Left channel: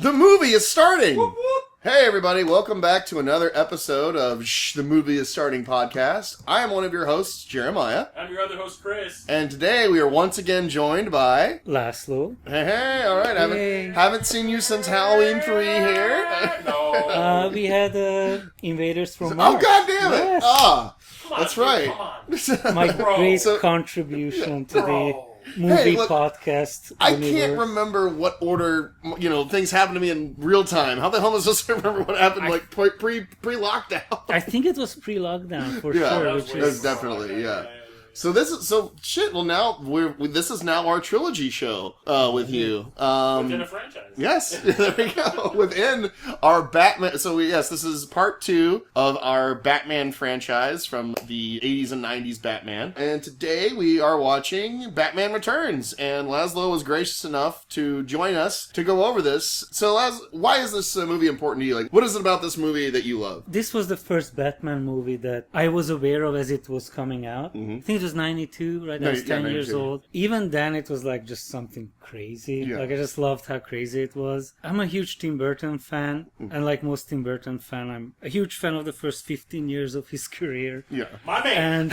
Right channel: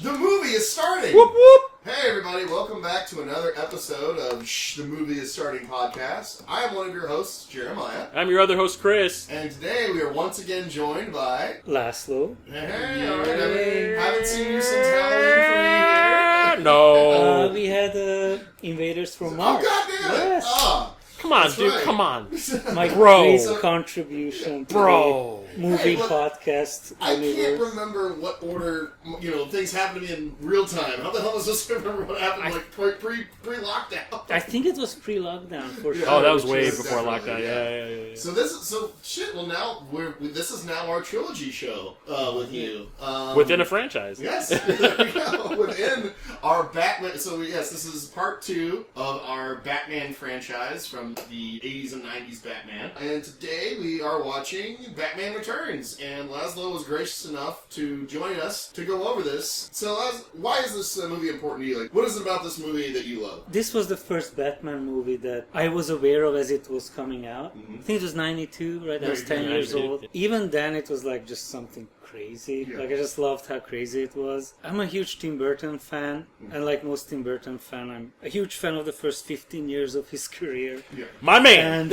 The movie is starting! Whoop whoop! Hey everybody, welcome back to another episode of The Movie is Starting podcast. I am one of your hosts, Jeremiah. I'm your other host, Chris. And today we are once again joined by... Laslo. Hey, alright, haven't seen you since Halloween 3 here. No. We had Invaders from Mars. Oh, god damn it! Yes. Ah, Come on, that's dude, right. come on. My Bro. great contribution to Bro. the movie Hey, look, podcast I universe. can't remember what order, things happen to me in real time. How the hell am I supposed to remember what happened, pre-lockdown? I think it was pre-lockdown for Yeah. sure. Oh, that was which way is- before definitely, lockdown. yeah. Yeah. So well now this is now our trilogy show with you. Within a franchise. Yes, there we go. Within our Batman. So this is part 2 of our Batman franchise from the 80s and 90s Batman. And today we are watching Batman Returns. And László was gracious enough to join us to go over this. So why is this movie important to you? Like, what is it about this movie that you love? This was the first Batman movie that I was aware of as it was coming out. Mm-hmm. I think it was 92, right? I was 10 years 92. old. Even then, it was like just something crazy. Yeah. Like, I just loved how crazy it was. I'm a huge Tim Burton fan. And like most Tim Burton fan, I'm a huge fan of the first 15 years of his career. Yeah. My man. And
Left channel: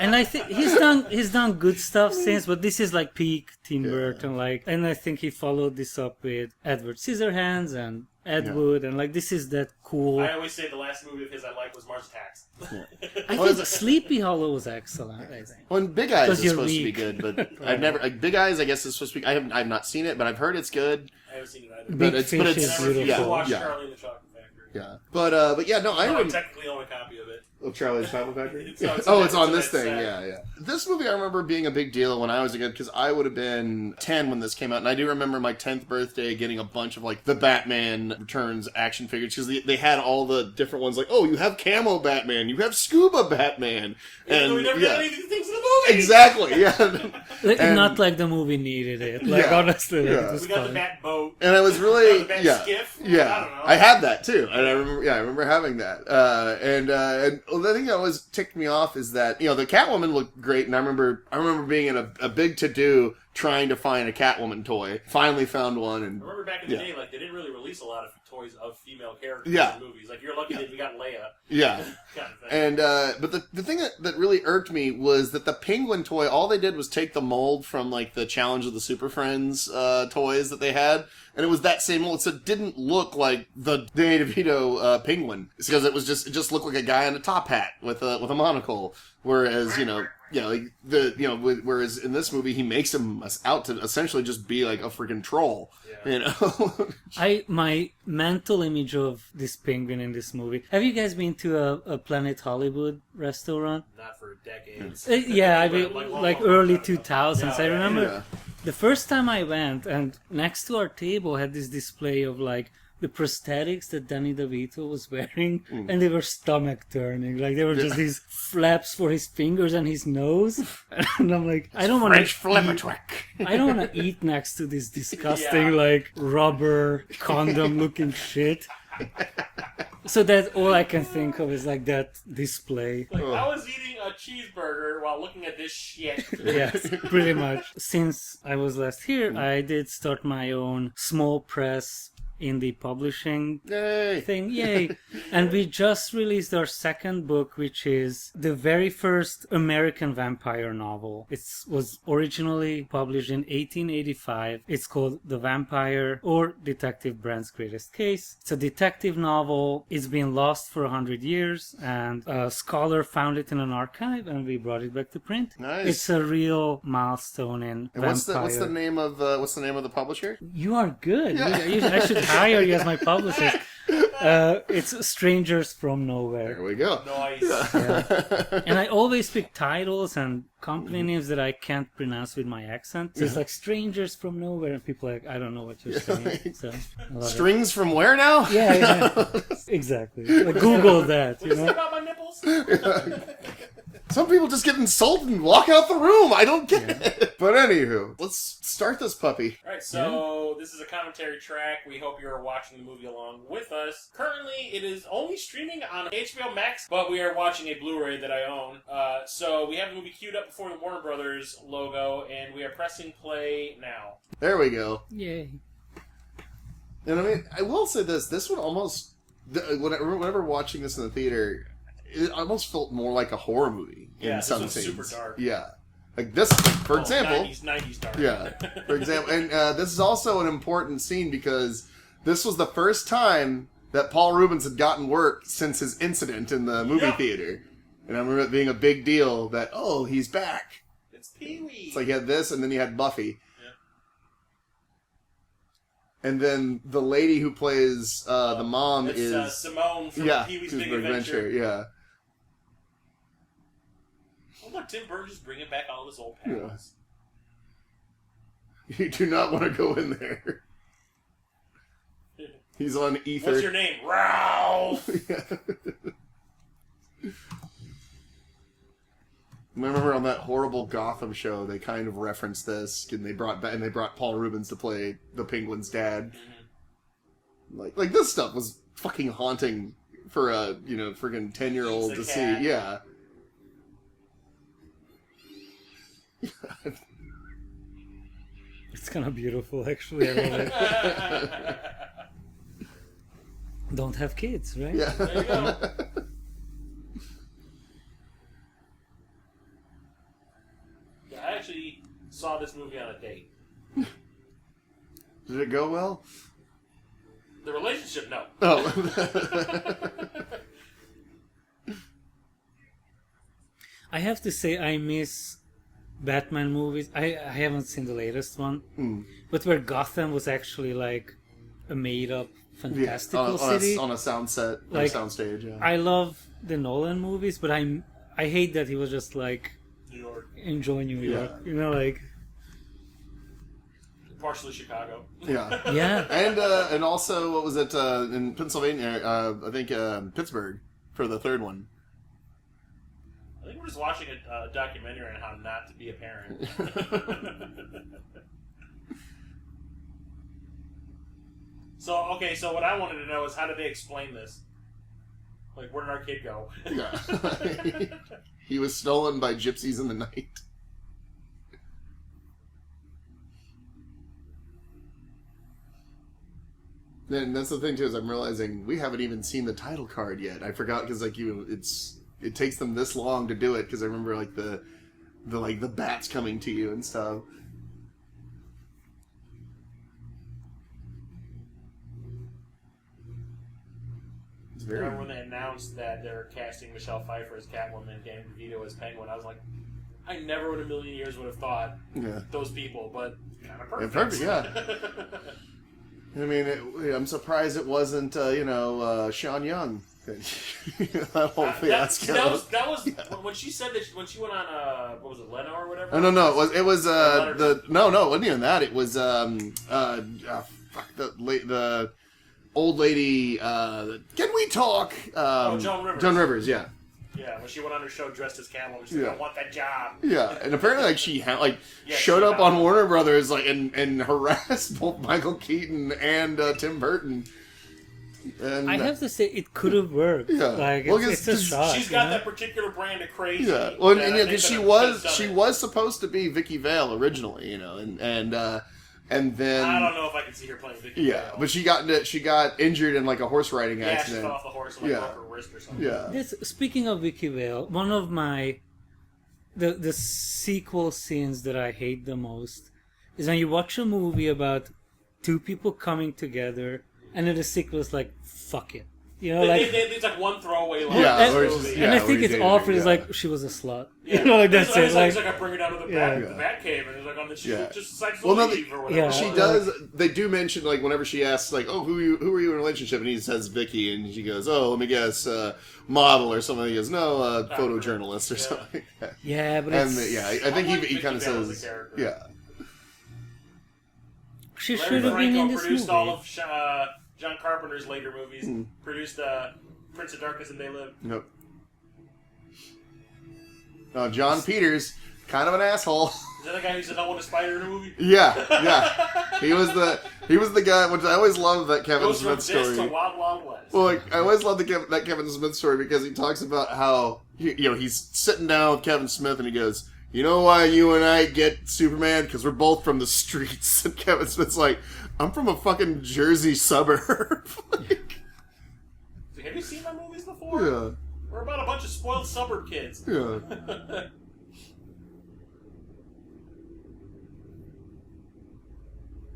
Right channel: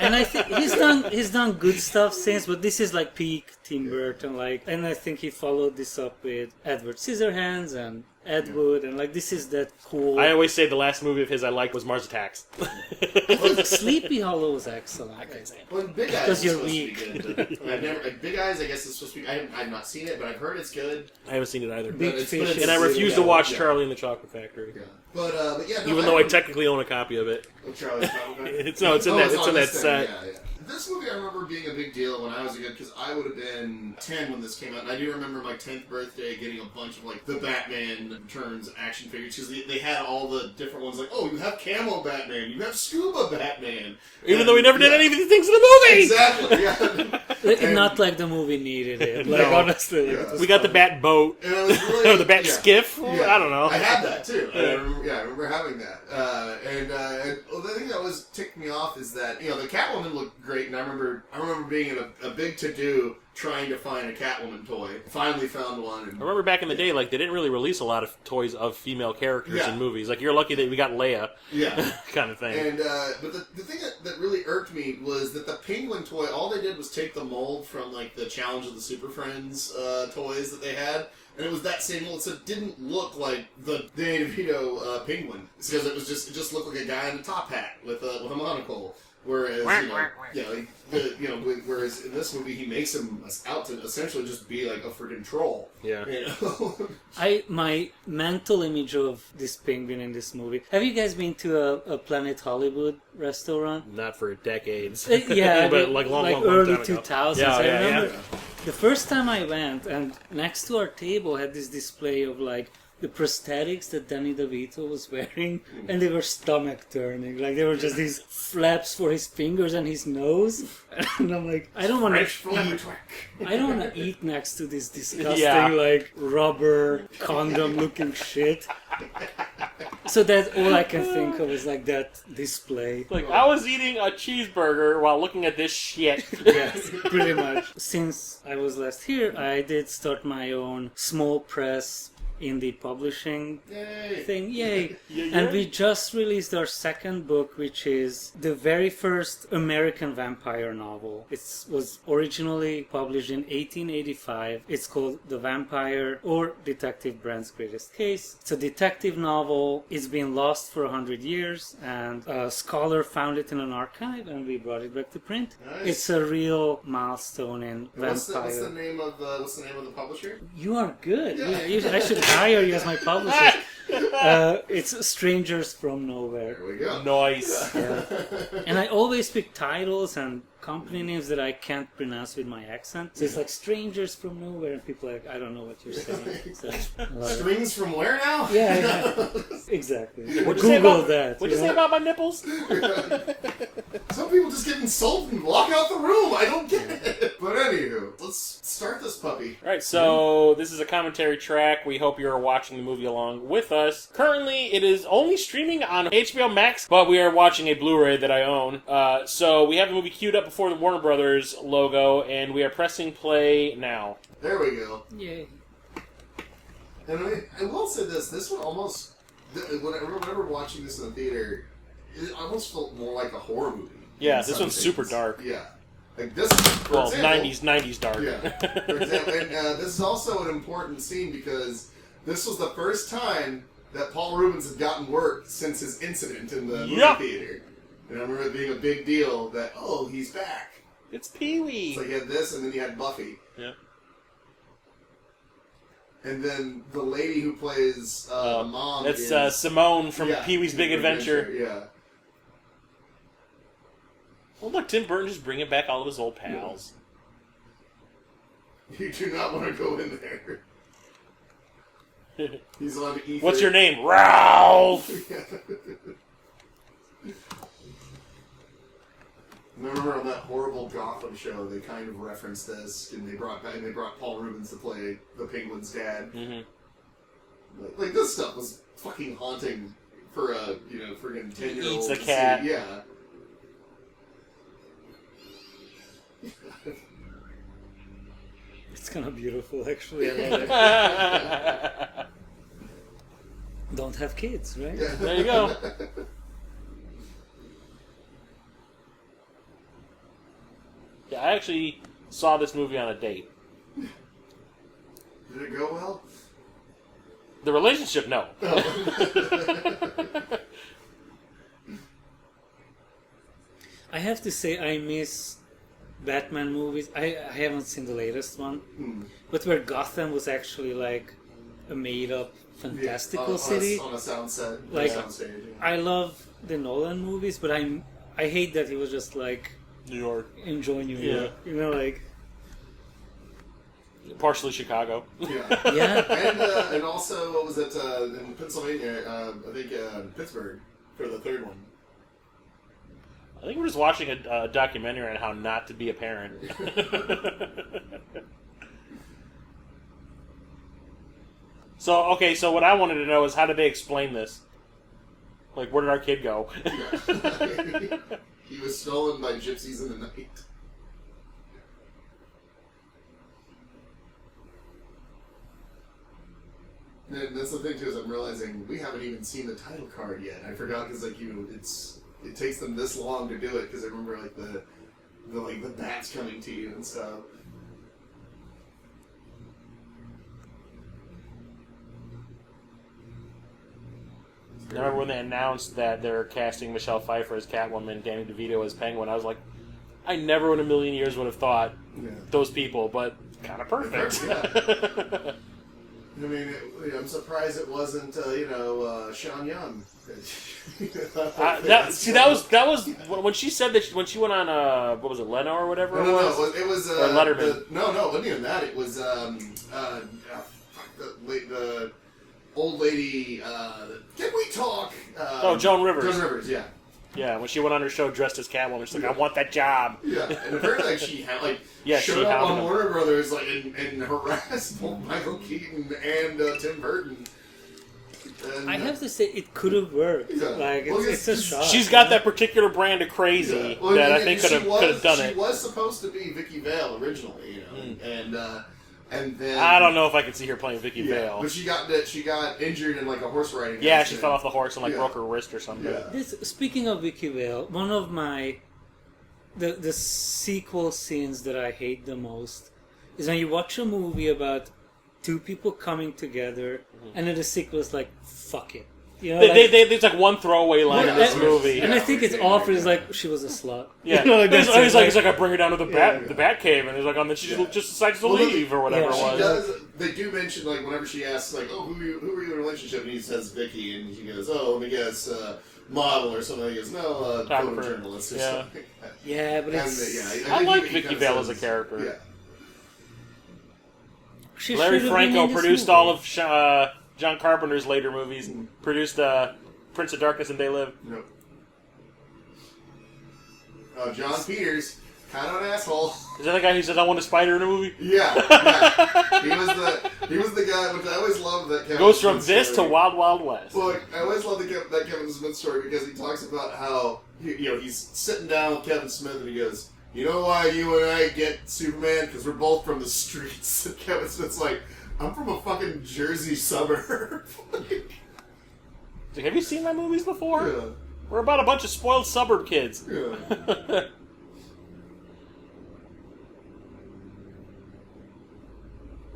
and I think he's done good stuff since, but this is like peak Tim Burton, and I think he followed this up with Edward Scissorhands and Ed Wood, and this is that cool. I always say the last movie of his I liked was Mars Attacks. I think Sleepy Hollow was excellent. I think. Well, Big Eyes Because is you're supposed weak. to be good, but I've never... Big Eyes, I guess, is supposed to be... I've not seen it, but I've heard it's good. I haven't seen it either. Big it's- Fish but it's- is And I refuse to beautiful. watch Yeah. Charlie and the Chocolate Factory. Yeah. But yeah, no, Even though I technically own a copy of it. Charlie's Chocolate It's in that set. Yeah. This movie I remember being a big deal when I was a kid, because I would have been 10 when this came out, and I do remember my 10th birthday getting a bunch of the Batman Returns action figures, because they had all the different ones, you have Camo Batman, you have Scuba Batman. Even though we never did any of these things in the movie! Exactly, yeah. Not like the movie needed it. Honestly, Yeah. it was We got the fine. Bat Boat. And I was really... Or the Bat Skiff. Yeah. I don't know. I had that too, and I remember having that. And the thing that always ticked me off is that the Catwoman looked great, and I remember being in a big to-do trying to find a Catwoman toy. Finally found one. And I remember back in the day, they didn't really release a lot of toys of female characters Yeah. in movies. You're lucky that we got Leia. Yeah. kind of thing. And but the thing that really irked me was that the Penguin toy, all they did was take the mold from the Challenge of the Super Friends toys that they had. And it was that same mold, so it didn't look like the Danny DeVito Penguin. It's because it just looked like a guy in a top hat with a monocle. Whereas whereas in this movie he makes him out to essentially just be like a freaking troll. Yeah. My mental image of this penguin in this movie. Have you guys been to a Planet Hollywood restaurant? Not for decades. Yeah, But, long, long early time ago. 2000s. Yeah, I yeah, remember yeah. the first time I went, and next to our table had this display of the prosthetics that Danny DeVito was wearing, and they were stomach turning. They were just these flaps for his fingers and his nose. And I'm like, I don't want to I don't want to eat next to this disgusting rubber condom looking shit. So that's all I can think of is that display. I was eating a cheeseburger while looking at this shit. Yes, pretty much. Since I was last here, I did start my own small press indie publishing thing. Yay! And we just released our second book, which is the very first American vampire novel. It was originally published in 1885. It's called The Vampire or Detective Brandt's Greatest Case. It's a detective novel. It's been lost for 100 years, and a scholar found it in an archive, and we brought it back to print. Nice. It's a real milestone in And vampire. what's the name of the publisher? You are good. Yeah. I should hire you as my publicist. It's Strangers from Nowhere. There we go. Nice. Yeah. And I always pick titles and company names that I can't pronounce with my accent. So it's Strangers from Nowhere, and people are I don't know what you're saying. So I love it. Strings from where now? Yeah. Exactly. What'd you say Google about- that. What'd you say about my nipples? Some people just get insulted and walk out the room. I don't get it. But anywho, let's start this puppy. Alright, so this is a commentary track. We hope you're watching the movie along with us. Currently, it is only streaming on HBO Max, but we are watching a Blu-ray that I own. So we have the movie queued up before the Warner Brothers logo, and we are pressing play now. There we go. Yay. And I mean, I will say this: this one almost, whenever watching this in the theater, it almost felt more like a horror movie. Yeah, this one's super dark. Yeah, like this, for example, 90s dark. Yeah, for example, and this is also an important scene because this was the first time that Paul Reubens had gotten work since his incident in the movie theater, and I remember it being a big deal that he's back. It's Pee-wee. So you had this, and then you had Buffy. Yeah. And then the lady who plays the mom is... Simone from Pee-wee's Big Adventure. Yeah. Well, look, Tim Burton just bringing back all of his old pals. Yeah. You do not want to go in there. He's on ether. What's your name? Ralph! Remember on that horrible Gotham show, they kind of referenced this, and they brought Paul Reubens to play the Penguin's dad. Mm-hmm. Like this stuff was fucking haunting for a freaking 10-year-old to cat. See. Yeah. It's kind of beautiful, actually. I love it. Don't have kids, right? Yeah. There you go. Yeah, I actually saw this movie on a date. Did it go well? The relationship, no. Oh. I have to say, I miss Batman movies. I haven't seen the latest one, but where Gotham was actually like a made-up, fantastical city on a sound set, like sound stage. Yeah. I love the Nolan movies, but I hate that he was just like New York. Enjoy New York, like partially Chicago. Yeah. Yeah. And also, what was it in Pennsylvania? I think Pittsburgh for the third one. I think we're just watching a documentary on how not to be a parent. So what I wanted to know is how did they explain this? Like, where did our kid go? Yeah. He was stolen by gypsies in the night. And that's the thing too, is I'm realizing we haven't even seen the title card yet. I forgot because it takes them this long to do it because I remember like the bats coming to you and stuff. I remember when they announced that they're casting Michelle Pfeiffer as Catwoman, Danny DeVito as Penguin. I was like, I never in a million years would have thought those people, but kind of perfect. Yeah. I mean, I'm surprised it wasn't Sean Young. that was when she said that when she went on what was it, Leno or whatever. No, it was Letterman. No, it wasn't even that. It was the old lady. Can we talk? Joan Rivers. Joan Rivers, yeah. Yeah, when she went on her show dressed as Catwoman, she's like, I want that job. Yeah, and apparently she showed up on Warner Brothers and harassed both Michael Keaton and Tim Burton. And, I have to say, it could have worked. Yeah. Like, it's a shot. She's got that particular brand of crazy that I think could have done it. She was supposed to be Vicky Vale originally, and then I don't know if I could see her playing Vicky Vale. But she got injured in like a horse riding accident. Yeah, she fell off the horse and broke her wrist or something. Yeah. Speaking of Vicky Vale, one of the sequel scenes that I hate the most is when you watch a movie about two people coming together, and then the sequel is like, fuck it. You know, there's like one throwaway line in this movie. And I think it's awful. It's like, she was a slut. Yeah. You know, like it's like I bring her down to the bat cave, and it's like, then she just decides to leave or whatever. She does. They do mention, like, whenever she asks, like, oh, who are you in a relationship? And he says Vicky, and she goes, oh, let me guess, model or something. He goes, no, photojournalist or something. Yeah, but it's... I like Vicky Vale as a character. Yeah. Larry Franco produced all of John Carpenter's later movies, and produced Prince of Darkness and They Live. Nope. John Peters, kind of an asshole. Is that the guy who says I want a spider in a movie? Yeah. He was the guy. Which I always love that Kevin goes Smith from this story. to Wild Wild West. Well, I always love that Kevin Smith story because he talks about how he's sitting down with Kevin Smith and he goes, you know why you and I get Superman? Because we're both from the streets. And Kevin Smith's like, I'm from a fucking Jersey suburb. Like, have you seen my movies before? yeah. We're about a bunch of spoiled suburb kids. Yeah.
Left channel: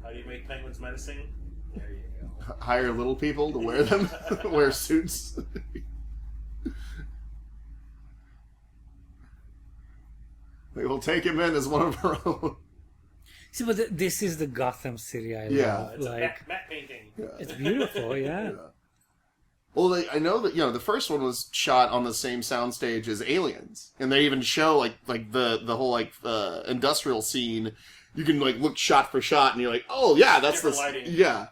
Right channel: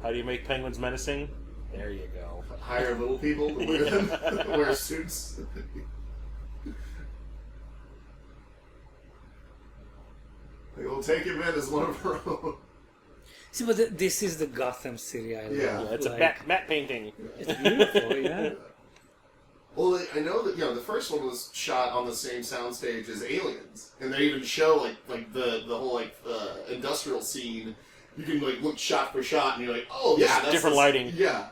How do you make penguins menacing? There you go. Hire little people to wear them, wear suits. Like, we'll take him in as one of our own. See, but this is the Gotham City I love. Yeah. It's like, a matte painting. It's beautiful, yeah. Well, I know that the first one was shot on the same soundstage as Aliens, and they even show like the whole industrial scene. You can like look shot for shot, and you're like, oh yeah, that's different lighting. Yeah.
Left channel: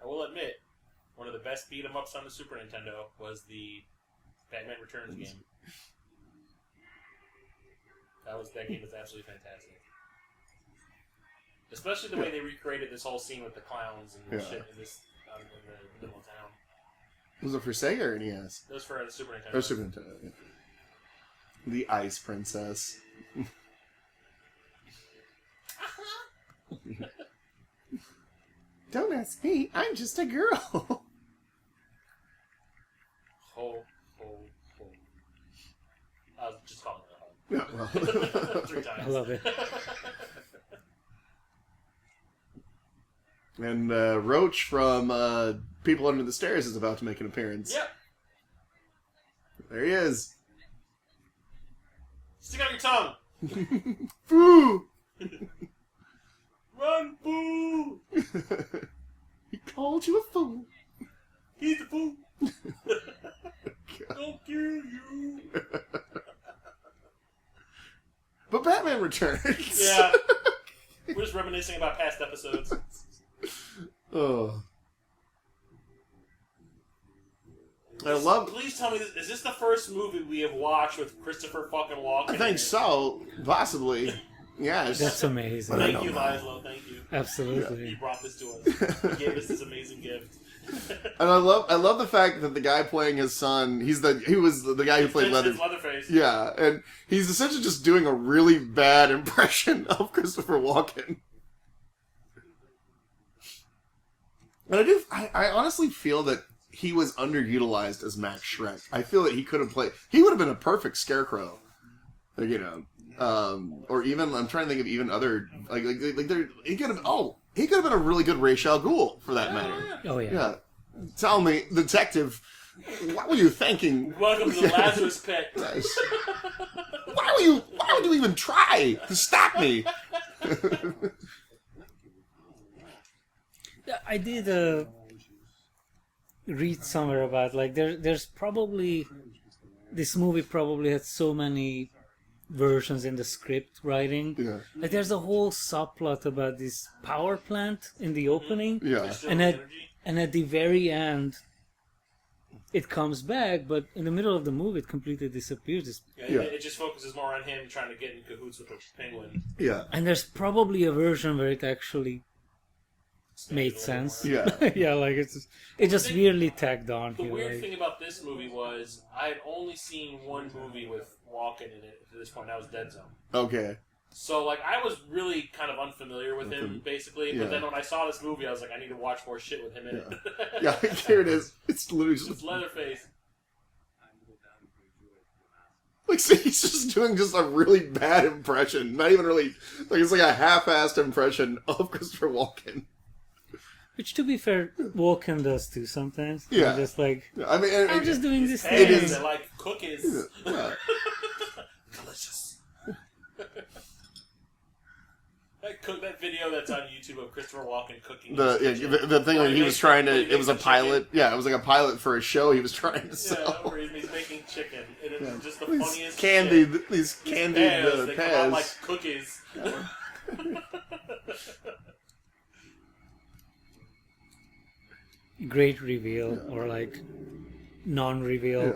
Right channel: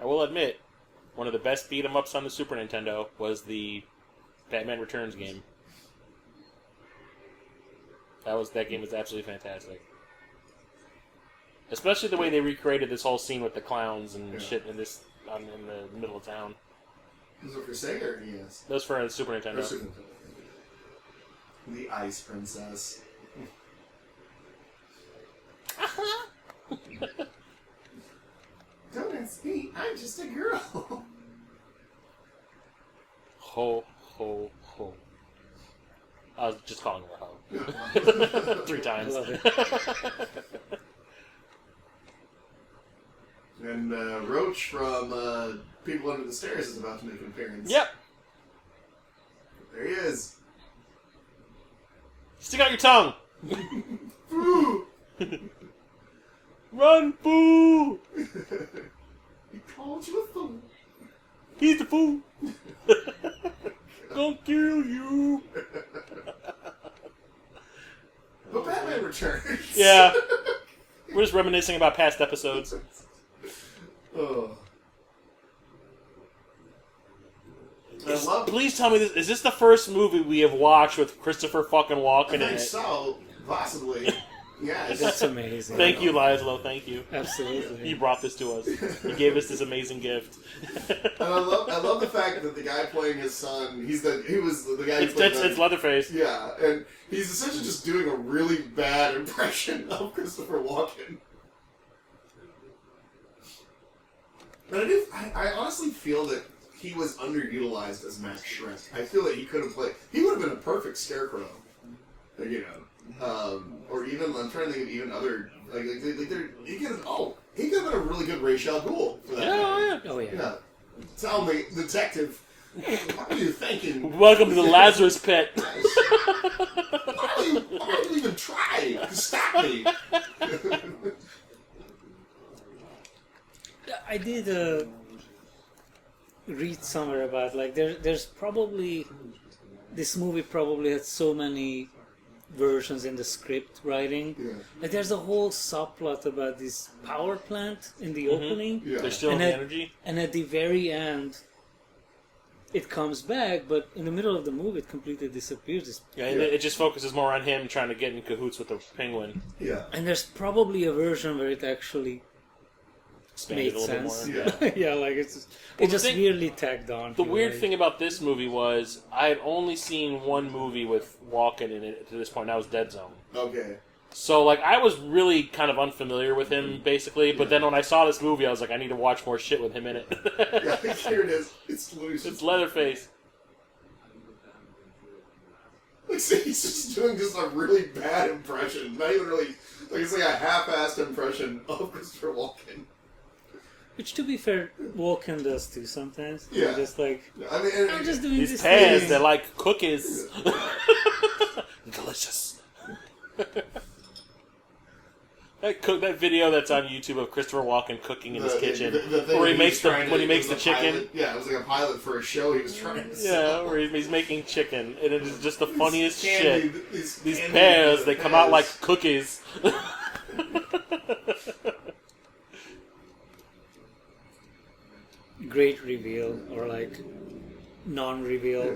I will admit, one of the best beat 'em ups on the Super Nintendo was the Batman Returns game. That game was absolutely fantastic. Especially the way they recreated this whole scene with the clowns and shit in the middle of town. Was it for Sega or NES? That was for the Super Nintendo. Super Nintendo. The Ice Princess. Don't ask me. I'm just a girl. Ho, ho, ho. I was just calling her a hoe. 3 I times. love it. And Roach from People Under the Stairs is about to make an appearance. Yep. There he is. Stick out your tongue. Foo! Run, boo! He called you a fool. He's the fool. Gonna kill you. But Batman Returns. Yeah. We're just reminiscing about past episodes. Oh. I love. Please tell me this. Is this the first movie we have watched with Christopher fucking Walken I in think it? so. Possibly. Yes. That's amazing. Thank you, Laszlo. Thank you. Absolutely. He brought this to us. He gave us this amazing gift. And I love the fact that the guy playing his son, he was the guy who played It's Leatherface. Yeah, and he's essentially just doing a really bad impression of Christopher Walken. But I honestly feel that he was underutilized as Max Schreck. I feel that he could have played. He would have been a perfect Scarecrow. Like, or even I'm trying to think of even other he could have been a really good Ra's al Ghul for that matter. Oh, yeah. Yeah. Tell me, detective, what were you thinking? Welcome to the Lazarus Pit. Why would you even try to stop me? I did read somewhere about there's probably this movie probably had so many versions in the script writing. Yeah. Like there's a whole subplot about this power plant in the opening. Yeah. There's still And the at- energy. And at the very end, it comes back, but in the middle of the movie, it completely disappears. Yeah, it just focuses more on him trying to get in cahoots with the penguin. Yeah. And there's probably a version where it actually Expanded made a little bit sense. more. Yeah. Yeah, like it just thing- weirdly tagged on. The here, weird like- thing about this movie was I had only seen one movie with Walken in it to this point. That was Dead Zone. Okay. So I was really kind of unfamiliar with him basically. But then when I saw this movie, I was like, I need to watch more shit with him in it. Yeah, here it is. It's literally It's Leatherface. like, see, he's just doing just a really bad impression. Not even really it's like a half-assed impression of Christopher Walken. Which, to be fair, Walken does too sometimes. Yeah. I'm just like, I mean, I'm just doing These this pans, thing. they're like cookies. Delicious. That video that's on YouTube of Christopher Walken cooking in his kitchen. the thing where where he was trying to. when he It makes was the a chicken. pilot. Yeah, it was like a pilot for a show he was trying to Yeah, sell. where he's making chicken, and it's just the funniest Candy, shit. these These candy pears, they come out pears. like cookies. Great reveal, or like non-reveal. Yeah.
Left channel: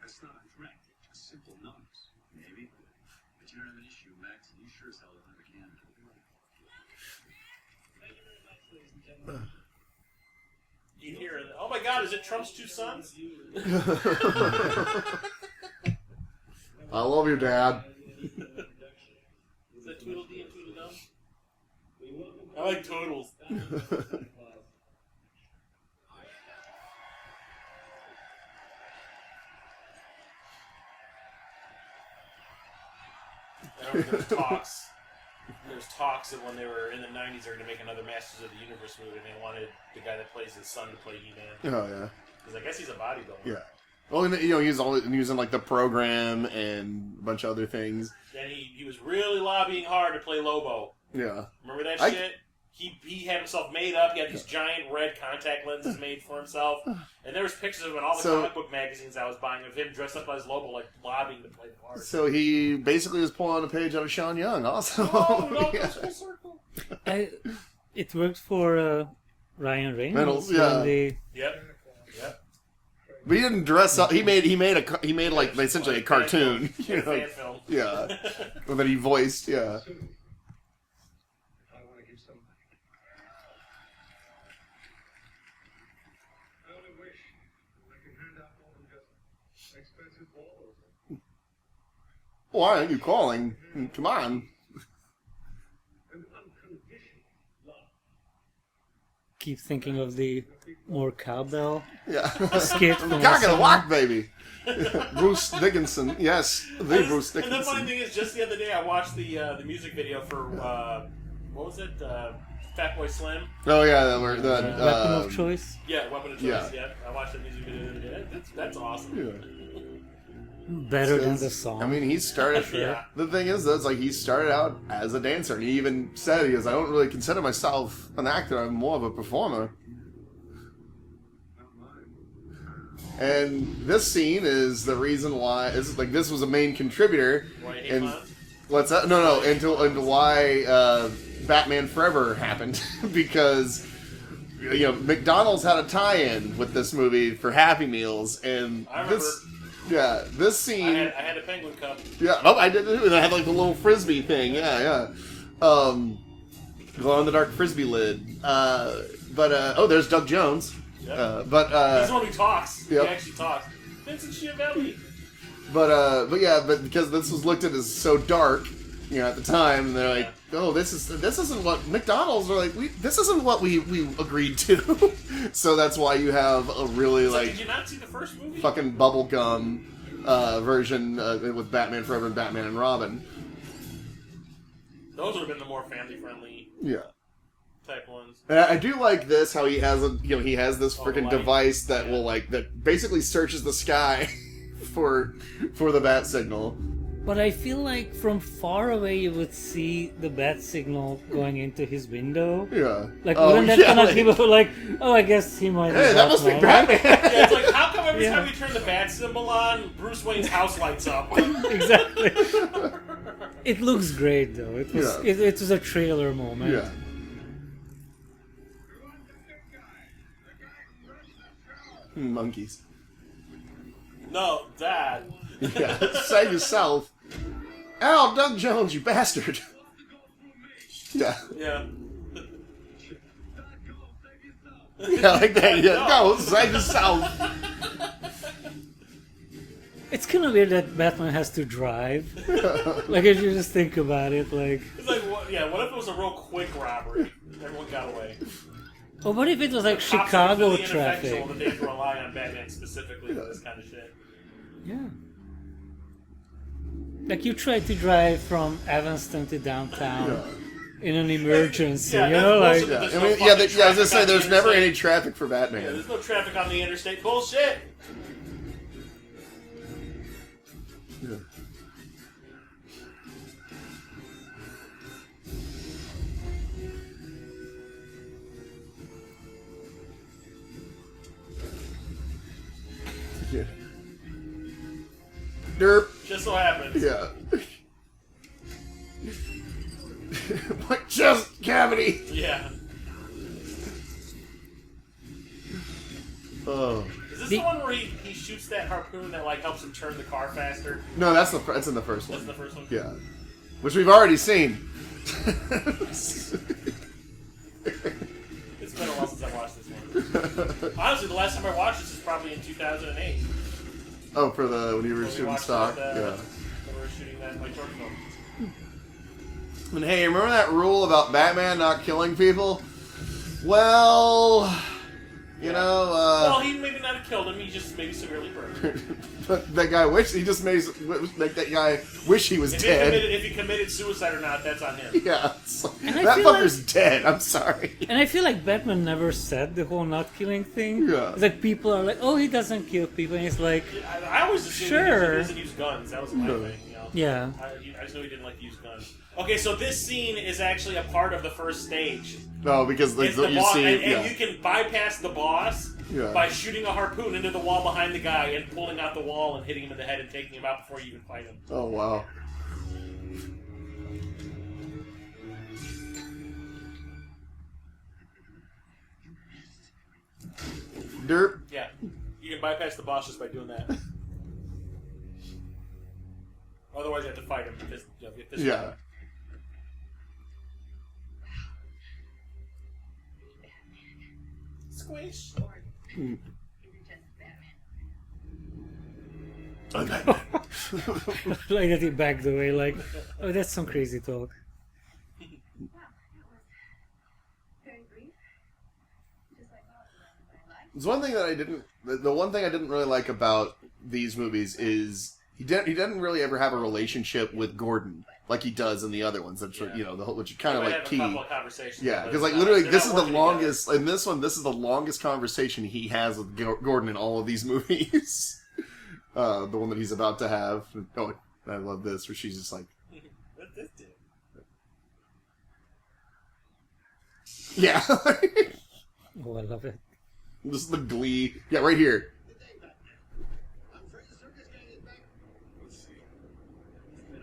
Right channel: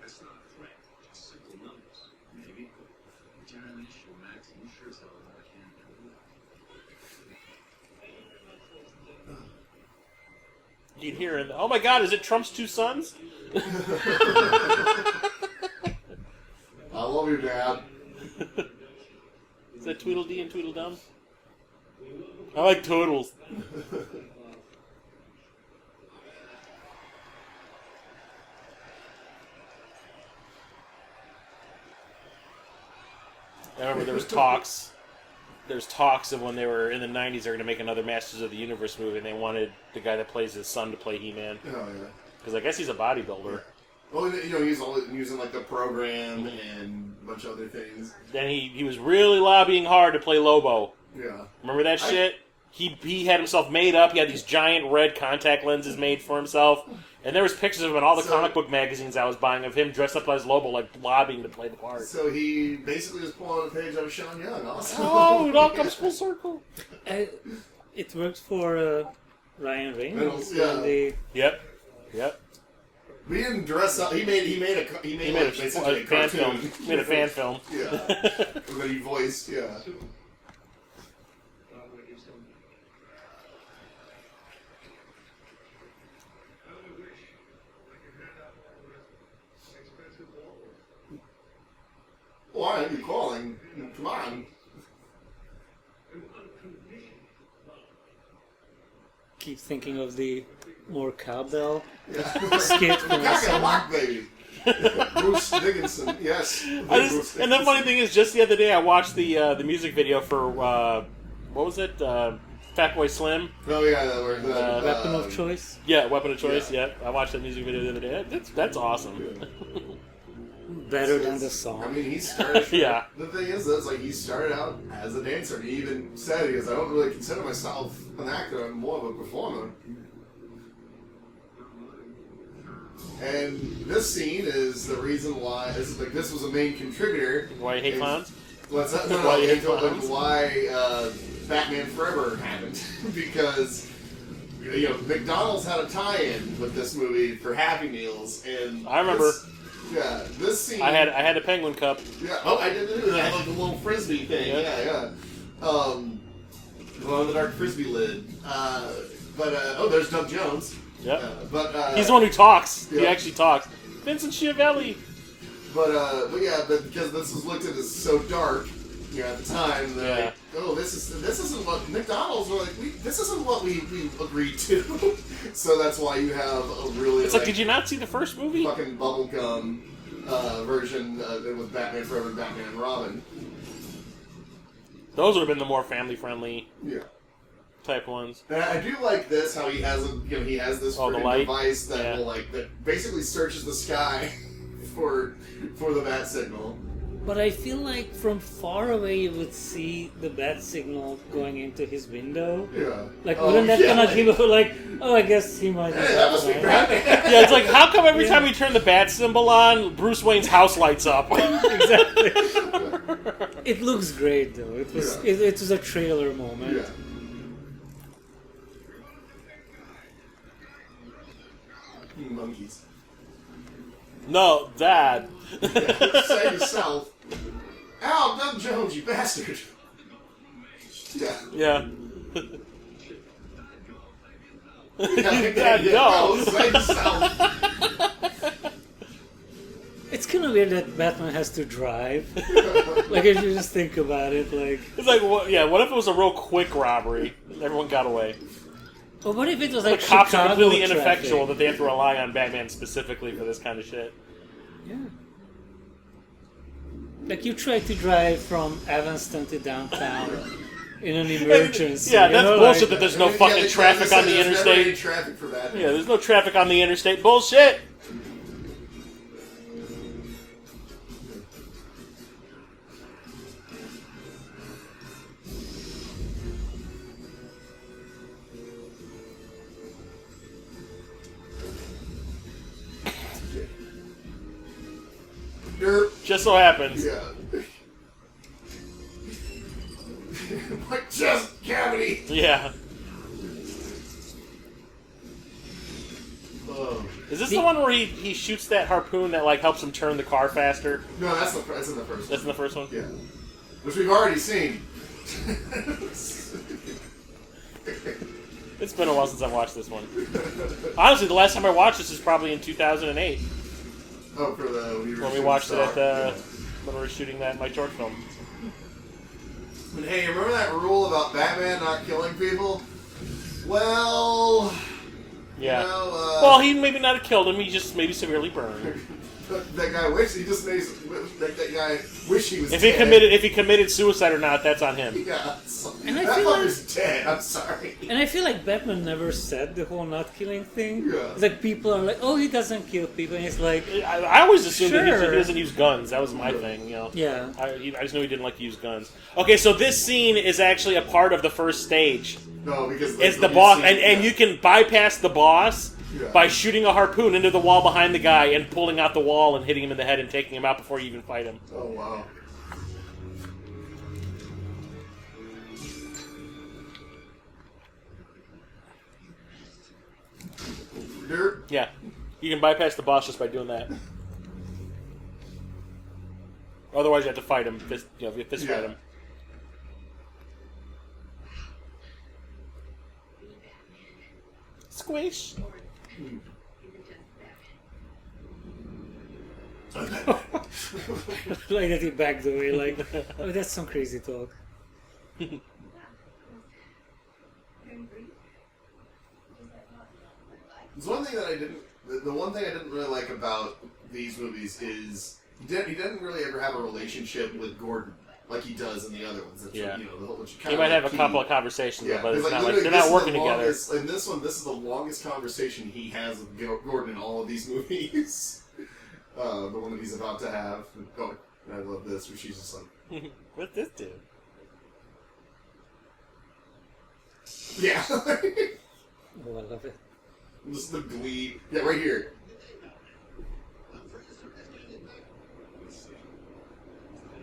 That's not a threat, just simple numbers. Maybe. But you're an issue, Max, and you sure as hell are not a candidate. You can hear it. Oh my God! Is it Trump's two sons? I love your dad. Is that Tweedledee and Tweedledum? I like Toodles. I remember there was talks. There's talks of when they were in the 90s, they were going to make another Masters of the Universe movie, and they wanted the guy that plays his son to play He-Man. Oh, yeah. Because I guess he's a bodybuilder. Yeah. Well, and, you know, he's in like the program and a bunch of other things. Then he was really lobbying hard to play Lobo. Yeah. Remember that shit? He had himself made up. He had these giant red contact lenses made for himself. And there was pictures of him in all the comic book magazines I was buying of him dressed up as Lobo, like lobbying to play the part. So he basically was pulling a page out of Sean Young, also. Oh, it all comes full circle. It worked for Ryan Reynolds. Yep. But he didn't dress up. He made like essentially a cartoon. He made a fan film. Yeah. That he voiced. Yeah. I want to give some back. I only wish I could hand out all the rest of my expensive balls. Why are you calling? Come on. An unconditional love. Keep thinking of the more cowbell Yeah. skit from Cock and the lock, baby. Bruce Dickinson. Yes. Bruce And the funny thing is, just the other day I watched the music video for what was it? Fatboy Slim. Oh yeah, Weapon of Choice. Yeah, Weapon of Choice. Yeah, I watched that music video the other day. That's awesome. Better than the song. I mean, he started. Yeah. The thing is, though, it's like he started out as a dancer. And he even said, "He goes, I don't really consider myself an actor. I'm more of a performer." And this scene is the reason why this was a main contributor. Why you hate clowns? What's that? No, into why Batman Forever happened because McDonald's had a tie-in with this movie for Happy Meals, and I remember. This scene. I had a penguin cup. Yeah. Oh, I did too. I had like a little frisbee thing. Yeah. Glow in the dark frisbee lid. There's Doug Jones. Yeah. He's the one who talks. Yep. He actually talks. Vincent Schiavelli. But because this was looked at as so dark, at the time, they're like, oh, this isn't what McDonald's are like. This isn't what we agreed to. So that's why you have a really It's like, did you not see the first movie? Fucking bubblegum version with Batman Forever and Batman and Robin. Those would have been the more family friendly. Yeah. Type ones. And I do like this, how he has this freaking device that will that basically searches the sky for the bat signal. But I feel like from far away you would see the bat signal going into his window. Yeah. Like, wouldn't that kind of give like, oh, I guess he might be that must be Batman. Yeah, it's like, how come every time we turn the bat symbol on, Bruce Wayne's house lights up? Exactly. It looks great, though. It was a trailer moment. Yeah. Monkeys. No, Dad. Yeah, say yourself. Ow, Doug Jones, you bastard. Yeah. Yeah. Yeah, like that. Yeah. No, say yourself. It's kind of weird that Batman has to drive. Like, if you just think about it, like... It's like, what if it was a real quick robbery? Everyone got away. Well, what if it was like the cops are Chicago completely traffic? ineffectual that they have to rely on Batman specifically for this kind of shit. Yeah. Like, you try to drive from Evanston to downtown in an emergency. Yeah, that's bullshit like, that there's no fucking traffic on the there's never any interstate. traffic for Batman. Yeah, there's no traffic on the interstate. Bullshit! Derp. Just so happens. Yeah. My chest cavity. Yeah. Oh. Is this the one where he shoots that harpoon that like helps him turn the car faster? No, that's in the first one. That's in the first one? Yeah. Which we've already seen. It's been a while since I watched this one. Honestly, the last time I watched this is probably in 2008. Oh, for the when we watched it at the when we were shooting that in my short film. And hey, remember that rule about Batman not killing people? Well, Yeah. you know, well, he maybe not have killed him. He just maybe severely burned. that guy wish he just made that guy wish he was If dead. he committed suicide or not, that's on him. Yeah, so, And I that feel fucker's dead. I'm sorry. And I feel like Batman never said the whole not killing thing. Yeah. It's like people are like, oh, he doesn't kill people. And it's like, I always assumed that Sure. he doesn't use guns. That was my thing, you know. yeah. I just knew he didn't like to use guns. Okay, so this scene is actually a part of the first stage. No, because It's the boss, scene- and you can bypass the boss Yeah. by shooting a harpoon into the wall behind the guy and pulling out the wall and hitting him in the head and taking him out before you even fight him. Oh wow. Dirt. Yeah, you can bypass the boss just by doing that. Otherwise, you have to fight him. Fist fight Yeah. him. Squish. Like that he backed away, like, oh, that's some crazy talk. There's one thing that I didn't. The one thing I didn't really like about these movies is he didn't really ever have a relationship with Gordon like he does in the other ones. That's Yeah. you know the whole which You kind of might like have a key. couple of conversations, Yeah, but because it's like not literally, they're this not is working the together. longest. In this one, this is the longest conversation he has with Gordon in all of these movies. The one that he's about to have. Oh, I love this, where she's just like, What's this do? yeah, Oh, I love it. just the glee. Yeah, right here.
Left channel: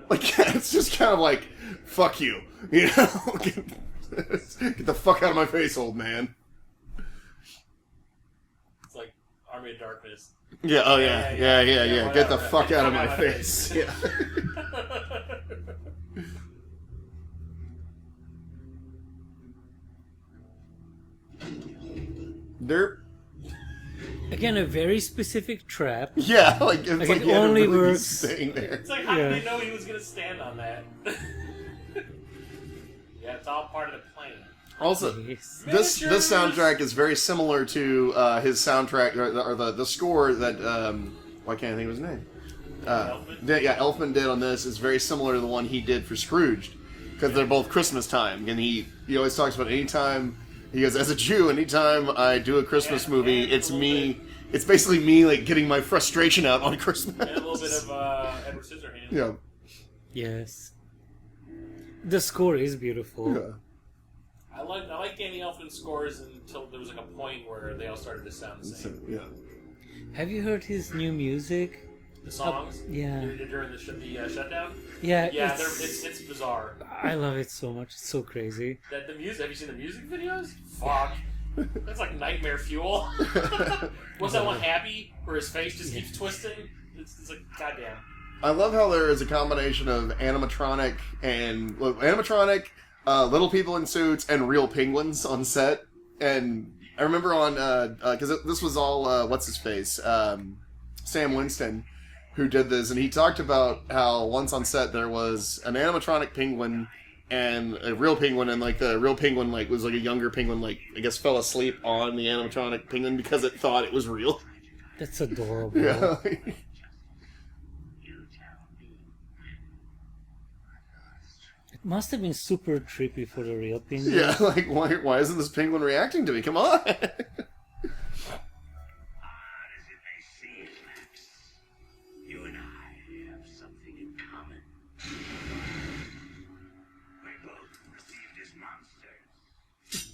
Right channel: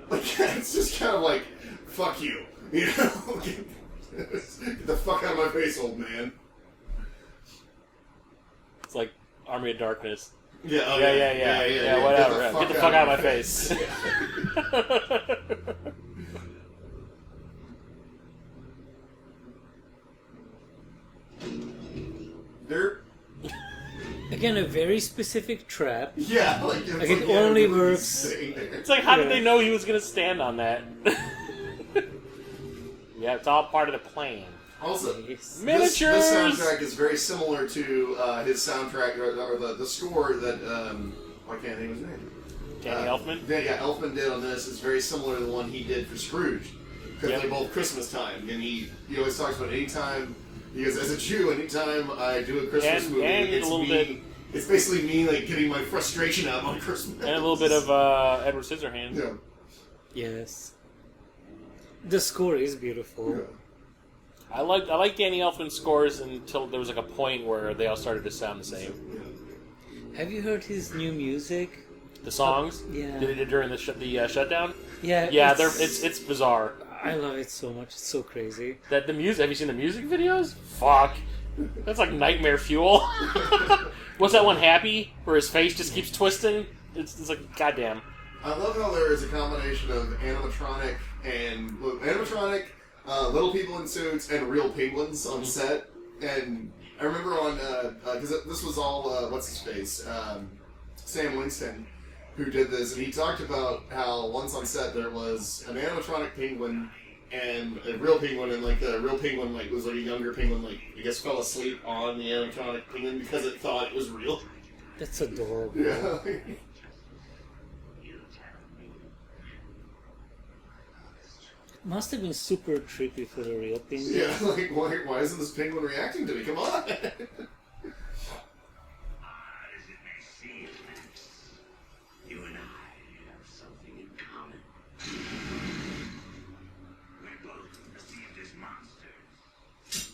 Like, it's just kind of like, fuck you, you know. Get the fuck out of my face, old man. It's like Army of Darkness. Yeah, oh yeah, yeah. Whatever. Get the fuck out of my face. face. Dirt. Again, a very specific trap. Yeah, like, it's Like, it only everybody's works- sitting there. It's like, how did Yeah. they know he was going to stand on that? Yeah, it's all part of the plan. Also, Yes. this Miniatures! soundtrack is very similar to his soundtrack, or the score that, why can't I think of his name? Danny Elfman? Yeah, Elfman did on this is very similar to the one he did for Scrooge. Because Yeah. they're both Christmas time. And he always talks about anytime, he goes, as a Jew, anytime I do a Christmas And- movie, and a it's little me. bit- It's basically me, like, getting my frustration out on Christmas. And a little bit of Edward Scissorhands. Yeah. Yes. The score is beautiful. Yeah. I like Danny Elfman's scores until there was like a point where they all started to sound the same. Yeah. Have you heard his new music? The songs, Yeah. during the shutdown. Yeah. Yeah, it's bizarre. I love it so much. It's so crazy. That the music. Have you seen the music videos? Fuck, that's like nightmare fuel. What's that one? Happy, where his face just keeps twisting. It's like goddamn. I love how there is a combination of animatronic and little people in suits and real penguins on set. And I remember on because this was all what's his face, Sam Winston, who did this, and he talked about how once on set there was an animatronic penguin and a real penguin, and like the real penguin like was like a younger penguin, like I guess fell asleep on the animatronic penguin because it thought it was real. That's adorable. Yeah. It must have been super trippy for the real penguin. Yeah, like why isn't this penguin reacting to me? Come on. As it may seem, Max, you and I have something in common. We both received as monsters.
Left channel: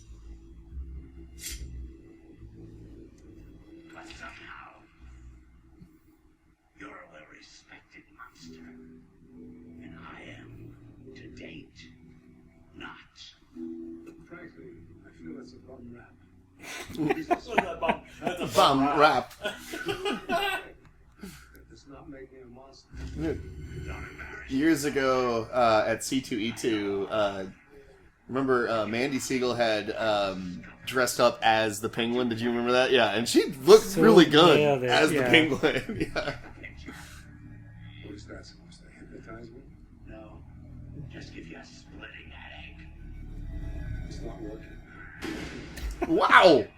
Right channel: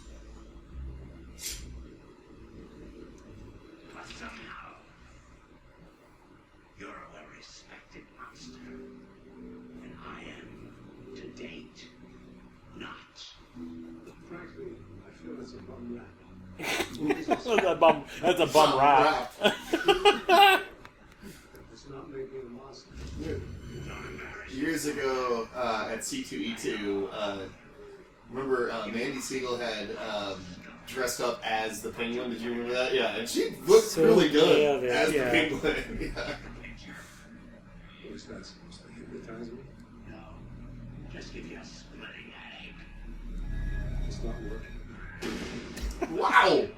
But somehow, you're a well-respected monster. And I am, to date, not. Frankly, I feel it's a bum rap. That's a bum rap. It's not making a monster. Don't embarrass Years ago at C2E2, remember Mandy Siegel had dressed up as the penguin. Did you remember that? Yeah, and she looked So really good nailed it, as yeah. the penguin. Yeah. is that supposed to hypnotize me? No. Just give you a splitting headache. It's not working. Wow! Baby.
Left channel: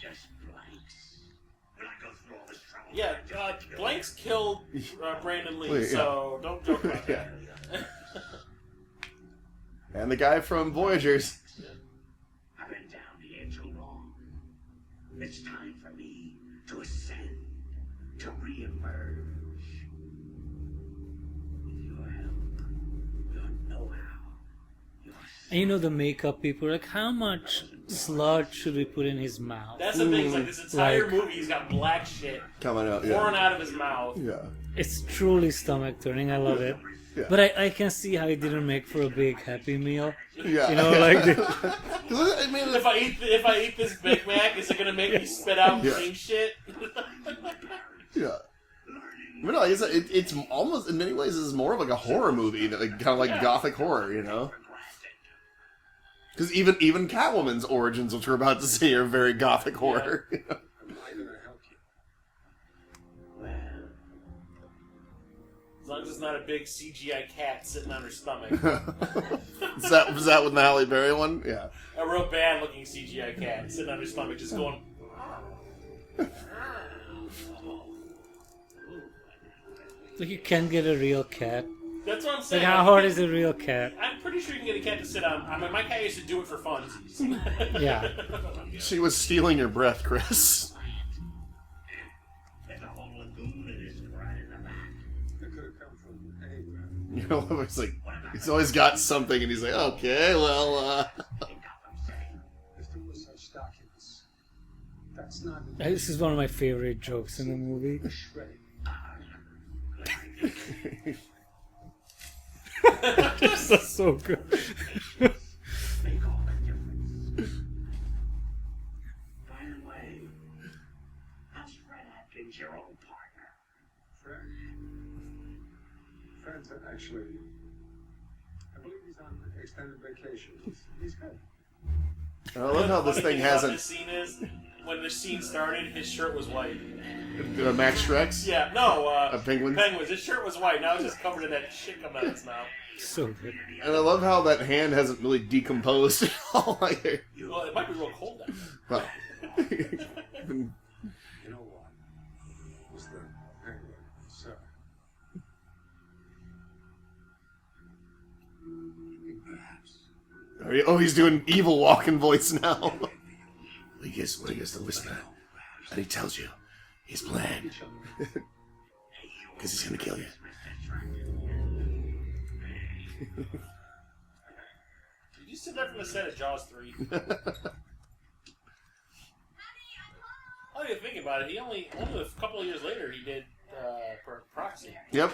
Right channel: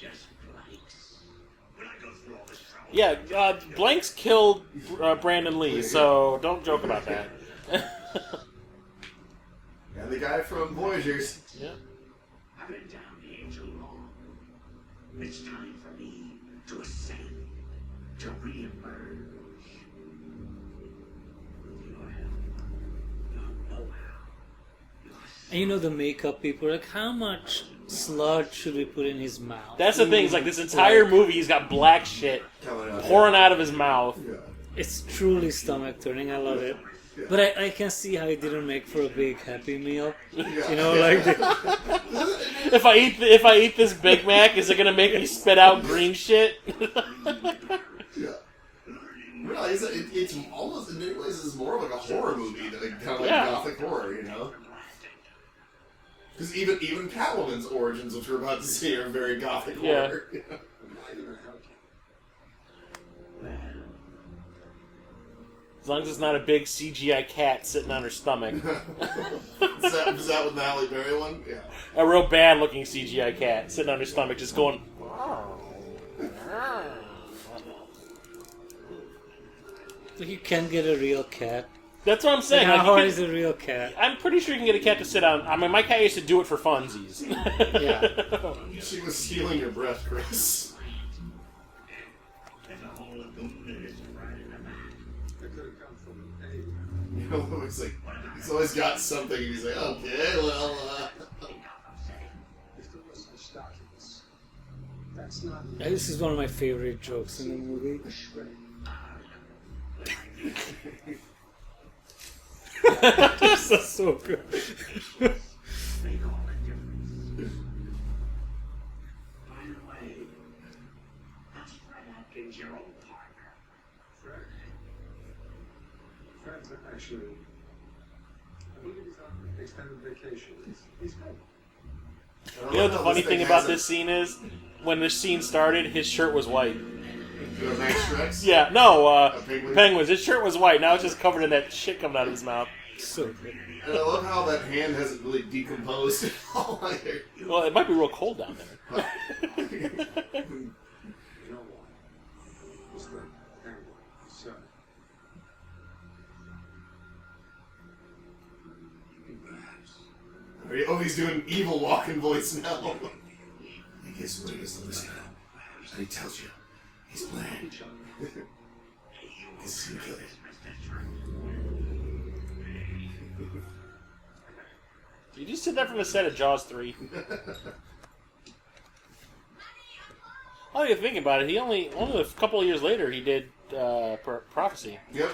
Just blanks. When I go through all this trouble. Yeah, Blanks killed Brandon Lee, so don't joke about that. And the guy from Voyagers. Yeah. I've been down here too long. It's time for me to ascend, to re-emerge. With your help, your know-how, your And you know the makeup people are like, how much sludge should we put in his mouth? That's the thing, it's like this entire Like- movie, he's got black shit Coming out. pouring out of his mouth. Yeah. It's truly stomach turning. I love it. Yeah. But I can see how it didn't make for a big Happy Meal. Yeah. You know, like the, If I eat this Big Mac, is it gonna make me spit out green shit? Yeah. But no, it's almost, in many ways, it's more of like a horror movie, that like, kind of like Yeah. gothic horror, you know? Because even Catwoman's origins, which we're about to see, are very gothic horror. Am I gonna help you? As long as it's not a big CGI cat sitting on her stomach. Is that with the Halle Berry one? Yeah. A real bad looking CGI cat sitting on her stomach just going... like you can't get a real cat. That's what I'm saying. Like, how Like, hard you is a real cat? I'm pretty sure you can get a cat to sit on... I mean, my cat used to do it for funsies. Yeah. She was stealing your breath, Chris. There's a whole lagoon that is right in the back. It could have come from anywhere. You know, it's like, he's always got something, and he's like, okay, well, In Gotham City. If there were such documents, that's not This is one of my favorite jokes in the movie. a shred. This is so good. Make all the difference. By the way, how's Fred Atkins, your old partner? Fred? Fred's actually, I believe he's on extended vacation. He's good. I don't You know know, the funny this thing thing about hasn't- this scene is, when this scene started, his shirt was white. Max Shrex? Yeah, no, Penguin? Penguins. His shirt was white. Now it's just covered in that shit coming out of his mouth. So good. And I love how that hand hasn't really decomposed at all either. Well, it might be real cold down there. But, You know what? Mr. Penguin, sir. Perhaps. oh, he's doing evil Walken voice now. I guess the listener. And he tells you his plan. Each other. Because he's gonna kill you. You just said that from the set of Jaws 3. Oh, you're thinking about it. He only a couple of years later he did Prophecy. Yep.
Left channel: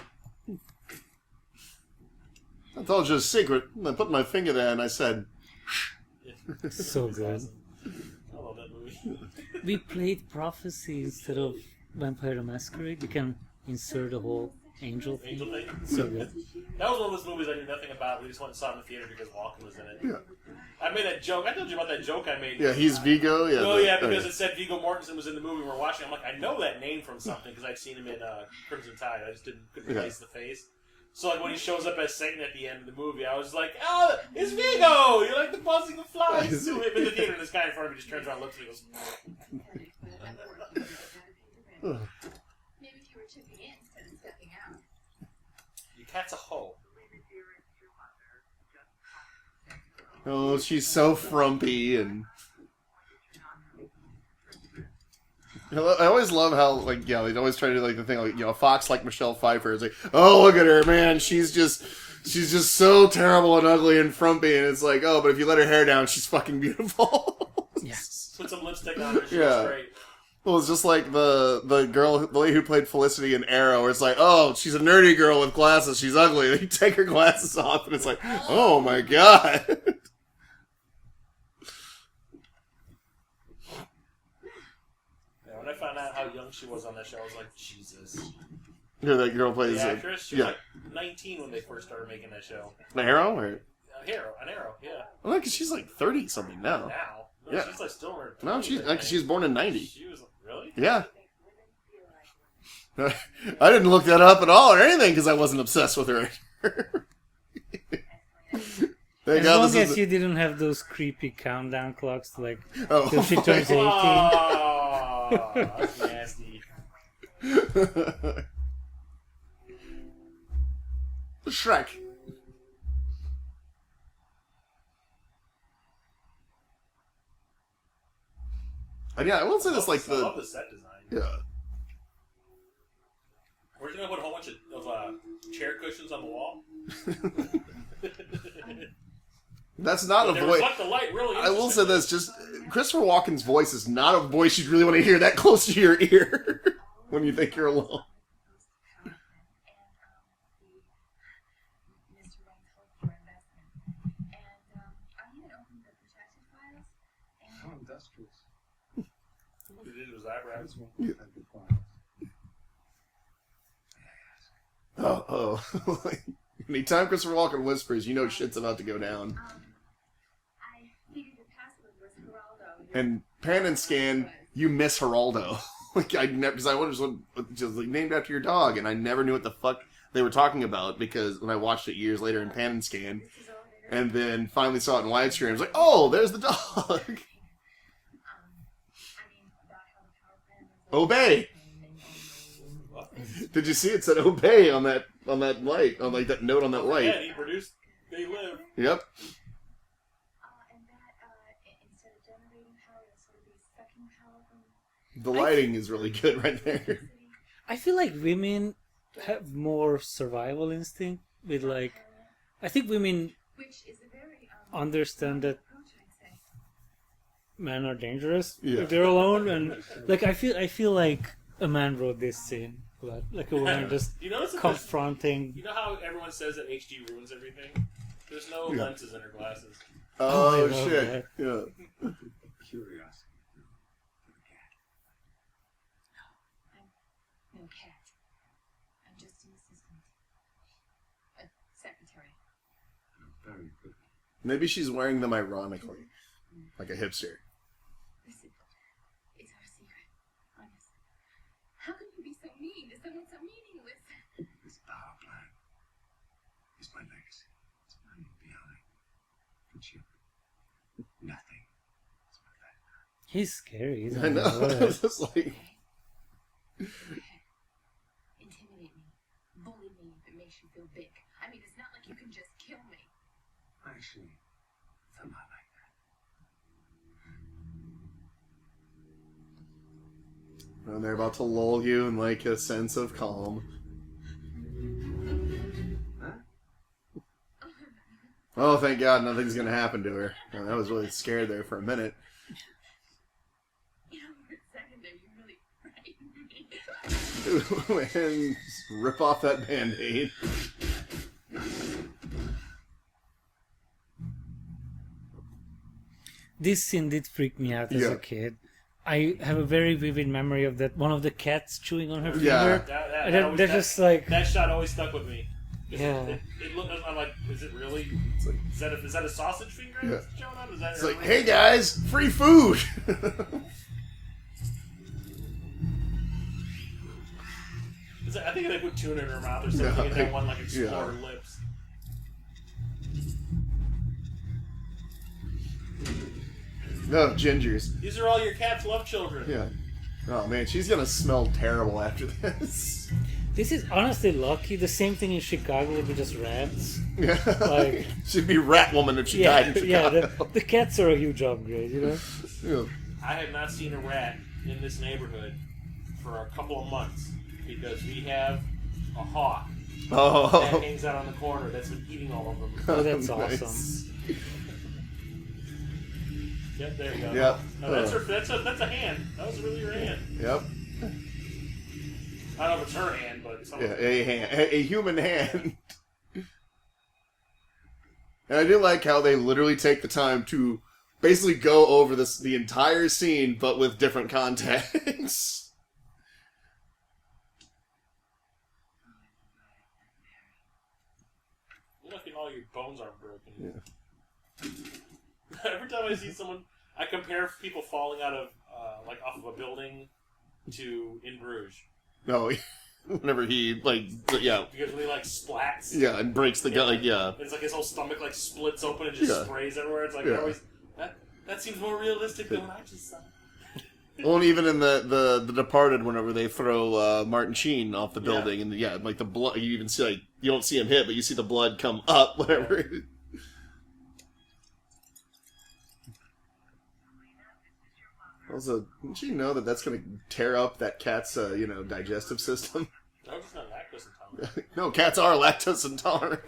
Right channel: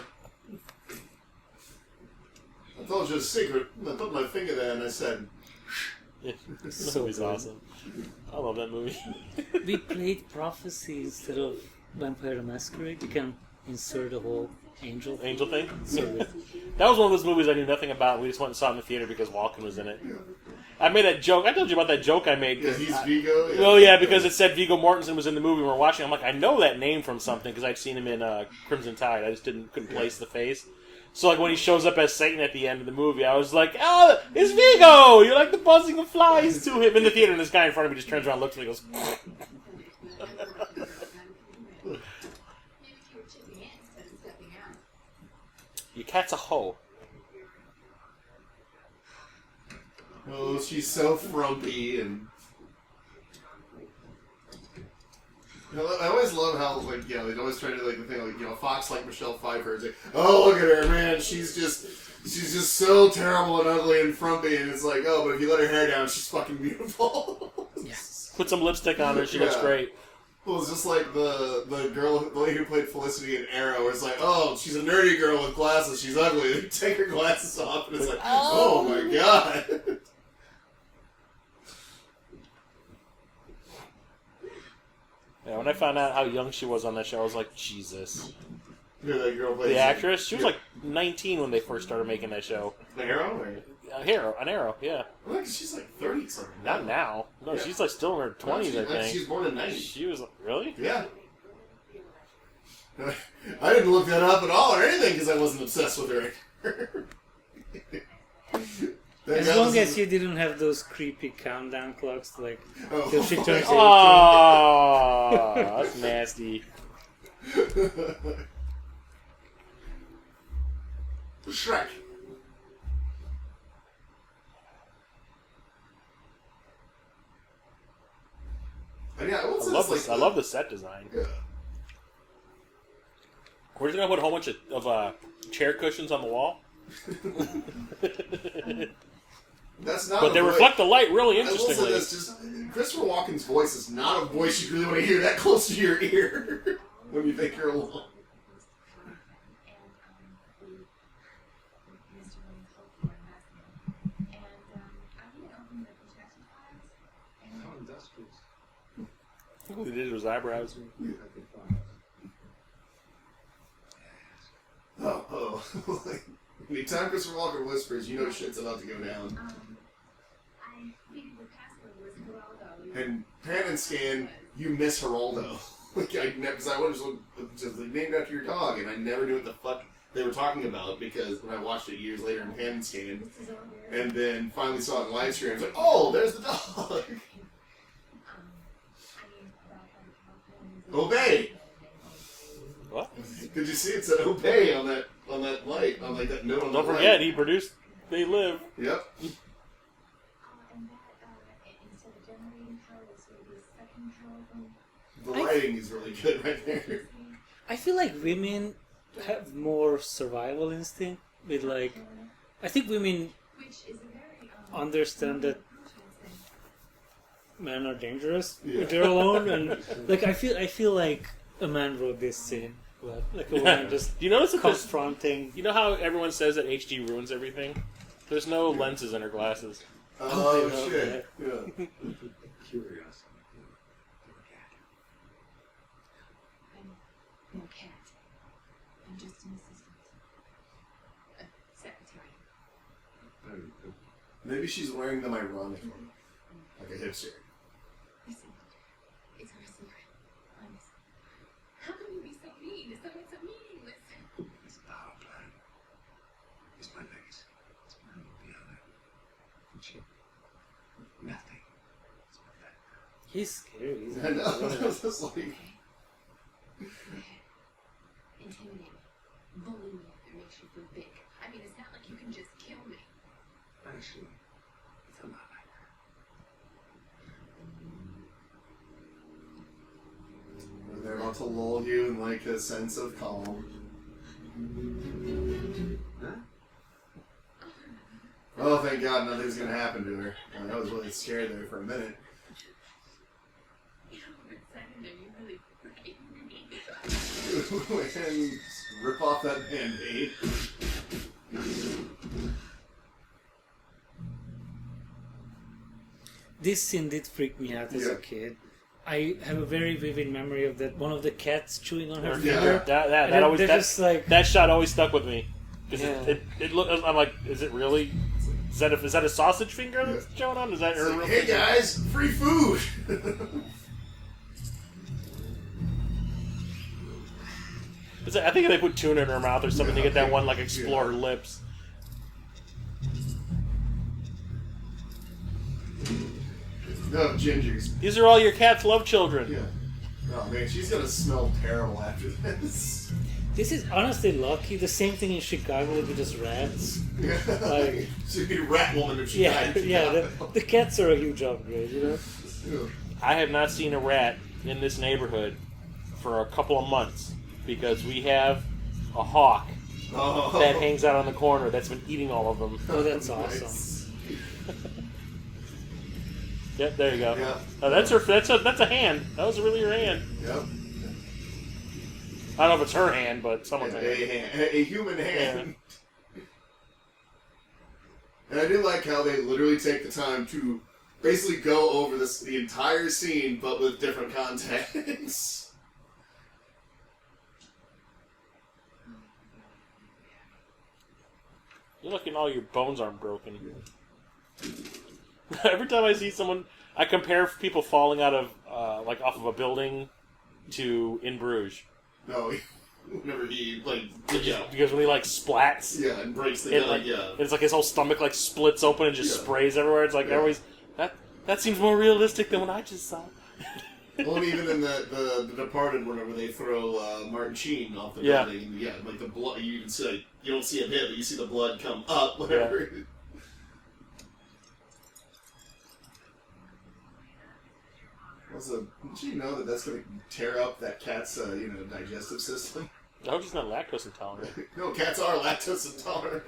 I told you a secret. I put my finger there and I said, So That was good. awesome. I love that movie. We played Prophecy instead of Vampire the Masquerade. You can insert a whole angel thing. Angel thing. So good. That was one of those movies I knew nothing about. We just went and saw it in the theater because Walken was in it. yeah. I made that joke. I told you about that joke I made. Yeah, he's Vigo. Yeah, Oh yeah, because it said Viggo Mortensen was in the movie we were watching. I'm like, I know that name from something because I'd seen him in Crimson Tide. I just couldn't place the face. So like when he shows up as Satan at the end of the movie, I was like, oh, it's Viggo! You're like the buzzing of flies to him in the theater, and this guy in front of me just turns around, looks at me, and goes. Maybe if you were chipping in instead of stepping out. Your cat's a hoe. Oh, she's so frumpy and. I always love how, like, yeah, they always try to do, like, the thing, like, you know, a fox like Michelle Pfeiffer is like, oh, look at her, man, she's just so terrible and ugly and frumpy, and it's like, oh, but if you let her hair down, she's fucking beautiful. Yes. Put some lipstick on her, she looks Yeah. great. Well, it's just like the lady who played Felicity in Arrow, where it's like, oh, she's a nerdy girl with glasses, she's ugly, and you take her glasses off, and it's like, oh my god. Yeah, when I found out how young she was on that show, I was like, Jesus. Yeah, that girl plays The actress, she was yeah. like 19 when they first started making that show. Arrow, or An Arrow, yeah. well, because she's like 30 something now. Not now. No, Yeah. she's like still in her 20s, No, I think. she's born in 90. She was really? Yeah. I didn't look that up at all or anything because I wasn't obsessed with her. As long as you didn't have those creepy countdown clocks, like till she turns 18. Oh, that's nasty. Shrek. Yeah, I will say this like I love the set design. Yeah. We're just gonna put a whole bunch of chair cushions on the wall. That's not but a they voice. reflect the light really I interestingly. will say this: just Christopher Walken's voice is not a voice you really want to hear that close to your ear when you think you're alone. How industrious. All he did was eyebrows. Oh. Anytime Christopher Walken whispers, you know shit's about to go down. I figured the password was Geraldo. And pan and scan, you miss Geraldo. Like I never, because I was just like named after your dog, and I never knew what the fuck they were talking about because when I watched it years later in pan and scan, and then finally saw it in widescreen, I was like, oh, there's the dog. Obey. What? Did you see it said obey on that light, on like that note on that Don't light? forget, he produced They Live. Yep. And that, instead of generating power, this would be a second power from... The lighting is really good right there. I feel like women have more survival instinct with like... I think women Which is a very, understand that men are dangerous Yeah. if they're alone, and like I feel like a man wrote this scene, but like a woman just Do you notice that there's- confronting. You know how everyone says that HD ruins everything? There's no lenses in her glasses. Oh, I love shit. Yeah. Curiosity. I'm no cat. I'm just an assistant. A secretary. Very good. Maybe she's wearing them ironically, like a hipster. Listen, it's our secret. Honest. How can you be so mean to someone so meaningless? This power plant is my legacy. It's mine beyond it. For cheap. Nothing. It's perfect. He's scary. He's I know. It's just like, Intimidate me. Bully me if it makes you feel big. I mean, it's not like you can just kill me. Actually, it's a lot like that. and they're about to lull you in like a sense of calm. Huh? Oh, thank God, nothing's gonna happen to her. Well, I was really scared there for a minute. You know, for a second there, you really frightened me. And rip off that band-aid. This scene did freak me out as Yeah. a kid. I have a very vivid memory of that one of the cats chewing on her Yeah. finger. That always, They're that, just like that shot always stuck with me. 'Cause Yeah. It look, I'm like, is it really? Is that a sausage finger that's showing on? Is that It's her like, real hey finger? guys, free food! I think they put tuna in her mouth or something to get that one like explore her lips. No, gingers. These are all your cat's love children. Yeah. Oh man, she's gonna smell terrible after this. this is honestly lucky. The same thing in Chicago with just rats. Yeah. Like- She'd be Rat Woman if she Yeah, died in yeah. Chicago. The cats are a huge upgrade, you know. Yeah. I have not seen a rat in this neighborhood for a couple of months because we have a hawk Oh. that hangs out on the corner that's been eating all of them. Oh, that's Nice. awesome. Yep, there you go. Yeah. Oh, that's a hand. That was really her hand. Yep. I don't know if it's her hand, but someone's hand. A human hand. And I do like how they literally take the time to basically go over the entire scene, but with different context. You're lucky all your bones aren't broken. Every time I see someone, I compare people falling out of, like off of a building to In Bruges. No. Whenever he, like, Because when he, like, splats. Yeah, and breaks the gun, It's like his whole stomach, like, splits open and just sprays everywhere. It's like, everybody's... That seems more realistic than what I just saw. Well, and even in the Departed, whenever they throw Martin Sheen off the building, and like the blood, you even see, like, you don't see him hit, but you see the blood come up, whatever. Yeah. Also, did you know that that's going to tear up that cat's, digestive system? I hope she's not lactose intolerant. No, cats are lactose intolerant.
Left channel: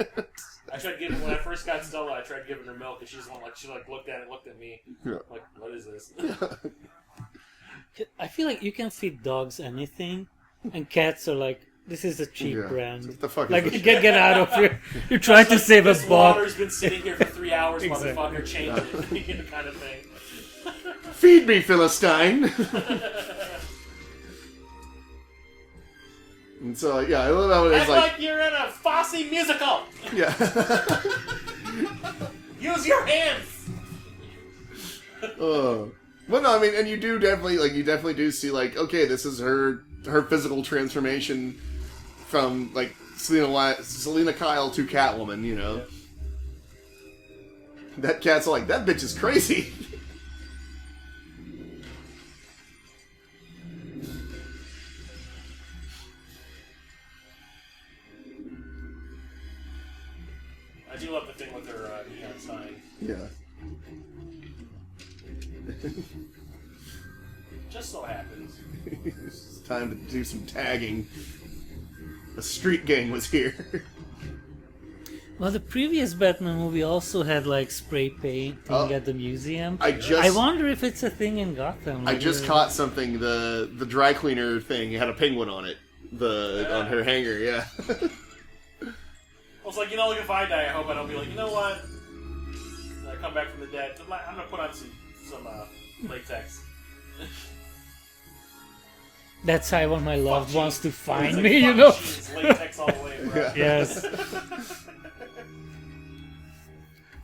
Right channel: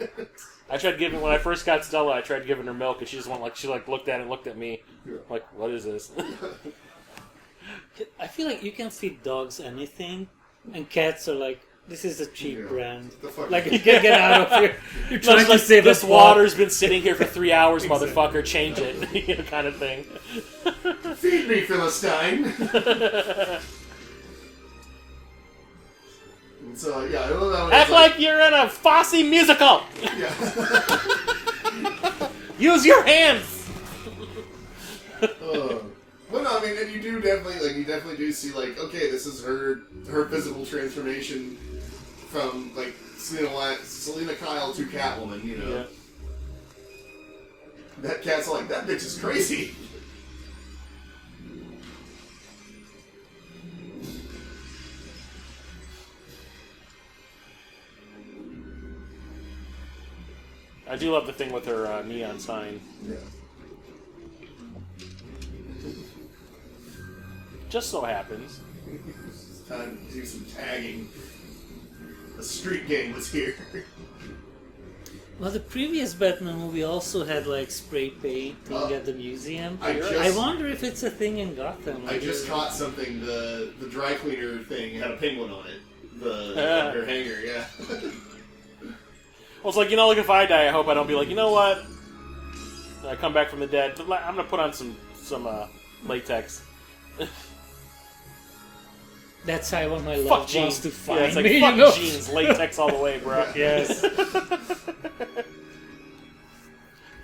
When I first got Stella, I tried giving her milk, and she just went, she looked at it and looked at me. Yeah. Like, what is this? I feel like you can feed dogs anything, and cats are like, this is a cheap brand. What the fuck Like, is get out of here. You're trying to save this us. water's been sitting here for 3 hours, Exactly. motherfucker. Change it, kind of thing. Feed me, Philistine! And so, yeah, I love Act like you're in a Fosse musical! Yeah. Use your hands! Well, no, I mean, and you definitely do see, like, okay, this is her physical transformation from, like, Selena Kyle to Catwoman, you know. Yeah. That cat's like, that bitch is crazy. I do love the thing with her neon sign. Yeah. Just so happens. It's time to do some tagging. The street gang was here. Well, the previous Batman movie also had like spray painting at the museum. I wonder if it's a thing in Gotham. I just caught something. The dry cleaner thing had a penguin on it. On her hanger. Yeah. Well, it's like, like if I die, I hope I don't be like, you know what? I come back from the dead. I'm gonna put on some latex. That's how I want my loved ones to find it's like, me, fuck you know? jeans, latex all the way, bro. Yes.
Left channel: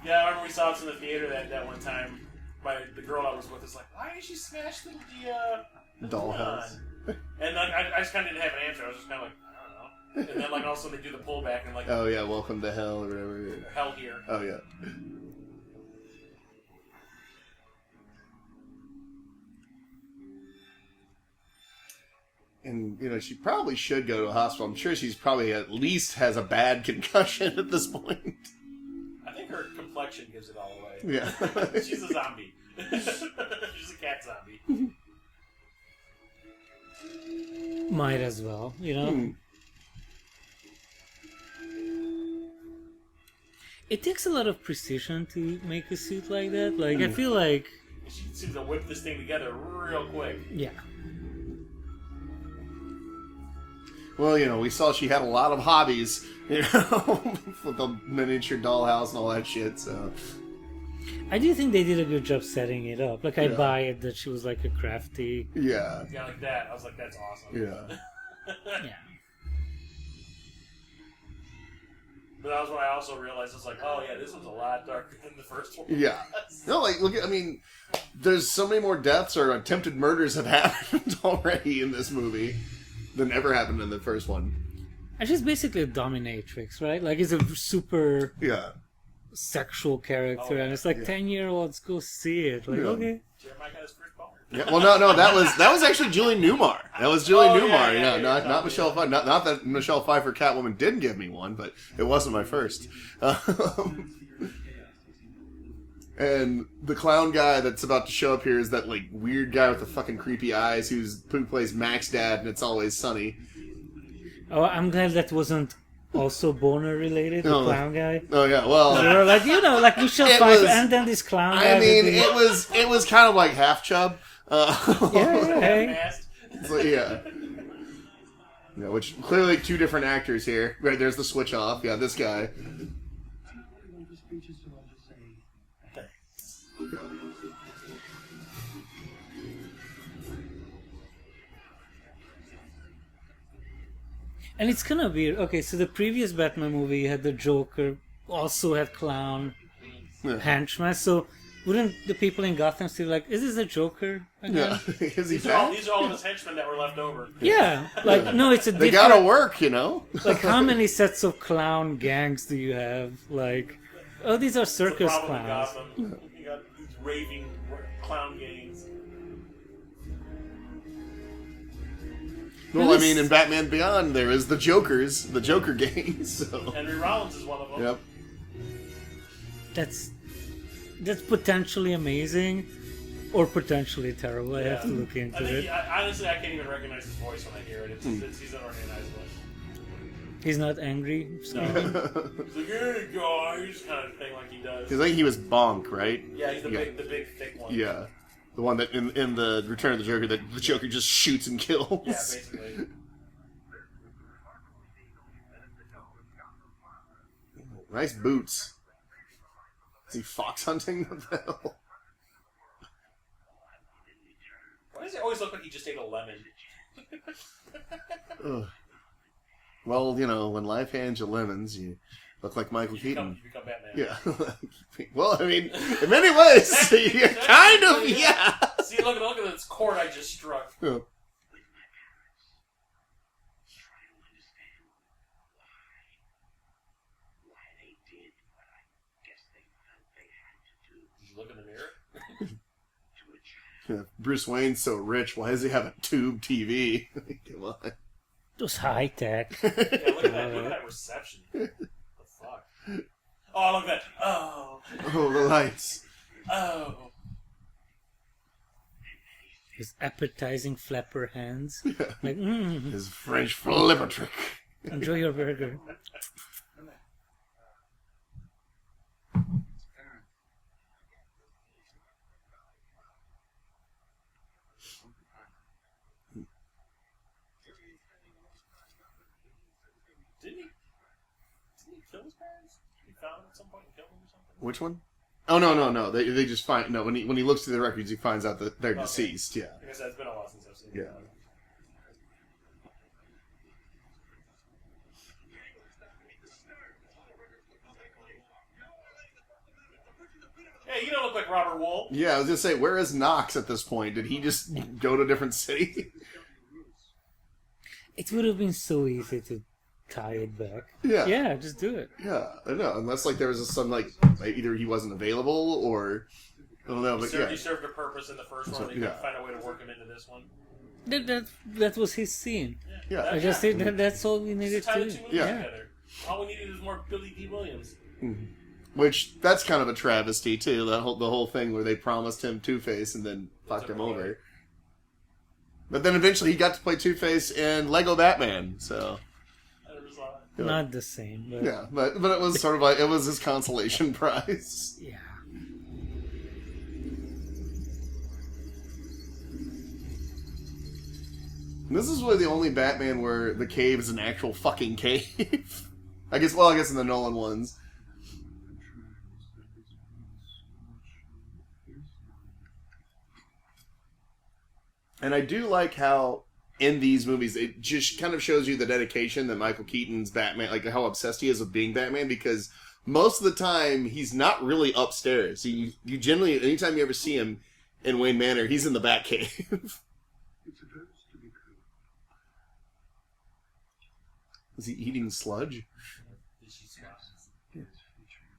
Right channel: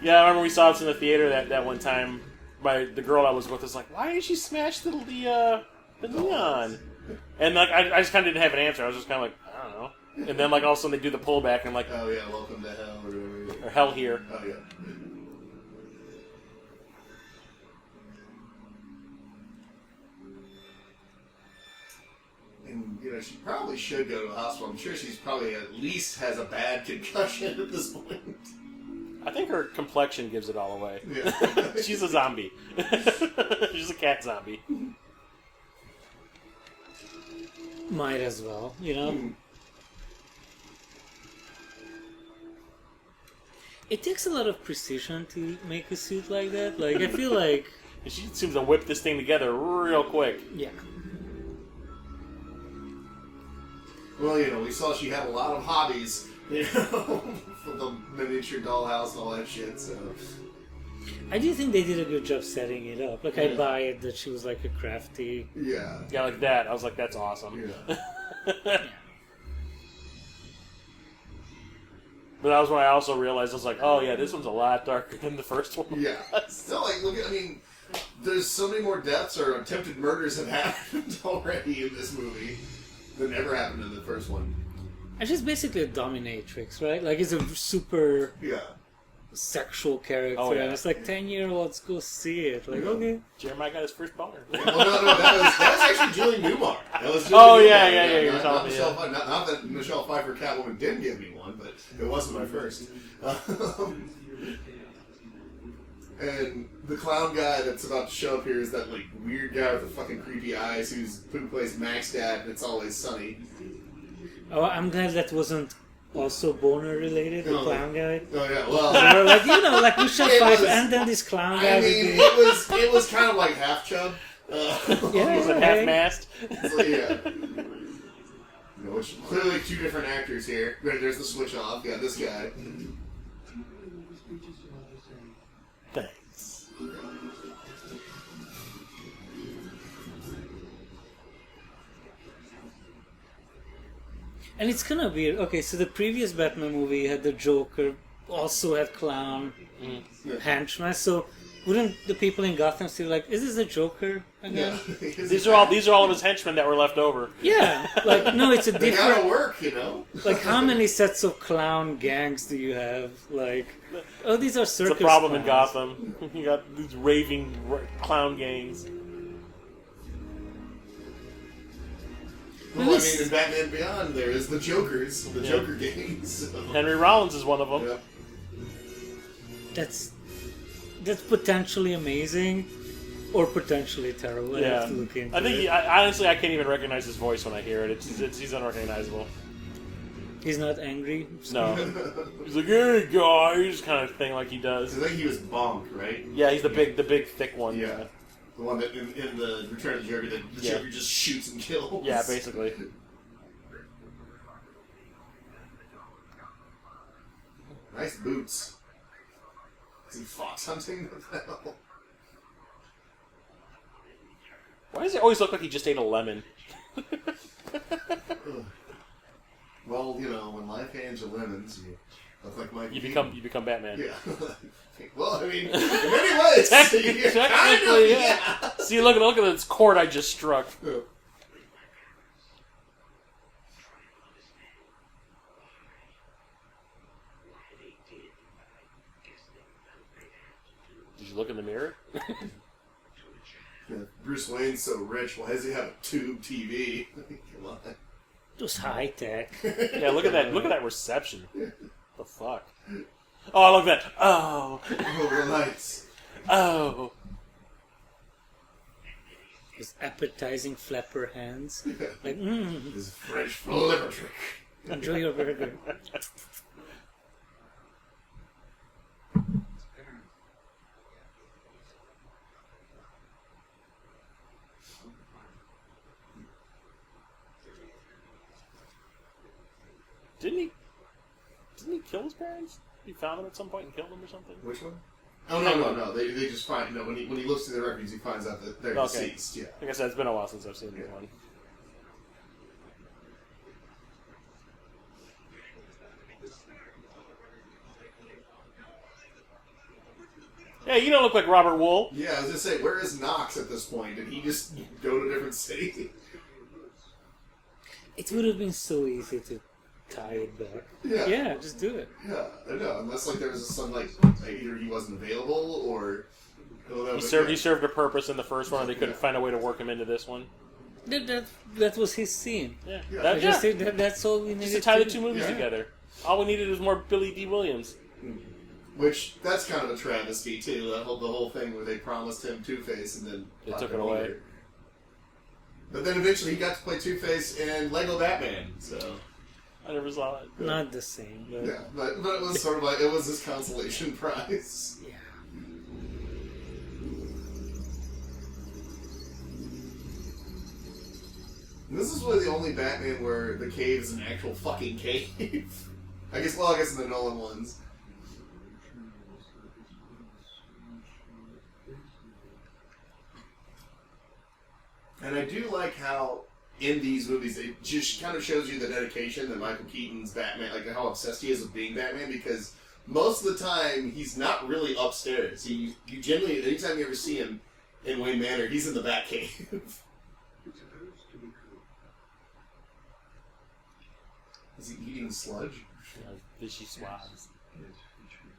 Yeah, I remember we saw this in the theater that one time. The girl I was with was like, "Why did she smash the neon?" And like I just kind of didn't have an answer. I was just kind of like, I don't know. And then like all of a sudden they do the pullback and I'm like, oh yeah, welcome to hell or whatever. Or hell here. Oh yeah. And, she probably should go to a hospital. I'm sure she's probably at least has a bad concussion at this point. I think her complexion gives it all away. Yeah. She's a zombie. She's a cat zombie. Might as well, It takes a lot of precision to make a suit like that. Like, I feel like... She seems to whip this thing together real quick. Yeah. Well, we saw she had a lot of hobbies, with the miniature dollhouse and all that shit, so... I do think they did a good job setting it up. Like, I buy it that she was like a crafty... Yeah. Yeah, like that. I was like, that's awesome. Yeah. Yeah. But that was when I also realized, I was like, oh yeah, this one's a lot darker than the first one. Yeah. No, like, look at, there's so many more deaths or attempted murders have happened already in this movie than ever happened in the first one. And she's basically a dominatrix, right? Like, it's a super sexual character, and it's like 10-year-olds go see it. Like, okay. Jeremiah got his first boner. Well, no, that was actually Julie Newmar. That was Julie Newmar. Yeah, not Michelle Pfeiffer. Not that Michelle Pfeiffer Catwoman did give me one, but it wasn't my first. And the clown guy that's about to show up here is that like weird guy with the fucking creepy eyes who plays Mac's dad, and It's Always Sunny. Oh, I'm glad that wasn't also boner related, the clown guy. Oh yeah, well, so we're like, like Michelle Pfeiffer and then this clown guy. I mean, it was kind of like half chub. Half-mast. So, yeah. Which clearly two different actors here. Right, there's the switch off. Yeah, this guy. Thanks. And it's kind of weird. Okay, so the previous Batman movie had the Joker, also had clown henchman. So wouldn't the people in Gotham still like, is this a Joker? again? These are all of his henchmen that were left over. Yeah, like no, it's a They different. gotta work, you know. Like how many sets of clown gangs do you have? Like, oh, these are circus It's a problem in clowns. Gotham. You got these raving clown gangs. Well, I mean, in Batman Beyond, there is the Jokers, the Joker gangs. So. Henry Rollins is one of them. Yep. That's potentially amazing, or potentially terrible. I have to look into I think it. honestly, I can't even recognize his voice when I hear it. He's unrecognizable. He's not angry. No, he's like, "Hey guys," kind of thing, like he does. I think he was Bonk, right? Yeah, he's the big, thick one. Yeah. The one that in the Return of the Joker, that the Joker just shoots and kills. Yeah, basically. Nice boots. Is he fox hunting? What the hell? Why does it always look like he just ate a lemon? Well, you know, when life hands you lemons, you look like Michael Keaton. You become Batman. Yeah. Well, I mean, in many ways, you're kind of, yeah. See, look at this chord I just struck. Yeah. Did you look in the mirror? Bruce Wayne's so rich, why does he have a tube TV? Come on. Just high tech. Yeah, look at that. Look at that reception. The fuck? Oh, look at that. Oh. Oh, the lights. Oh. His appetizing flapper hands. Yeah. Like, His French flipper trick. enjoy your burger. Didn't he kill his parents? He found them at some point and killed them or something? Which one? Oh, no. They just find... No, when he looks through the records, he finds out that they're Okay. deceased. Yeah. Like I said, it's been a while since I've seen this one. Yeah, you don't look like Robert Wool. Yeah, I was going to say, where is Knox at this point? Did he just go to a different city? It would have been so easy to tie it back. Yeah. Yeah, just do it. Yeah, I don't know. Unless, like, there was some, like, either he wasn't available or... I don't know. He served a purpose in the first one, and they couldn't find a way to work him into this one. That was his scene. Yeah. I just think that's all we needed Just to tie to the do. two movies together. All we needed was more Billy D. Williams. Which, that's kind of a travesty, too. The whole thing where they promised him Two-Face and then They fucked took him it away. over. But then eventually he got to play Two-Face in Lego Batman, so... I never saw it. Not the same, but Yeah, but it was sort of like, it was his consolation prize. yeah. This is really the only Batman where the cave is an actual fucking cave. I guess in the Nolan ones. And I do like how in these movies it just kind of shows you the dedication that Michael Keaton's Batman, like how obsessed he is with being Batman, because most of the time he's not really upstairs. You generally, anytime you ever see him in Wayne Manor, he's in the Batcave. It's supposed to be cool. Is he eating sludge? Fishy swabs. Yes, featuring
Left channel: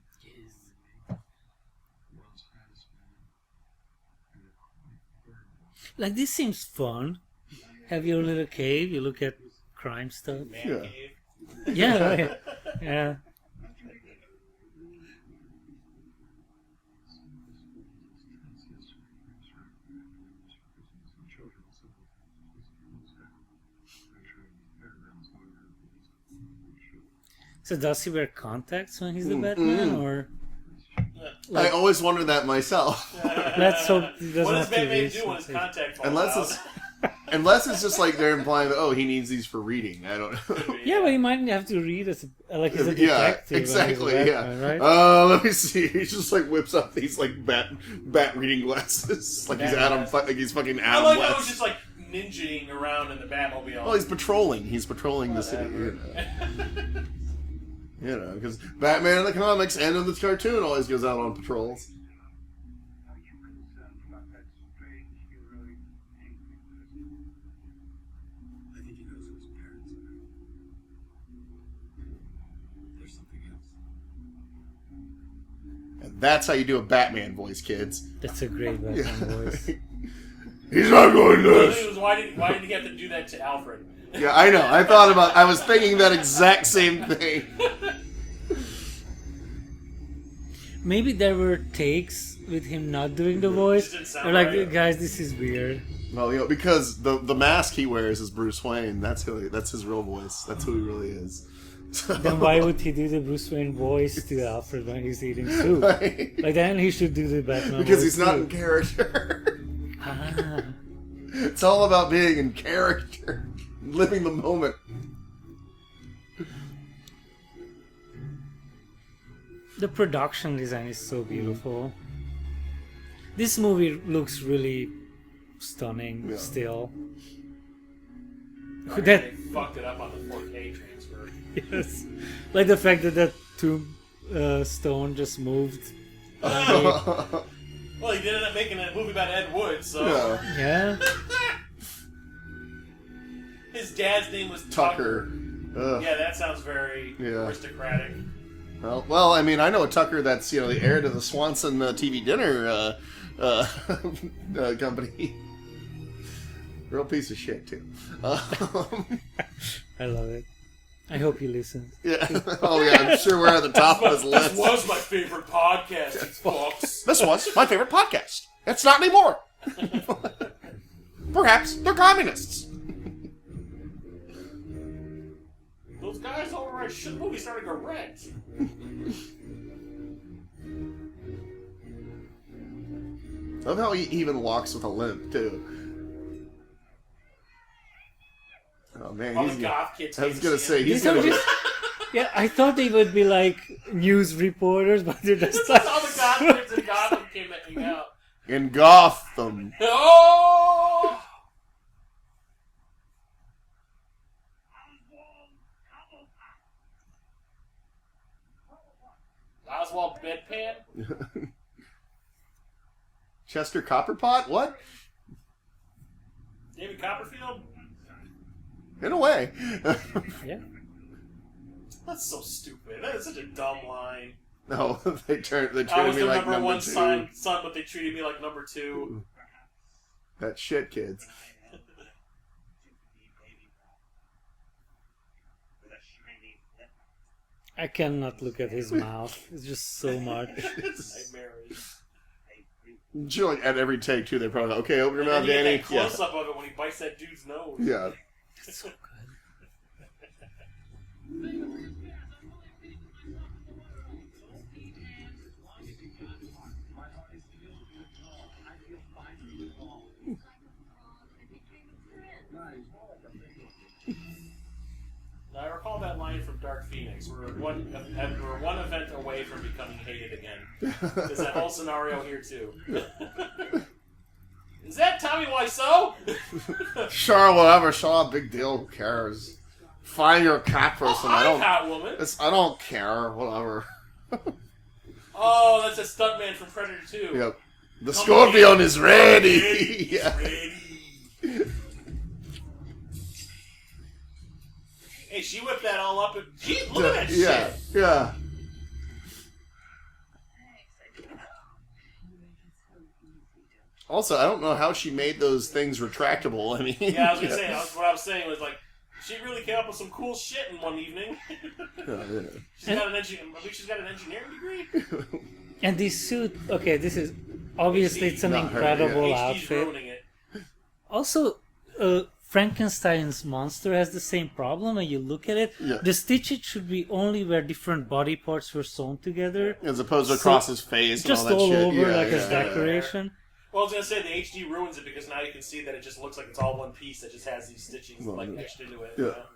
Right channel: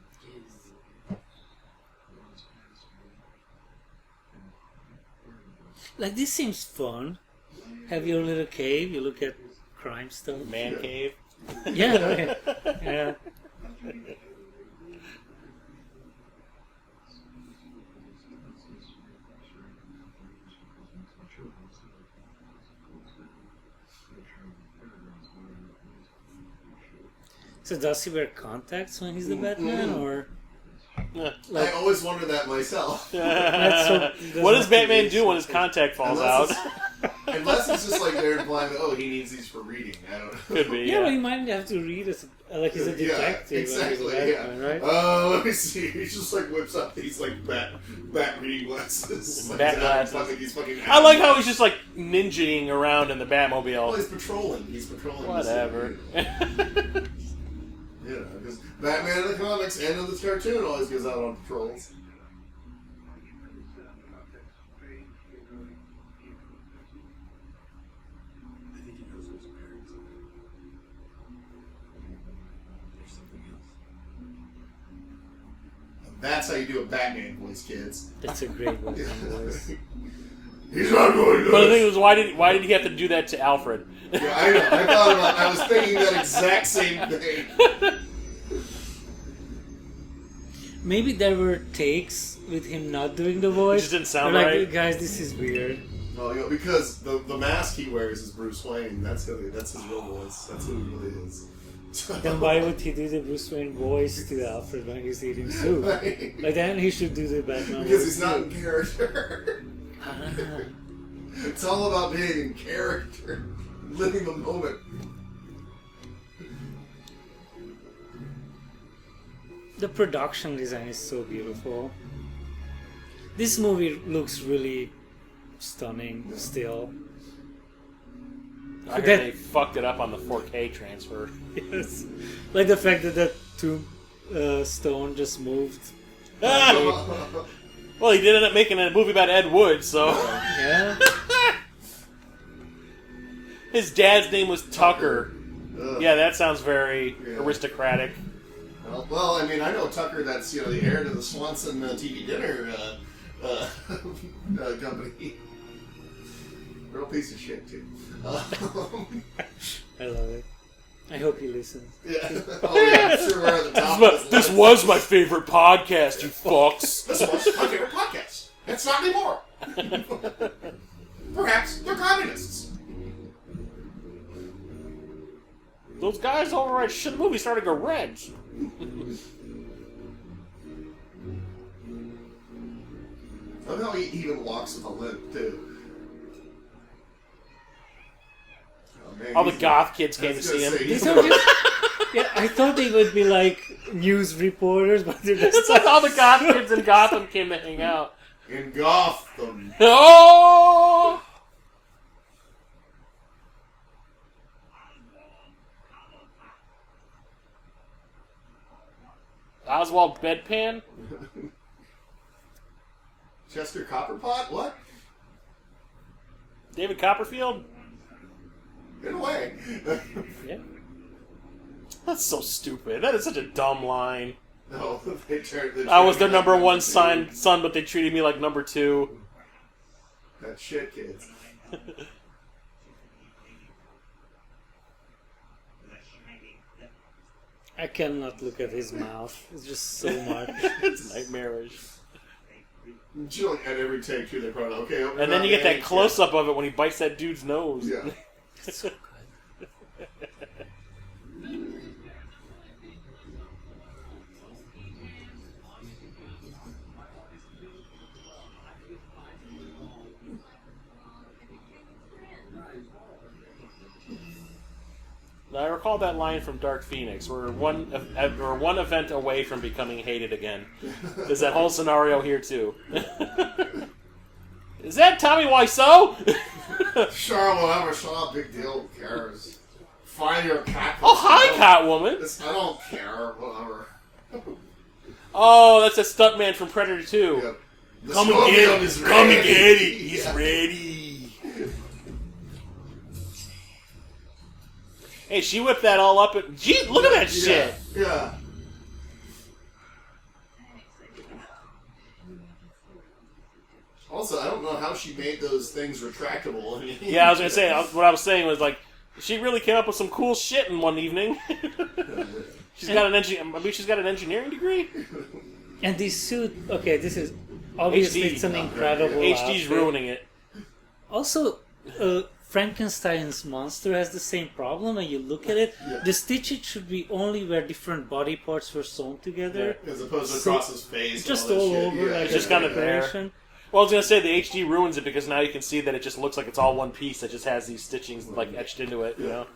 once past me. Like this seems fun. Have your little cave. You look at crime stuff. Man Yeah. cave. Yeah, right. Yeah. So does he wear contacts when he's the Batman, or I always wonder that myself. let's hope he doesn't What does have to Batman read do when his something. contact falls Unless out? Unless it's just like they're implying that, oh, he needs these for reading. I don't know. Could be. Yeah, but he might have to read as like he's a detective. Yeah, exactly. When he's a Batman, Yeah. right? Let me see. He just like whips up these like bat reading glasses. Like Bat he's Adam, glasses. like he's fucking. I like how he's just like ninjaing around in the Batmobile. Well, he's patrolling. He's patrolling. Whatever. You know, because Batman in the comics and in the cartoon always goes out on patrols. I get really sad about that strange heroic That's how you do a Batman voice, kids. That's a great Batman voice. He's not going to. But the thing was, why did he have to do that to Alfred? Yeah, I know. I was thinking that exact same thing. Maybe there were takes with him not doing the voice. It just didn't sound They're like, right. guys, this is weird. Well, because the mask he wears is Bruce Wayne. That's his real voice. That's who he really is. So, Then why would he do the Bruce Wayne voice to Alfred when he's eating soup? Right. Like, then he should do the Batman Because voice he's not too. in character. Ah. It's all about being in character, living the moment. The production design is so beautiful. This movie looks really stunning still. I heard That- they fucked it up on the 4K transfer. Yes. Like the fact that tombstone just moved. Well, he did end up making a movie about Ed Wood, so... Yeah. His dad's name was Tucker. Ugh. Yeah, that sounds very Yeah. aristocratic. Well, I mean, I know a Tucker that's the heir to the Swanson TV dinner company. Real piece of shit too. I love it. I hope he listens. Yeah. Oh yeah, I'm sure we're at the top of his This list. was my favorite podcast, you fucks. This was my favorite podcast. It's not anymore. Perhaps they're communists. Those guys all right shit the movie starting a wrench. I love how he even walks with a limp too. Oh, man, All the he's- goth kids I came was to gonna see say, him. he's These are just. Yeah, I thought they would be like news reporters, but they're just It's like all the goth kids in Gotham came to hang out. in Gotham. Oh! Oswald Bedpan? Chester Copperpot? What? David Copperfield? In a way. yeah. That's so stupid. That is such a dumb line. No, they treated I was me their like number one two. son, but they treated me like number two. That shit, kids. I cannot look at his mouth. It's just so much. It's nightmarish. Chilling at every take too. They're probably okay. Over And then you get that close up of it when he bites that dude's nose. Yeah. It's so good. Now, I recall that line from Dark Phoenix. We're one event away from becoming hated again. There's that whole scenario here too. Is that Tommy Wiseau? Sure, whatever. Sure, big deal. Who cares? Find your cat. Oh, hi, person. Catwoman. I don't care. Whatever. Oh, that's a stuntman from Predator 2. Yep. The Come Scorpion again. is ready. He's Yeah. ready. Hey, she whipped that all up. And, gee, look at that shit. Yeah. Also, I don't know how she made those things retractable. I mean, Yeah, I was gonna say. What I was saying was like, she really came up with some cool shit in one evening. She's got I believe she's got an engineering degree. And this suit, okay, this is obviously HD. it's an incredible HD's outfit. ruining it. Also, Frankenstein's monster has the same problem. When you look at it, Yeah. the stitches should be only where different body parts were sewn together, as opposed to So, across his face, just and all, all that shit. over Yeah, like just a got it there. decoration. Well, I was gonna say the HD ruins it because now you can see that it just looks like it's all one piece that just has these stitchings like etched into it. You Yeah. know,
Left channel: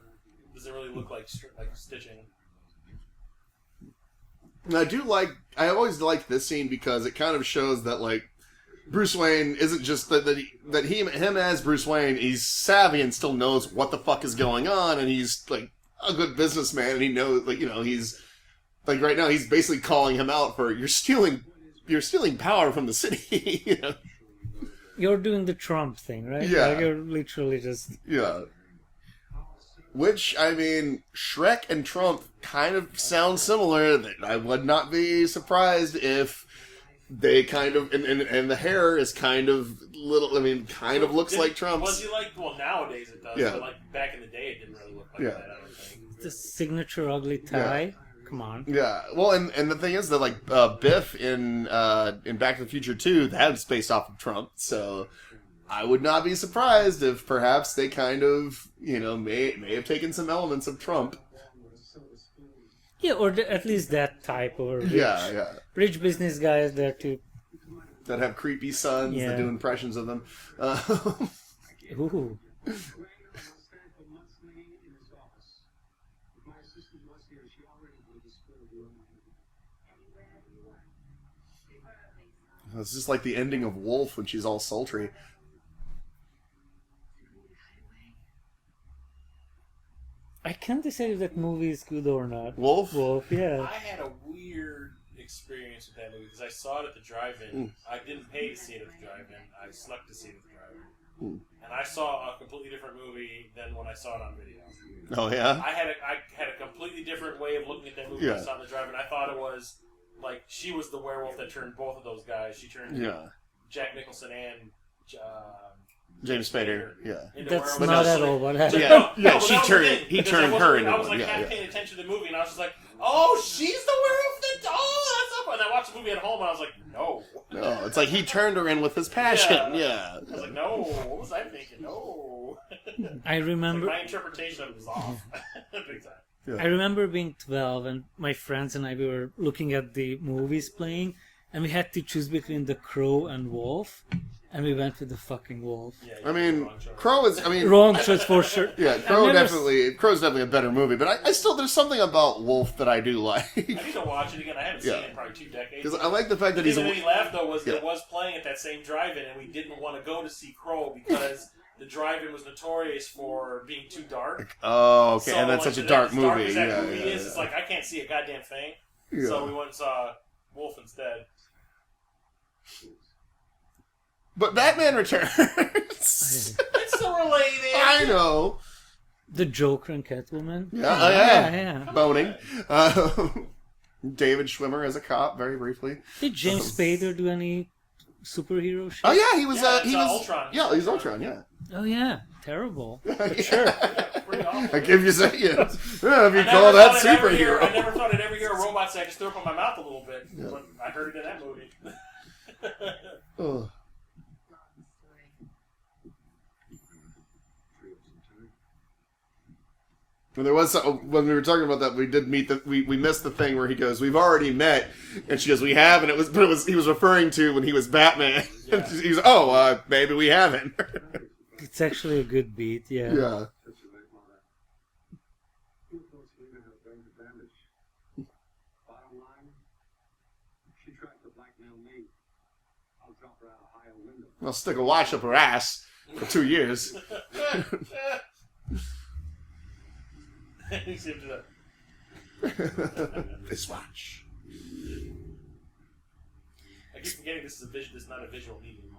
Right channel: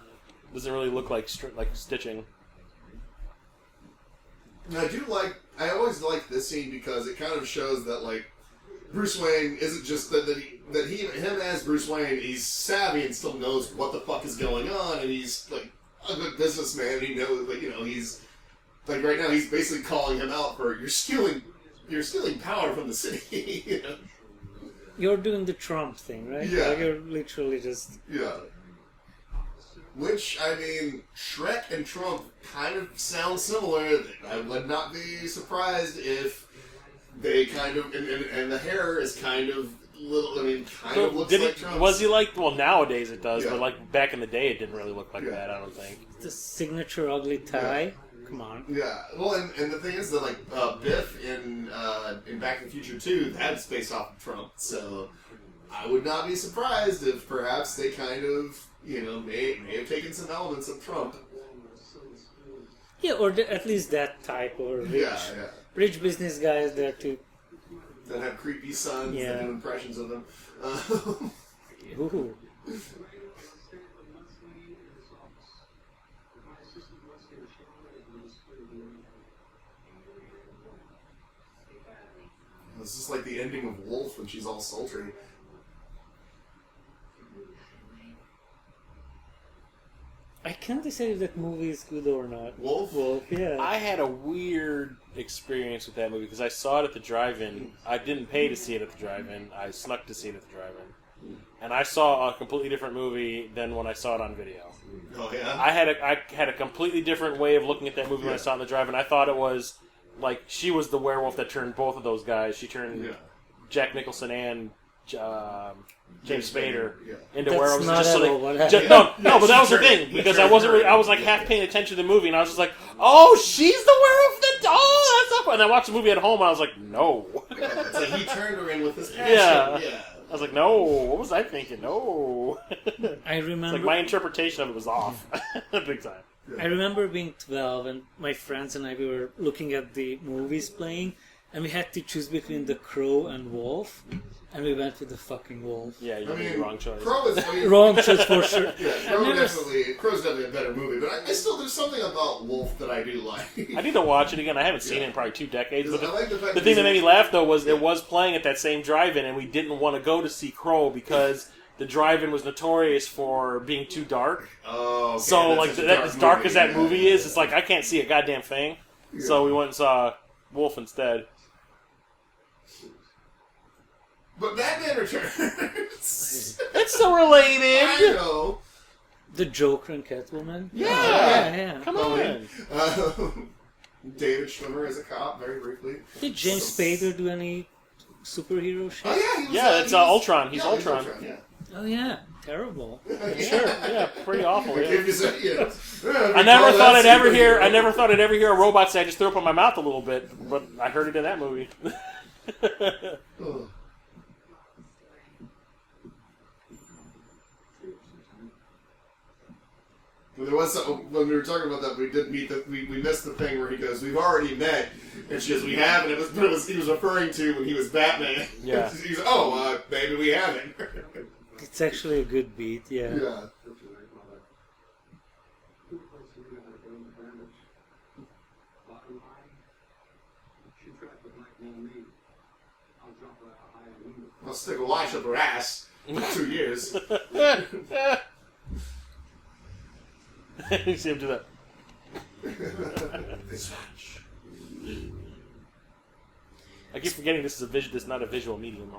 doesn't really look like stitching. And I always like this scene because it kind of shows that like Bruce Wayne isn't just that him as Bruce Wayne, he's savvy and still knows what the fuck is going on, and he's like a good businessman, and he knows he's like right now he's basically calling him out for you're stealing power from the city. You know? You're doing the Trump thing, right? Yeah. Like you're literally just Yeah. Which, I mean, Shrek and Trump kind of sound similar. I would not be surprised if they kind of and the hair is kind of little. I mean, kind of looks like Trump's. Was he like? Well, nowadays it does, Yeah. but like back in the day, it didn't really look like that. I don't think. The signature ugly tie. Yeah. Come on. Yeah, well, and the thing is that like Biff in Back to the Future 2, that's based off of Trump, so I would not be surprised if perhaps they kind of may have taken some elements of Trump. Yeah, or at least that type of rich business guys there too. That have creepy sons that do impressions of them. Ooh. It's just like the ending of Wolf when she's all sultry. I can't decide if that movie is good or not. Wolf? Wolf, yeah. I had a weird experience with that movie because I saw it at the drive-in. I didn't pay to see it at the drive-in. I snuck to see it at the drive-in. And I saw a completely different movie than when I saw it on video. Oh, yeah? I had a completely different way of looking at that movie when I saw it in the drive-in. I thought it was like she was the werewolf that turned both of those guys. She turned Jack Nicholson and James Spader into That's werewolves. not at all what happened. No, but that was the thing because I was like half paying attention to the movie and I was just like, oh, she's the werewolf. That's up. And I watched the movie at home and I was like, no. It's like he turned her in with his passion. Yeah. I was like, no. What was I thinking? No. I remember like my interpretation of it was off, big time. I remember being 12 and my friends and I we were looking at the movies playing and we had to choose between The Crow and Wolf and we went with the fucking Wolf. Yeah, you made the wrong choice. Crow is, wrong choice for sure. Yeah, Crow's definitely a better movie, but I still, there's something about Wolf that I do like. I need to watch it again. I haven't seen it in probably 2 decades. I like the fact the thing that made me laugh though was it was playing at that same drive-in and we didn't want to go to see Crow because the drive-in was notorious for being too dark. Oh, okay. So like as dark as that movie is, it's like I can't see a goddamn thing. Yeah. So we went and saw Wolf instead. But Batman Returns. It's so related. I know. The Joker and Catwoman. Yeah. Come Boning. on. David Schwimmer as a cop, very briefly. Did James Spader do any superhero shit? Oh yeah, he was. It's Ultron. He's Ultron. Ultron. Yeah. Oh yeah, terrible. Sure. Yeah, pretty awful. I give you some. I never thought I'd ever hear. I never thought I'd ever hear a robot say, "I just threw up on my mouth a little bit," but I heard it in that movie. Oh. There was when we were talking about that, we did meet we missed the thing where he goes, "We've already met," and she goes, "We have," and he was referring to when he was Batman. Yeah. He was, maybe we haven't. It's actually a good beat, yeah. Yeah. I'll stick a watch up her ass for 2 years. You see him do that. This watch. I keep forgetting this is this is not a visual medium.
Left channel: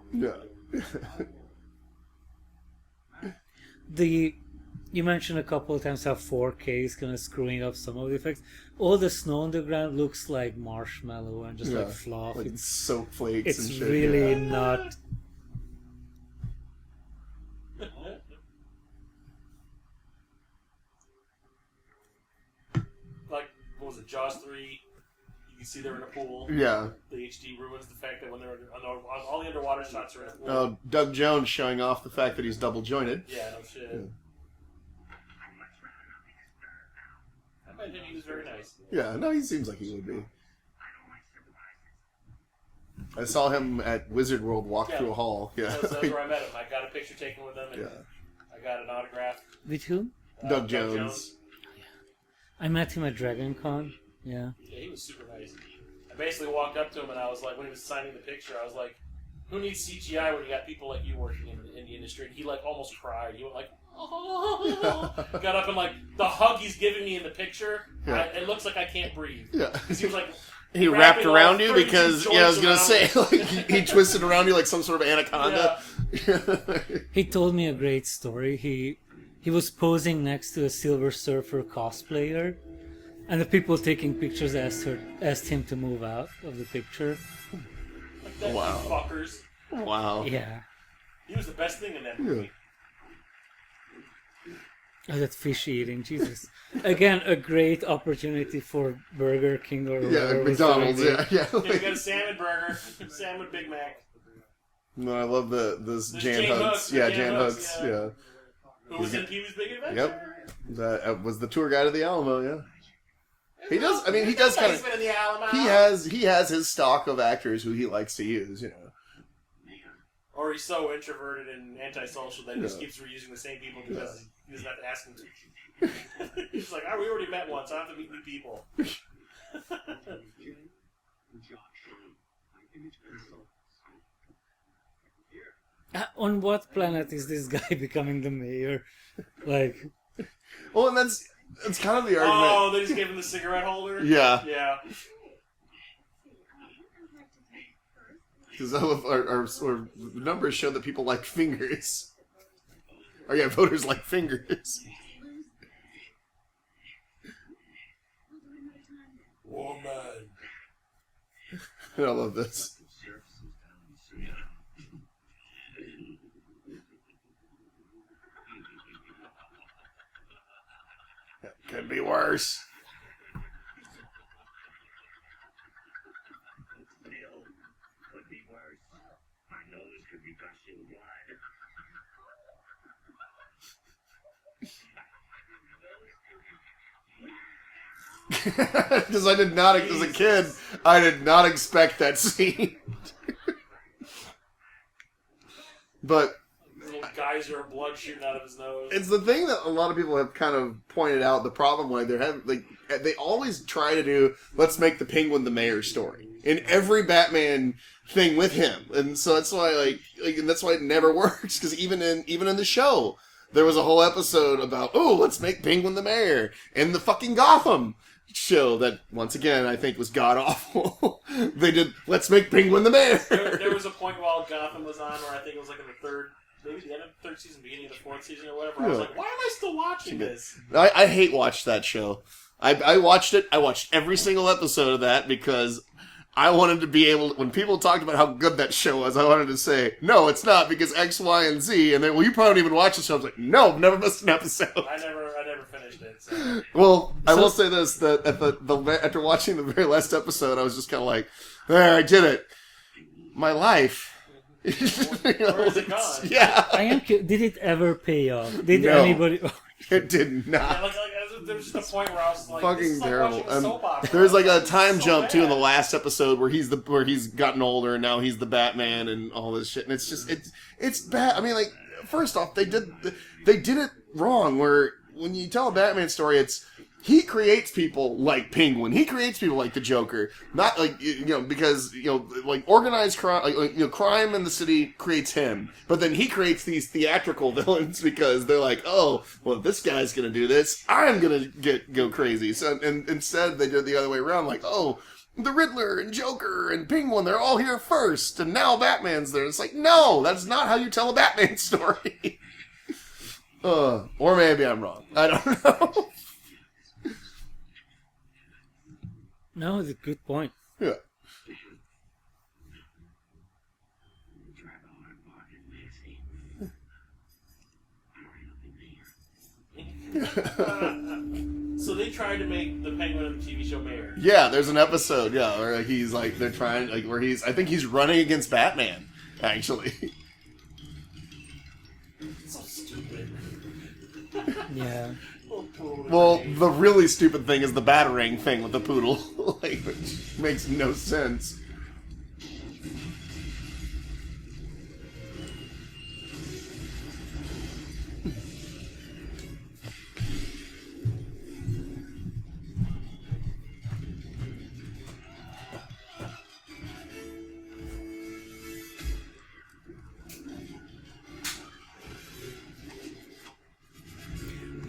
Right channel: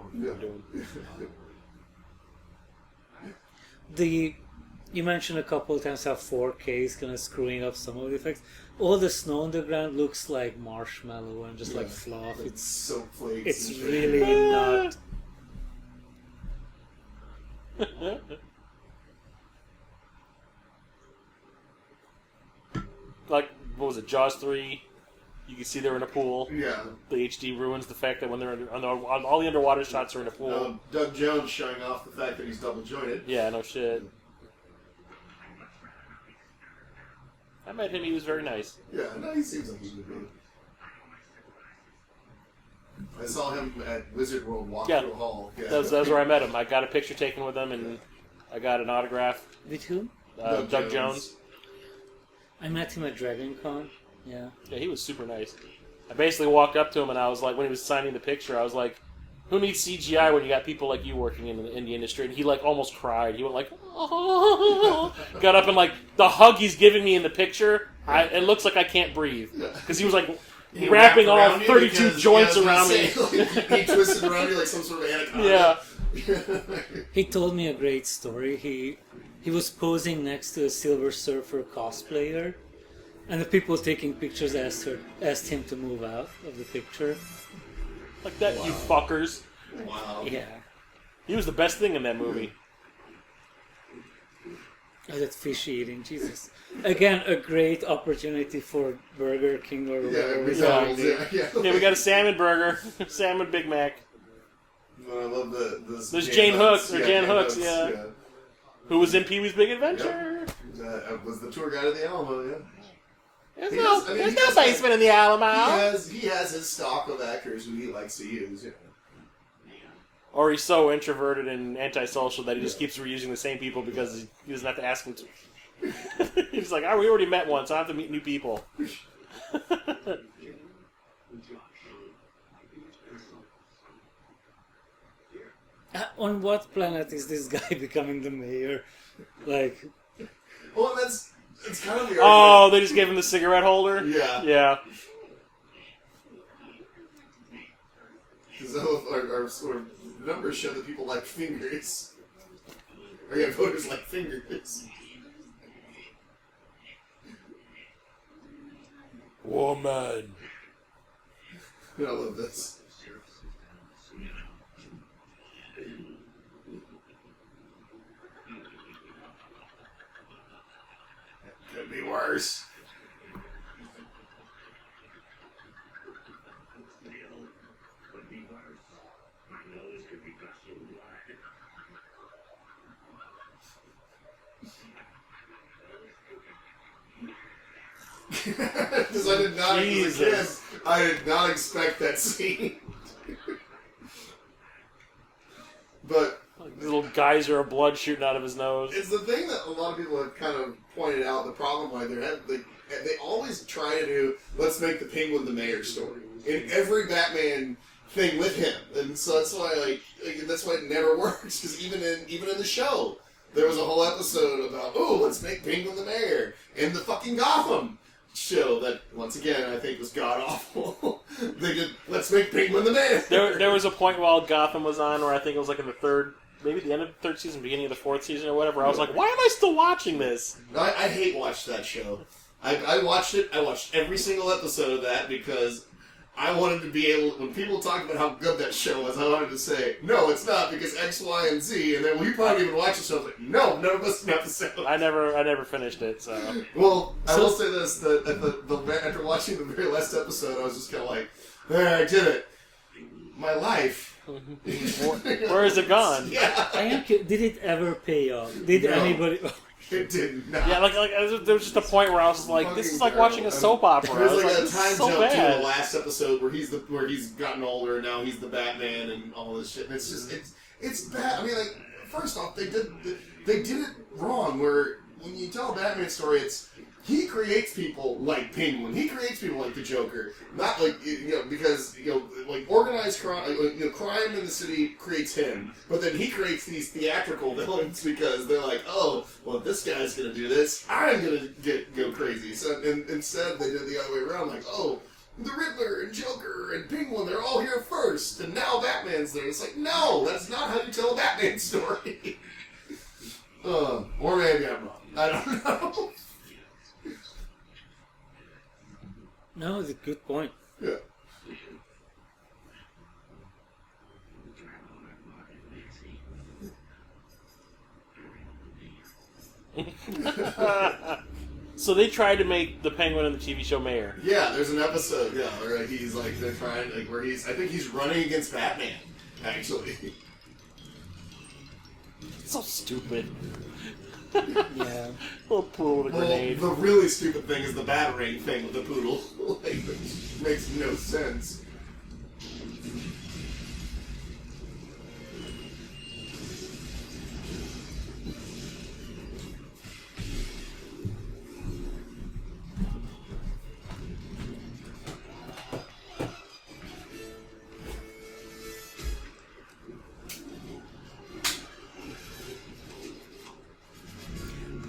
You mentioned a couple of times how 4K is kind of screwing up some of the effects. All the snow on the ground looks like marshmallow and just like fluff. Like it's soap flakes. It's and shit. really not. Like, what was it, Jaws 3? You can see they're in a pool. Yeah. The HD ruins the fact that when they're all the underwater shots are in a pool. Doug Jones showing off the fact that he's double jointed. Yeah, no shit. I met him, he was very nice. Yeah, no, he seems like he would be. I saw him at Wizard World walk through a hall. Yeah. That was where I met him. I got a picture taken with him, and I got an autograph. With whom? Doug Jones. I met him at Dragon Con. Yeah. Yeah, he was super nice. I basically walked up to him and I was like, when he was signing the picture, I was like, who needs CGI when you got people like you working in the industry? And he like almost cried. He went like, oh. Got up and like the hug he's giving me in the picture, it looks like I can't breathe. Because he was like wrapping all 32 joints around me. He twisted around you like some sort of anaconda. Yeah. He told me a great story. He was posing next to a Silver Surfer cosplayer, and the people taking pictures asked him to move out of the picture. Like that, Wow. you fuckers. Wow. Yeah. He was the best thing in that movie. Oh, that fish eating, Jesus. Again, a great opportunity for Burger King or whatever was doing McDonald's, there. yeah. Yeah, we got a salmon burger, salmon Big Mac. No, I love There's Jane Hooks, or Jan Hooks, yeah. Who was in Pee-wee's Big Adventure? That was the tour guide of the Alamo, yeah. There's He no, does- I mean, there's he no does kind of- basement in the Alamo. He has his stock of actors who he likes to use, you know. Or he's so introverted and antisocial that he just keeps reusing the same people because he doesn't have to ask them to. He's like, we already met once. I don't have to meet new people. On what planet is this guy becoming the mayor? Like, Well, and that's kind of the argument. Oh, they just gave him the cigarette holder? Yeah. Yeah. Because our numbers show that people like fingers. Or yeah, voters like fingers. Woman. I love this. Could be worse. Still, could be worse. My nose could be gushing blood. Because I did not, as a kid, I did not expect that scene. But Little geyser of blood shooting out of his nose. it's the thing that a lot of people have kind of pointed out. The problem why they always try to do, let's make the Penguin the mayor story in every Batman thing with him, and so that's why and that's why it never works. Because even in the show, there was a whole episode about let's make Penguin the mayor in the fucking Gotham show that once again I think was god awful. They did let's make Penguin the mayor. There was a point while Gotham was on where I think it was like in the third, maybe the end of the third season, beginning of the fourth season or whatever. I was like, why am I still watching this? I hate watch that show. I watched it. I watched every single episode of that because I wanted to be able. When people talked about how good that show was, I wanted to say, "No, it's not because X, Y, and Z." And then, well, you probably didn't even watch the show. I was like, "No, never missed an episode." I never finished it. So Well, I will say this: that after watching the very last episode, I was just kind of like, "There, I did it. My life." where is it gone? Yeah, I am did it ever pay off? Did No. anybody... it did not. Yeah, like there was just a point where I was just like, this is like Fucking watching a terrible. soap opera. There was I like a this time is so jump too in bad. the last episode where he's gotten older and now he's the Batman and all this shit, and it's just it's bad. I mean, like, first off, they did it wrong. Where when you tell a Batman story, he creates people like Penguin. He creates people like the Joker. Not like, because, like organized crime, crime in the city creates him. But then he creates these theatrical villains because they're like, oh, well, if this guy's going to do this, I'm going to go crazy. So and instead, they did the other way around. Like, oh, the Riddler and Joker and Penguin, they're all here first. And now Batman's there. It's like, no, that's not how you tell a Batman story. Or maybe I'm wrong. I don't know. No, it's a good point. Yeah. So they tried to make the Penguin in the TV show mayor. Yeah, there's an episode, where he's like, they're trying, where I think he's running against Batman, actually. It's so stupid. Yeah. Little poodle with a Well, grenade. the really stupid thing is the Batarang thing with the poodle. Which makes no sense.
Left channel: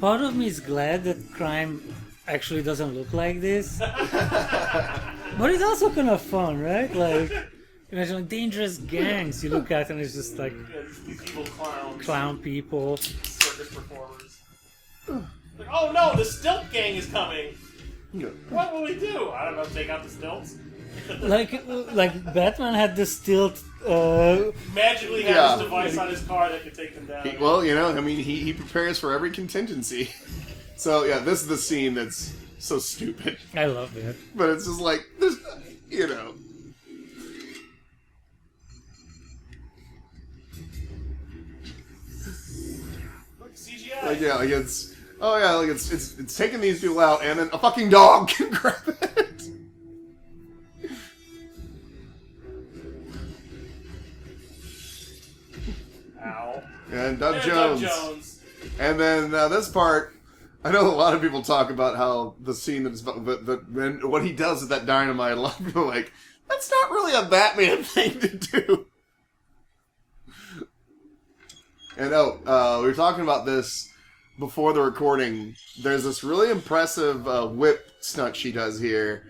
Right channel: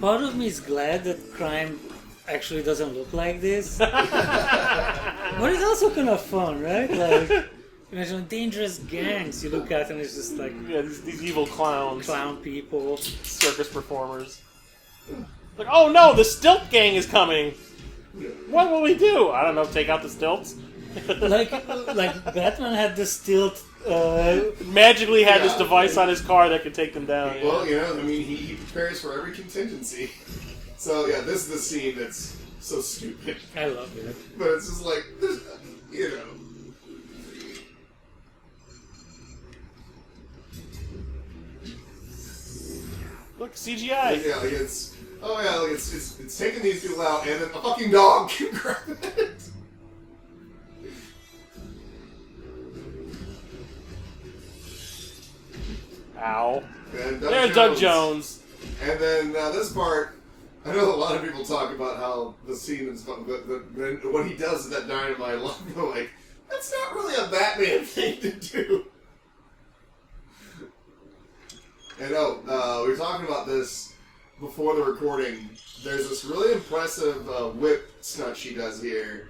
Part of me is glad that crime actually doesn't look like this. But it's also kind of fun, right? Like, imagine dangerous gangs you look at and it's just like Yeah, these evil clowns. clown people. Circus performers. Like, oh no, the stilt gang is coming! What will we do? I don't know, take out the stilts? like Batman had this tilt. Magically had this Yeah. device on his car that could take them down. Well, you know, I mean, he prepares for every contingency. So, yeah, this is the scene that's so stupid. I love it. But it's just like, there's, you know. Look, CGI. Yeah, like it's, oh yeah, like it's taking these people out and then a fucking dog can grab it. Ow. And There's Doug Jones. And then this part, I know a lot of people talk about how the scene that's that what he does with that dynamite. A lot of people are like, that's not really a Batman thing to do. And we were talking about this before the recording. There's this really impressive whip stunt she does here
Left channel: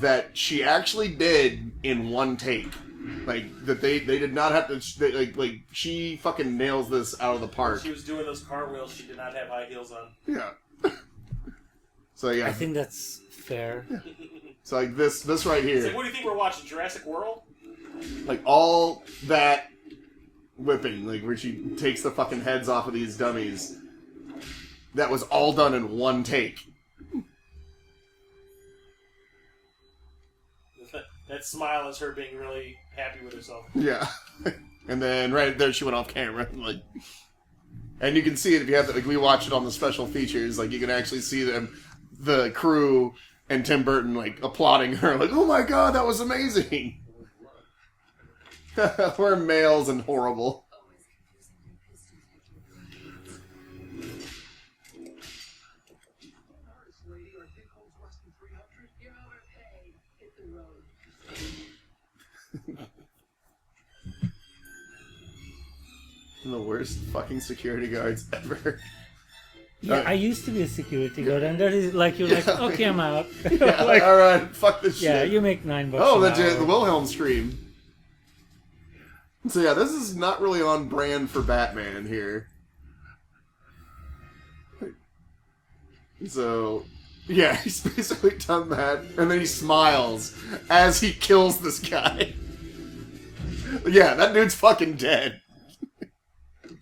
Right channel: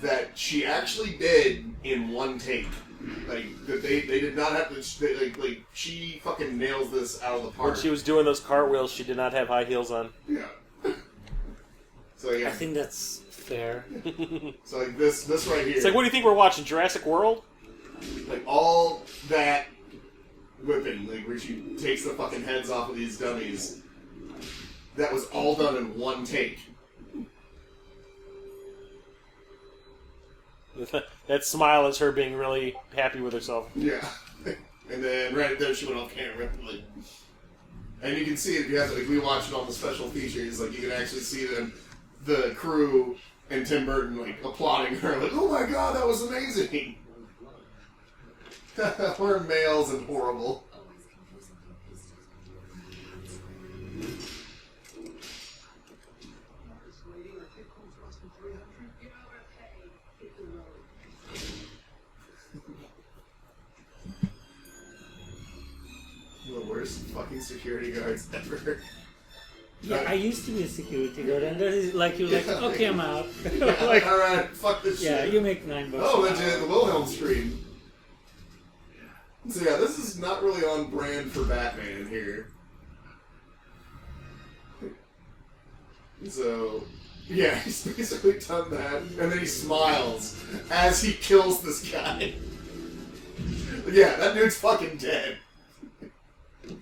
that she actually did in one take. Like that they did not have to like she fucking nails this out of the park. When she was doing those cartwheels, she did not have high heels on. Yeah. So yeah. I think that's fair. So like this right here. It's like, what do you think we're watching? Jurassic World? Like all that whipping, like where she takes the fucking heads off of these dummies. That was all done in one take. That smile is her being really happy with herself. Yeah. And then right there she went off camera. Like, and you can see it if you have to, like we watch it on the special features, like you can actually see them, the crew and Tim Burton like applauding her, like, oh my god, that was amazing. We're males and horrible. Always confusing your pistols. This lady, our take home's less than 300. You're overpaid. Hit the road. The worst fucking security guards ever. Yeah, I used to be a security guard, and that is like you're like, okay, I'm out. Yeah, like, alright, fuck this yeah, shit. you make $9 Oh, an that's hour. the Wilhelm stream. So yeah, this is not really on brand for Batman here. So, yeah, he's basically done that, and then he smiles as he kills this guy. Yeah, that dude's fucking dead.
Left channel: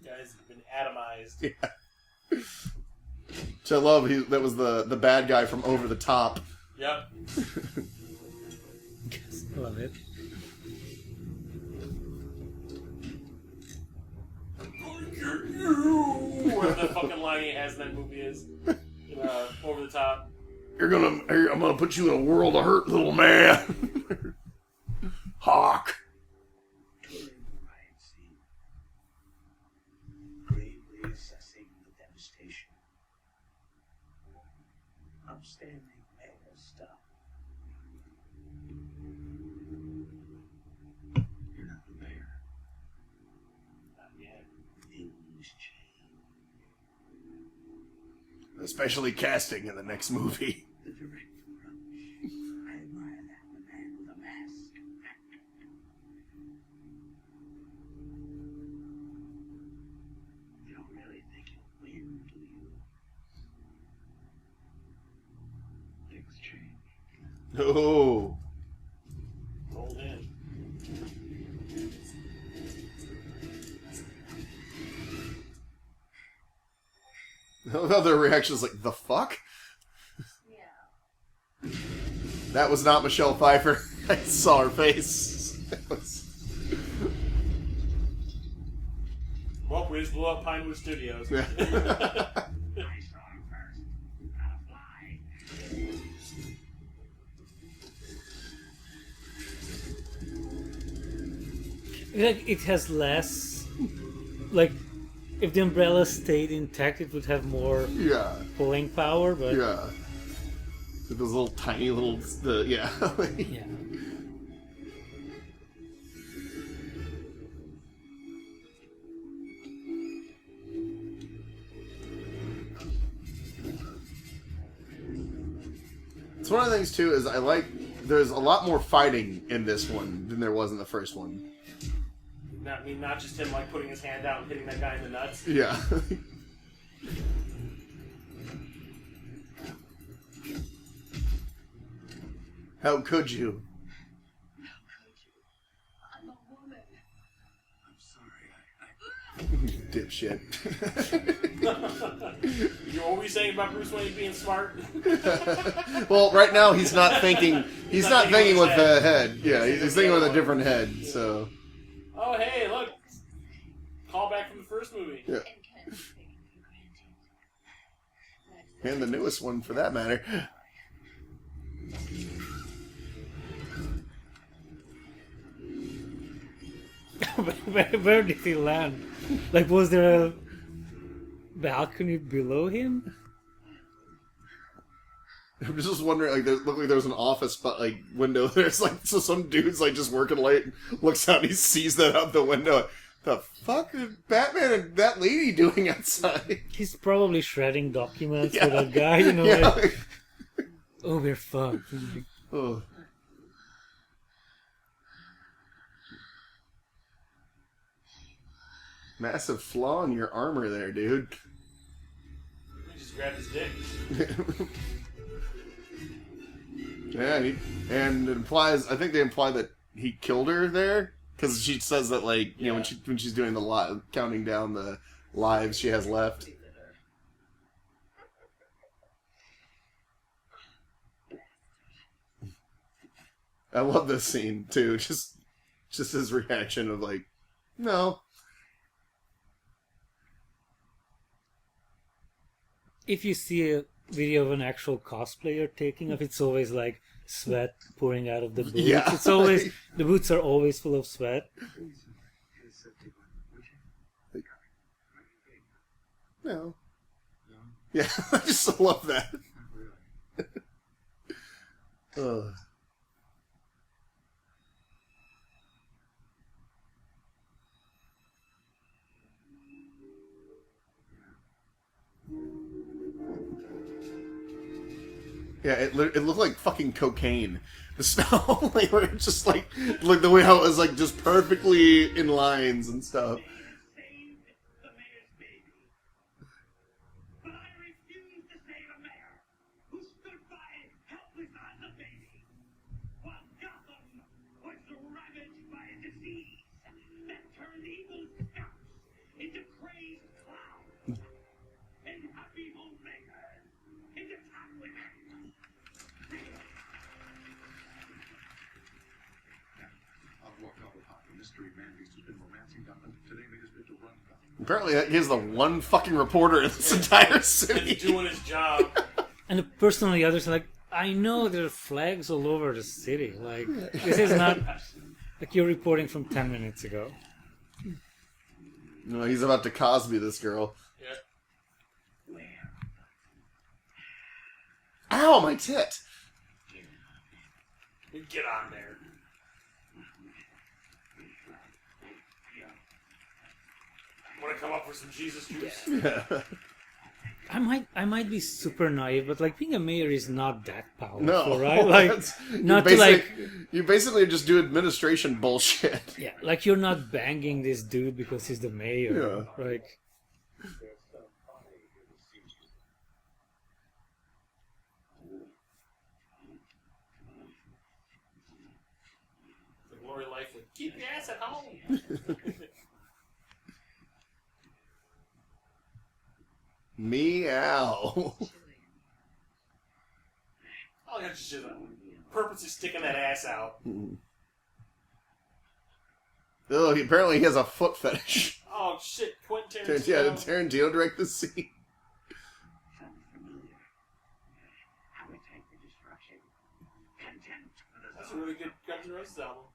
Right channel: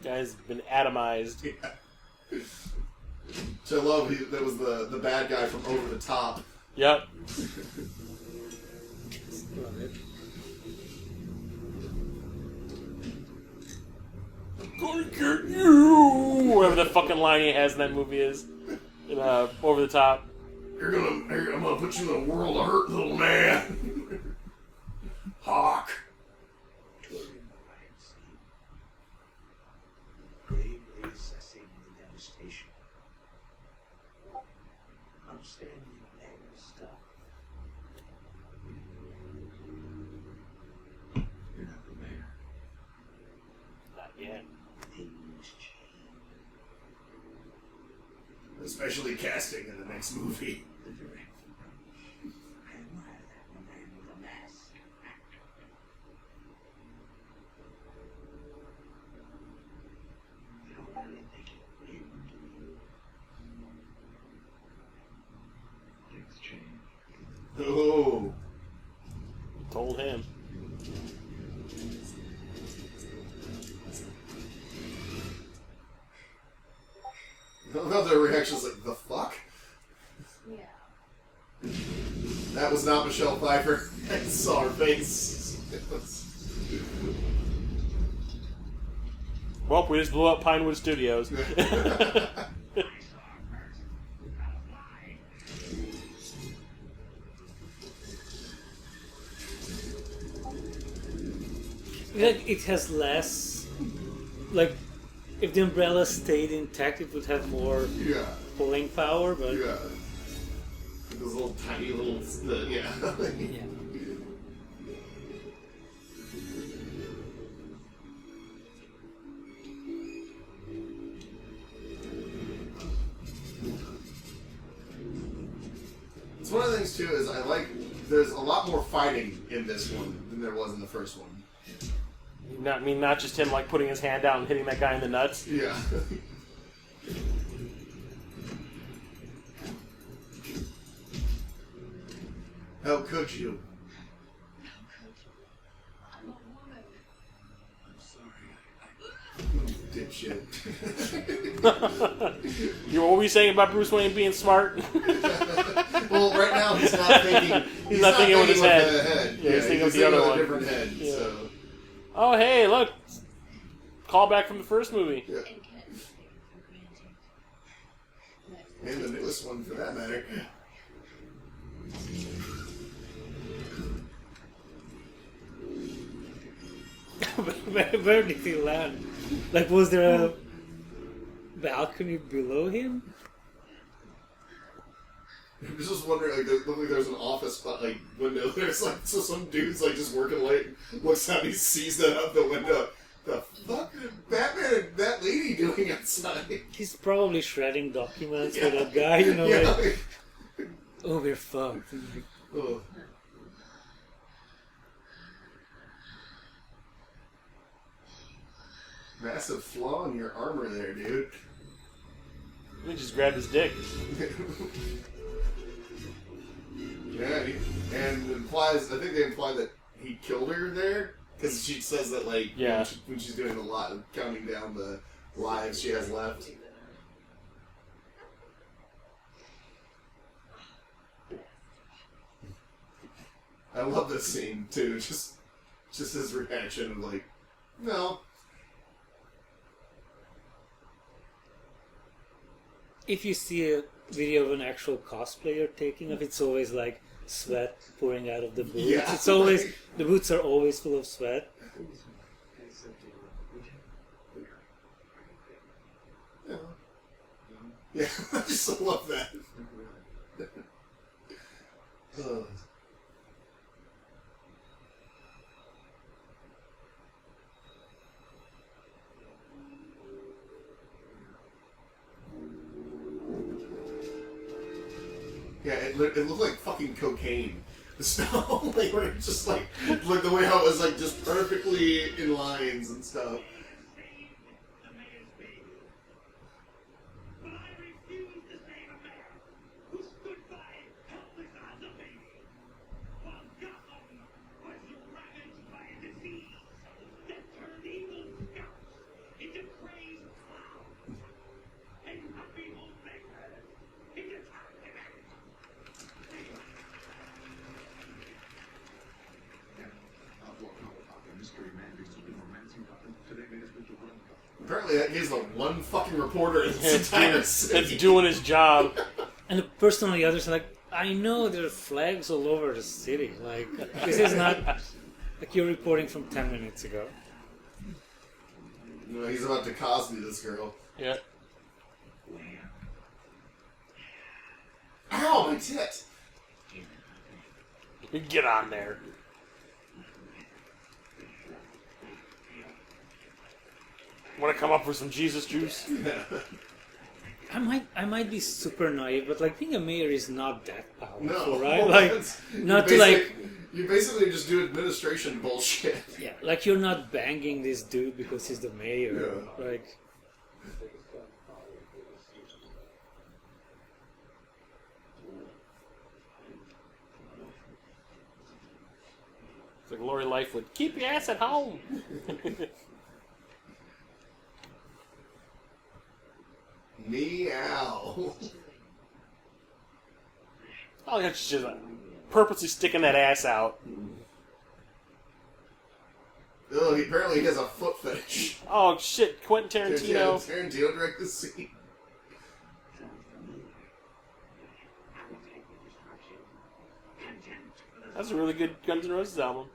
Guy's been atomized. Yeah. Which I love, that was the bad guy from Over the Top. Yep. Love it. Gonna get you! Whatever the fucking line he has in that movie is. In, Over the Top. I'm gonna put you in a world of hurt, little man. Hawk. Gravely assessing the devastation. Outstanding naval stuff. You're not the mayor. Not yet. Things change. Especially casting in the next movie. The direct approach. I admire that in a man with a mask. Actor. You don't really think you'll win, do you? Things change. Oh. Told him. Another reaction's like, the fuck? Yeah. That was not Michelle Pfeiffer. I saw her face. Well, we just blew up Pinewood Studios. I saw her first. Gotta fly. Like it has less. Like if the umbrella stayed intact, it would have more Yeah. pulling power. But Yeah. With those little tiny little, yeah. yeah. It's one of the things too is I like there's a lot more fighting in this one than there was in the first one. Not just him like putting his hand out and hitting that guy in the nuts. Yeah. How could you? shit. What were you saying about Bruce Wayne being smart? Well, right now he's not thinking. He's not thinking with the head. Yeah, he's thinking with a different head. Yeah. So. Oh, hey, look! Call back from the first movie. Yeah. And the newest one, for that matter. Where did he land? Like, was there a balcony below him? I'm just wondering, like, there looked like there was an office, but like window. There's like, so some dude's like just working late, looks out, and he sees that out the window. The fuck is Batman and that lady doing outside? He's probably shredding documents for that guy, you know. Yeah. Like, oh, we're fucked. Oh. Massive flaw in your armor there, dude. He just grabbed his dick. Yeah, and implies. I think they imply that he killed her there because she says that, like, you know, when she's doing the counting down the lives she has left. I love this scene too. Just his reaction of like, no. If you see a video of an actual cosplayer taking off, it's always like sweat pouring out of the boots. Yeah. It's always the boots are always full of sweat. No. Yeah, I just love that. Ugh. Yeah, it looked like fucking cocaine. The smell, like, where it just like the way how it was like just perfectly in lines and stuff. The mayor's baby. But I refuse to save a mayor who stood by helpless as a baby, while Gotham was ravaged by a disease that turned evil scouts into crazed clowns and happy homemakers into top women. Apparently, he's the one fucking reporter in this entire city that's doing his job. And the person on the other side, like, I know there are flags all over the city. Like, this is not like you're reporting from 10 minutes ago. No, he's about to Cosby this girl. Yeah. Ow, my tit! Get on there. Want to come up with some Jesus juice? Yeah. I might be super naive, but like being a mayor is not that powerful, No, right? Like not to like you basically just do administration bullshit. yeah, like you're not banging this dude because he's the mayor, Yeah. like. It's like Lori Lightfoot. Keep your ass at home. Meow. Oh, yeah, she's just purposely sticking that ass out. Oh, apparently he has a foot fetish. Oh shit, Quentin Tarantino. Yeah, Tarantino directed the scene. That's a really good Guns N' Roses album.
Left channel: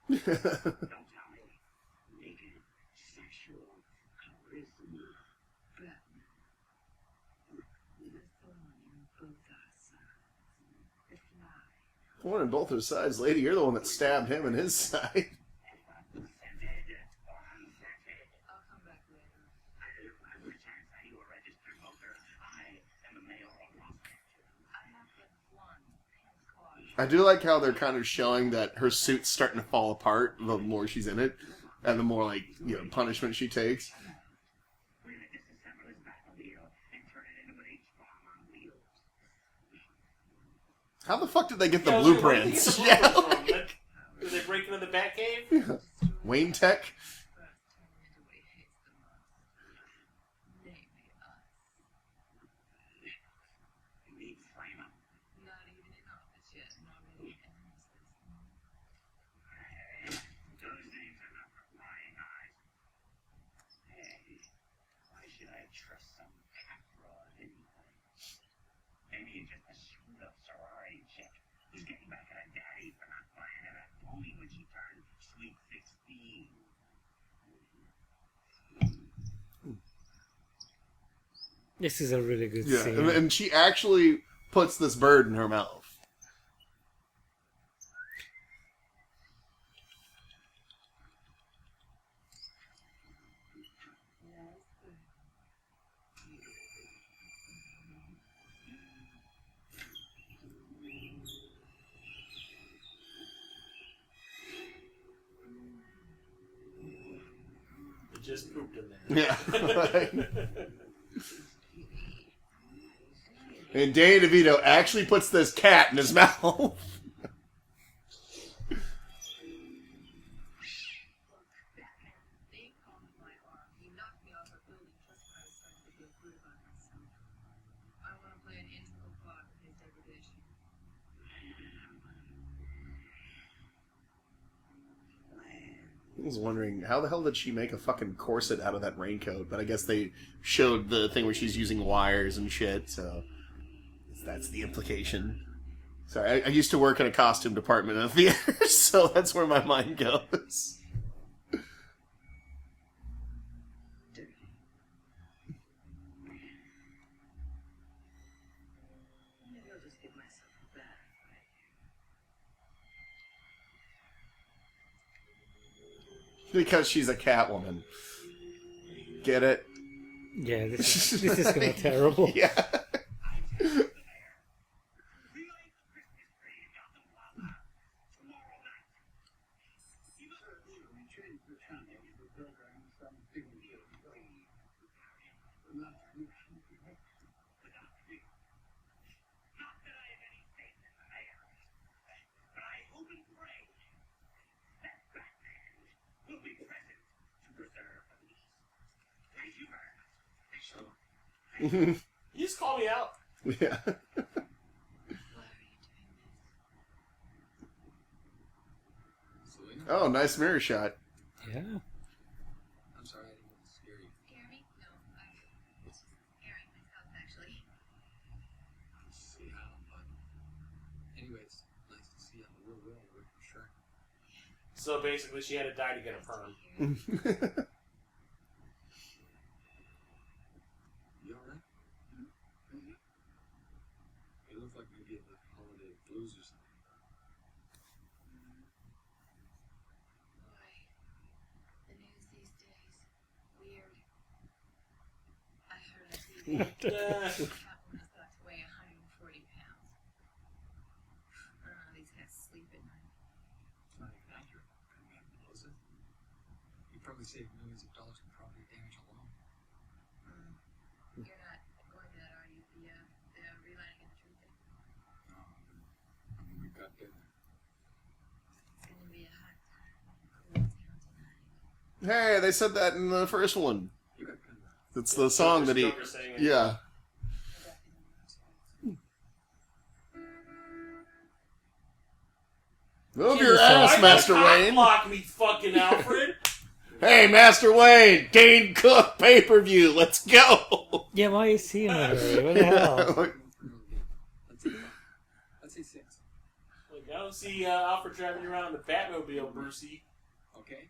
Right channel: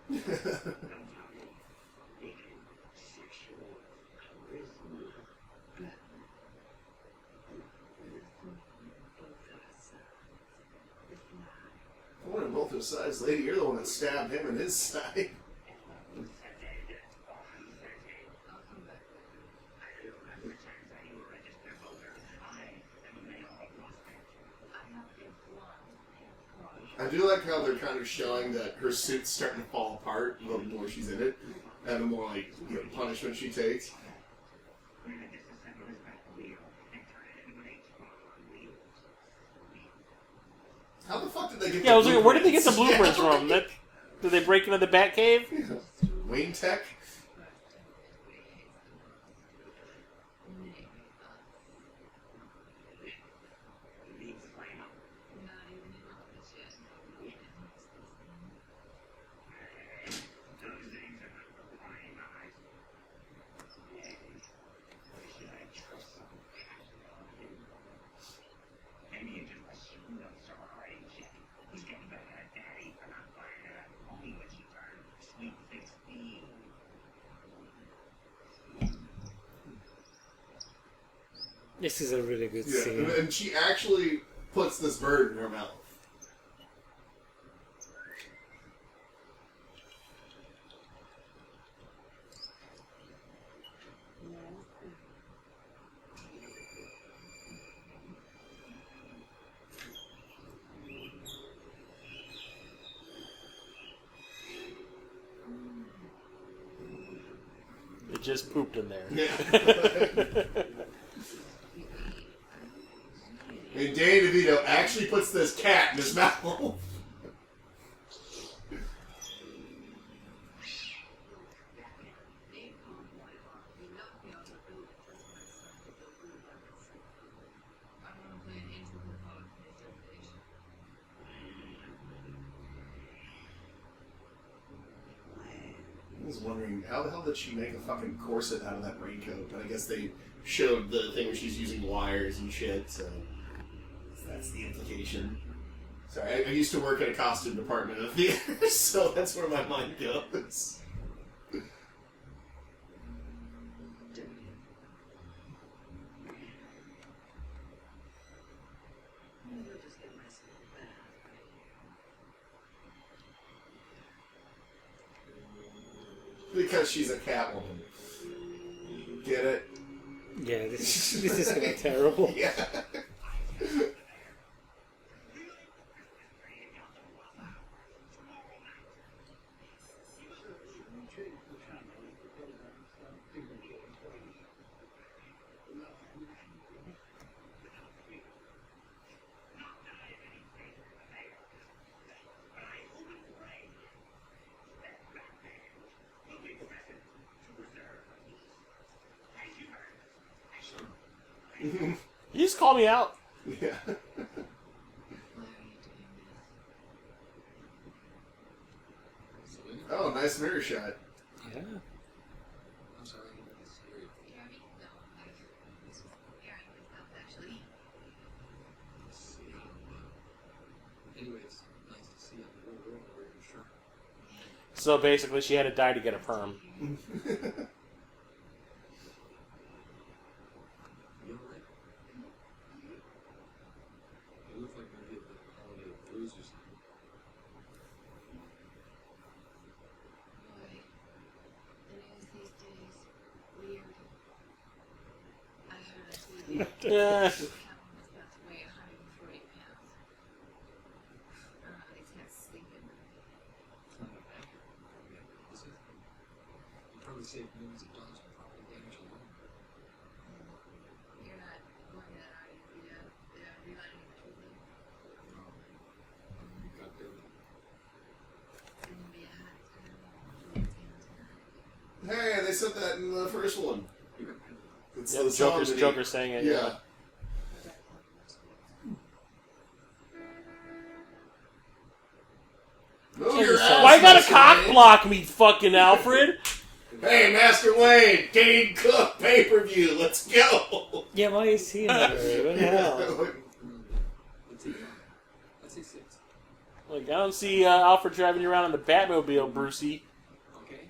One on both of sides, lady. You're the one that stabbed him in his side. I'll come back later. I have a blonde car. I do like how they're kind of showing that her suit's starting to fall apart the more she's in it, and the more like punishment she takes. How the fuck did they get the blueprints? Where did they get the blueprints from? Did they break into the Batcave? Wayne Tech? This is a really good scene. And she actually puts this bird in her mouth. It just pooped in there. Yeah. And Danny DeVito actually puts this cat in his mouth. I was wondering, how the hell did she make a fucking corset out of that raincoat? But I guess they showed the thing where she's using wires and shit, so that's the implication. Sorry, I used to work at a costume department in a theater, so that's where my mind goes. Because she's a Catwoman. Get it? Yeah, this is kind of terrible. Yeah. You just call me out. Yeah. Why are you doing this? Selena? Oh, nice mirror shot. Yeah. I'm sorry, I didn't mean to scare you. Scare me? No, this was scaring myself, actually. See how, anyway, it's nice to see you on the real world where you're sure. So basically, she had to die to get a perm. You alright? You look like maybe the holiday blues or something. Boy, the news these days, weird. I heard on TV, Catwoman's about to weigh 140 pounds. I don't know how these cats sleep at night. It's not even accurate. Probably have closet. You probably saved millions of dollars in property damage alone. You're not going to that, are you? The relighting of the tree. No. I mean, we got big. It's gonna be a hot time in town tonight. Hey, they said that in the first one. You got pinned up. It's Yeah, the song Joker's, that he... Joker saying it. Yeah. Move Kill your yourself. ass, Why you gotta Master cock Wayne. block me, fucking Alfred? Hey, Master Wayne, Dane Cook pay-per-view, let's go! Yeah, why is he in the hurry? What the hell? Let's say 5. Let's say 6. Like, I don't see Alfred driving you around in the Batmobile, Brucey. Okay?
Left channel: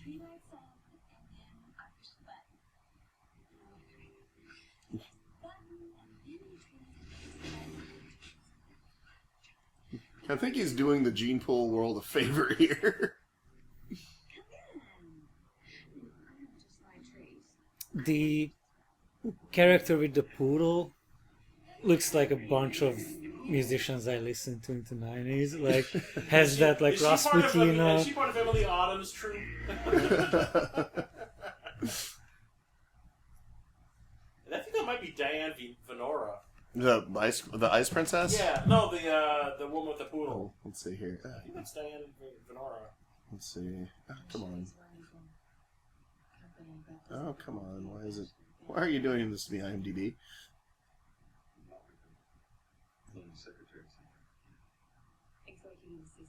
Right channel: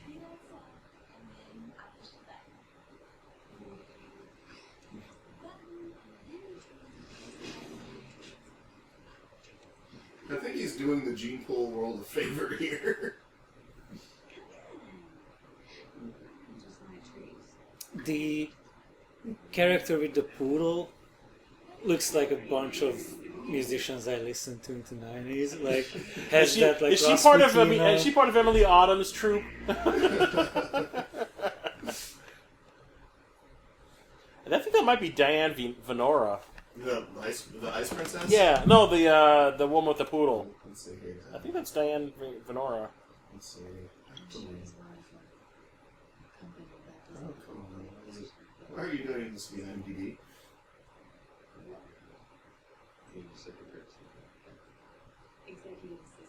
Turn your lights off, and then I push the button. Button, and then you turn I think he's doing the Gene Pool world a favor here. just my trees. The character with the poodle looks like a bunch of musicians I listened to in the 90s. Like, has that like is she part of Rasputin? is she part of Emily Autumn's troupe? And I think that might be Diane Venora. The Ice Princess? Yeah, no, the woman with the poodle. Let's see here. I think that's Diane Venora. Let's see. She was wonderful. Company that was Oh, come on. Why is it? Why are you doing this to me, IMDb? Secretary. executive assistant.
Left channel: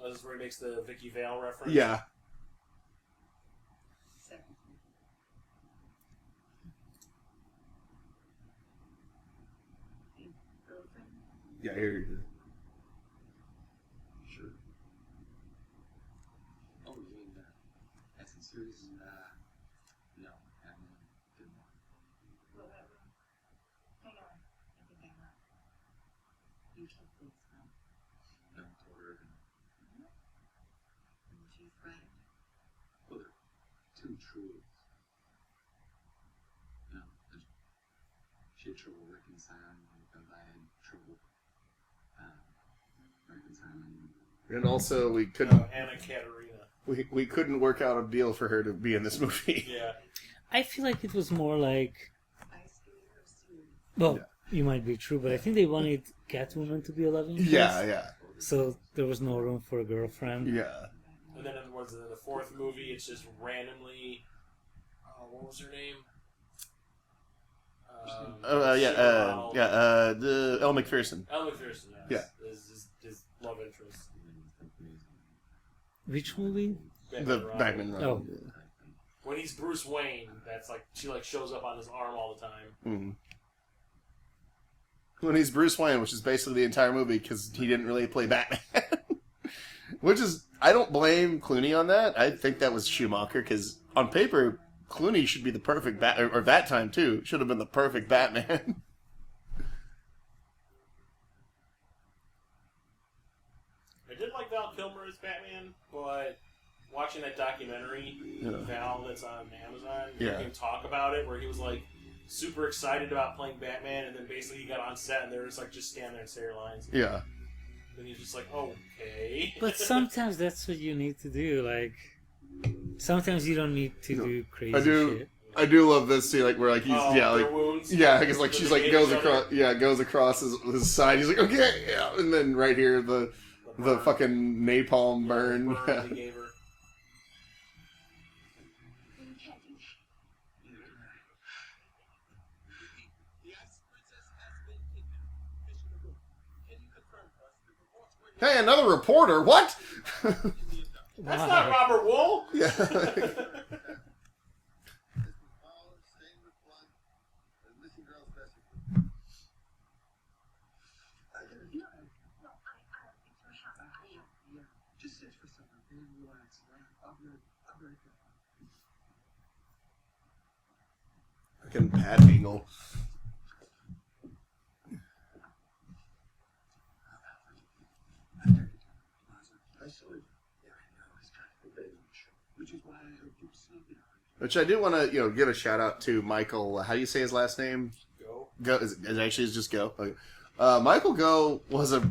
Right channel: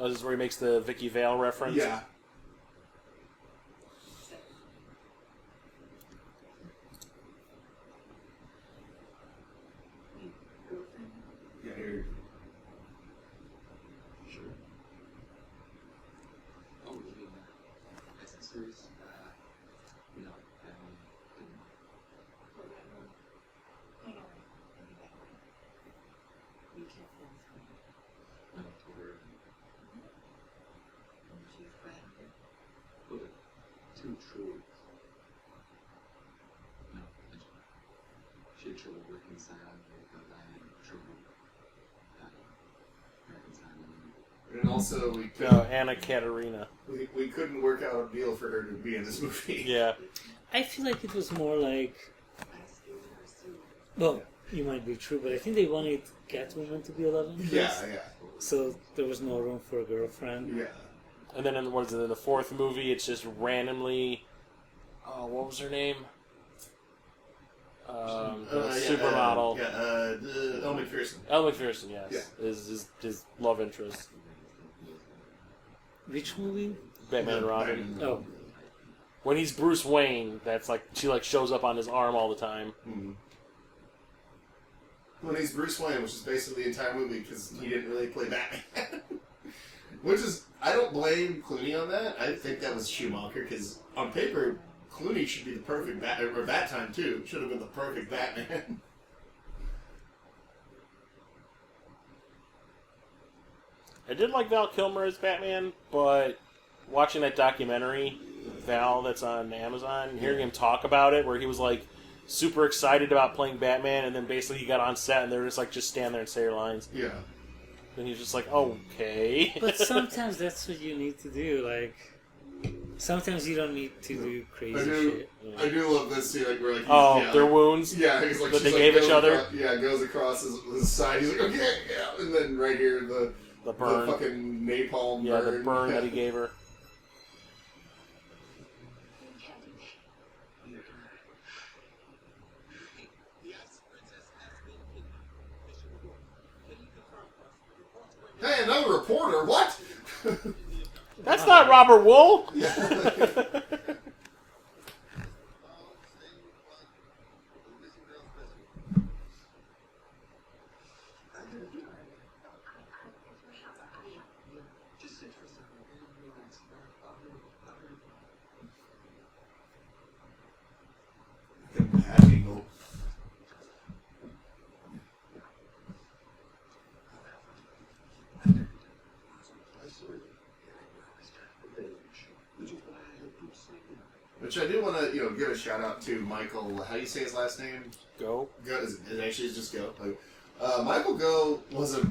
Oh, this is where he makes the Vicky Vale reference. Yeah. Secretary. Your girlfriend? Yeah, here. Sure. series? No, I didn't. Well, that one. Hang on. I think I might. You can't feel this one. No, told her. And she's frightened. Well, two truths. No, she had trouble reconciling because I had trouble reconciling. And also, we couldn't No, Anna Katerina. we couldn't work out a deal for her to be in this movie. Yeah. I feel like it was more like, I stole her suit. well, you might be true, but I think they wanted Catwoman to be 11 plus. Yeah. So there was no room for a girlfriend. Yeah. And then in the fourth movie, it's just randomly. What was her name? Supermodel. The Elle McPherson. Elle McPherson, yes. Yeah. Is his love interest. Which movie? Batman and Robin. Batman and Oh. Robin. When he's Bruce Wayne, that's like she like shows up on his arm all the time. Mhm. When he's Bruce Wayne, which is basically the entire movie because he didn't really play Batman. Which is, I don't blame Clooney on that. I think that was Schumacher because on paper, Clooney should be the perfect Batman, or that time too, should have been the perfect Batman. I did like Val Kilmer as Batman, but watching that documentary, Val, that's on Amazon, hearing him talk about it, where he was like super excited about playing Batman, and then basically he got on set and they were just like, just stand there and say your lines. Yeah. And he's just like, okay. But sometimes that's what you need to do. Like, sometimes you don't need to do crazy shit. I do love this scene, like where like he's their like, wounds. Yeah, because like that she's they like gave goes each other? across, goes across his side. He's like, okay, yeah, and then right here the burn. fucking napalm Yeah, burn. the burn that he gave her. You can't do that. The Ice Princess has been kidnapped. Mission report. Can you confirm for us the reports were Hey, another reporter. What? That's not Robert Wool! Just sit for a second and relax. I'll be Fucking Bad Eagle. I saw you. Yeah, I know. It's kind of a bit of a show. Which is why I hope you say it. Which I do want to, give a shout out to Michael. How do you say his last name? Go. Go. It actually is just Go. Michael Gough was a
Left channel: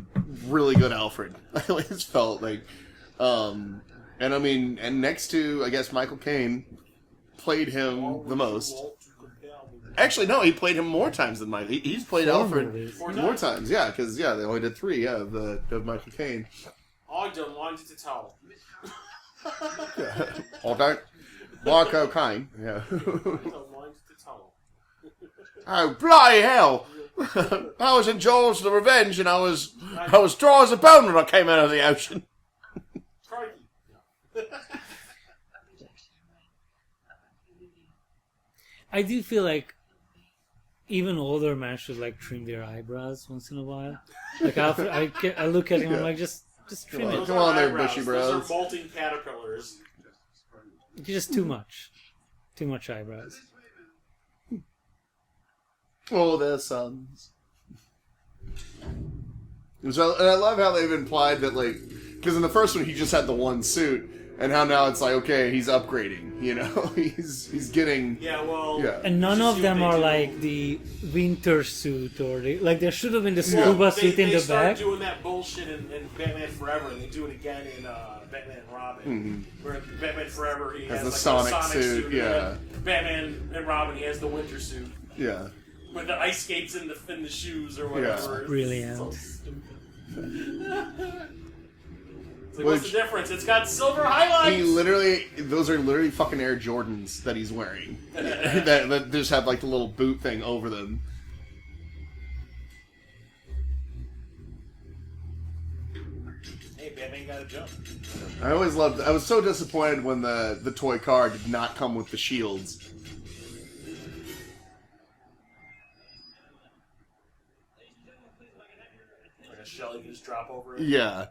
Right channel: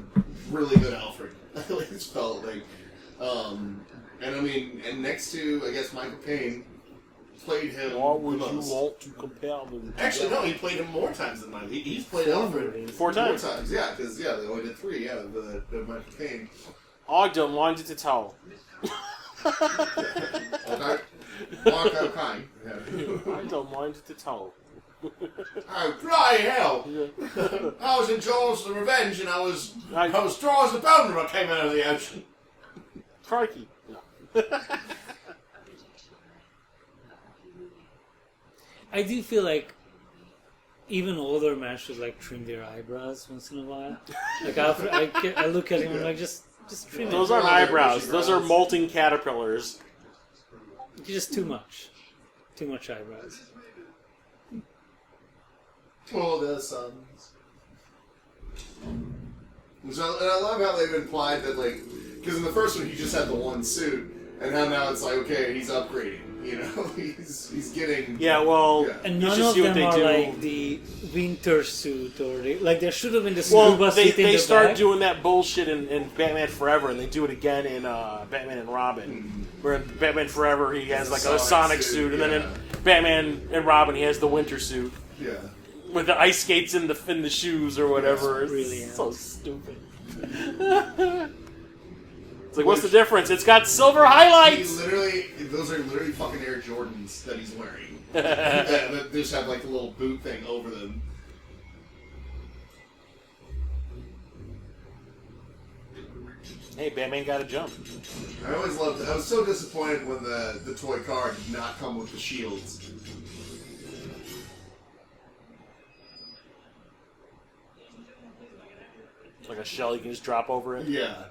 really good Alfred. I always felt like, and I mean, and next to I guess Michael Caine played him Why the would most. you want to compare them? Actually, no, he played him more times than Michael. He's played Four Alfred movies. Four more times. times. Yeah, because they only did 3. Yeah, the Michael Caine. I don't want it at all. Okay. Michael Caine. Yeah. I don't mind it at all. Oh bloody hell! I was in Jaws: The Revenge, and I was dry as a bone when I came out of the ocean. Crikey. No. A rejection, right? A humiliation. I do feel like even older men should like trim their eyebrows once in a while. Like I look at him, I'm like, just trim Those it. aren't Well, they're eyebrows. bushy Those are brows. molting caterpillars. Just too much eyebrows. Oh, their sons. So, and I love how they've implied that, like, because in the first one he just had the one suit, and how now it's like, okay, he's upgrading. He's getting. Yeah, well. Yeah. And you none should of see what them they are do. like the winter suit or there should have been the Well, scuba suit in they the start back. doing that bullshit in Batman Forever, and they do it again in Batman and Robin. Where in Batman Forever he has Has like the a Sonic Sonic suit, suit, and then in Batman and Robin he has the winter suit Yeah. with the ice skates in the shoes or whatever. It's brilliant. So stupid. It's like, what's the difference? It's got silver highlights. Those are literally fucking Air Jordans that he's wearing. that just have like the little boot thing over them. Hey, Batman got a jump. I always loved. I was so disappointed when the toy car did not come with the shields. Like a shell you can just drop over it. Yeah.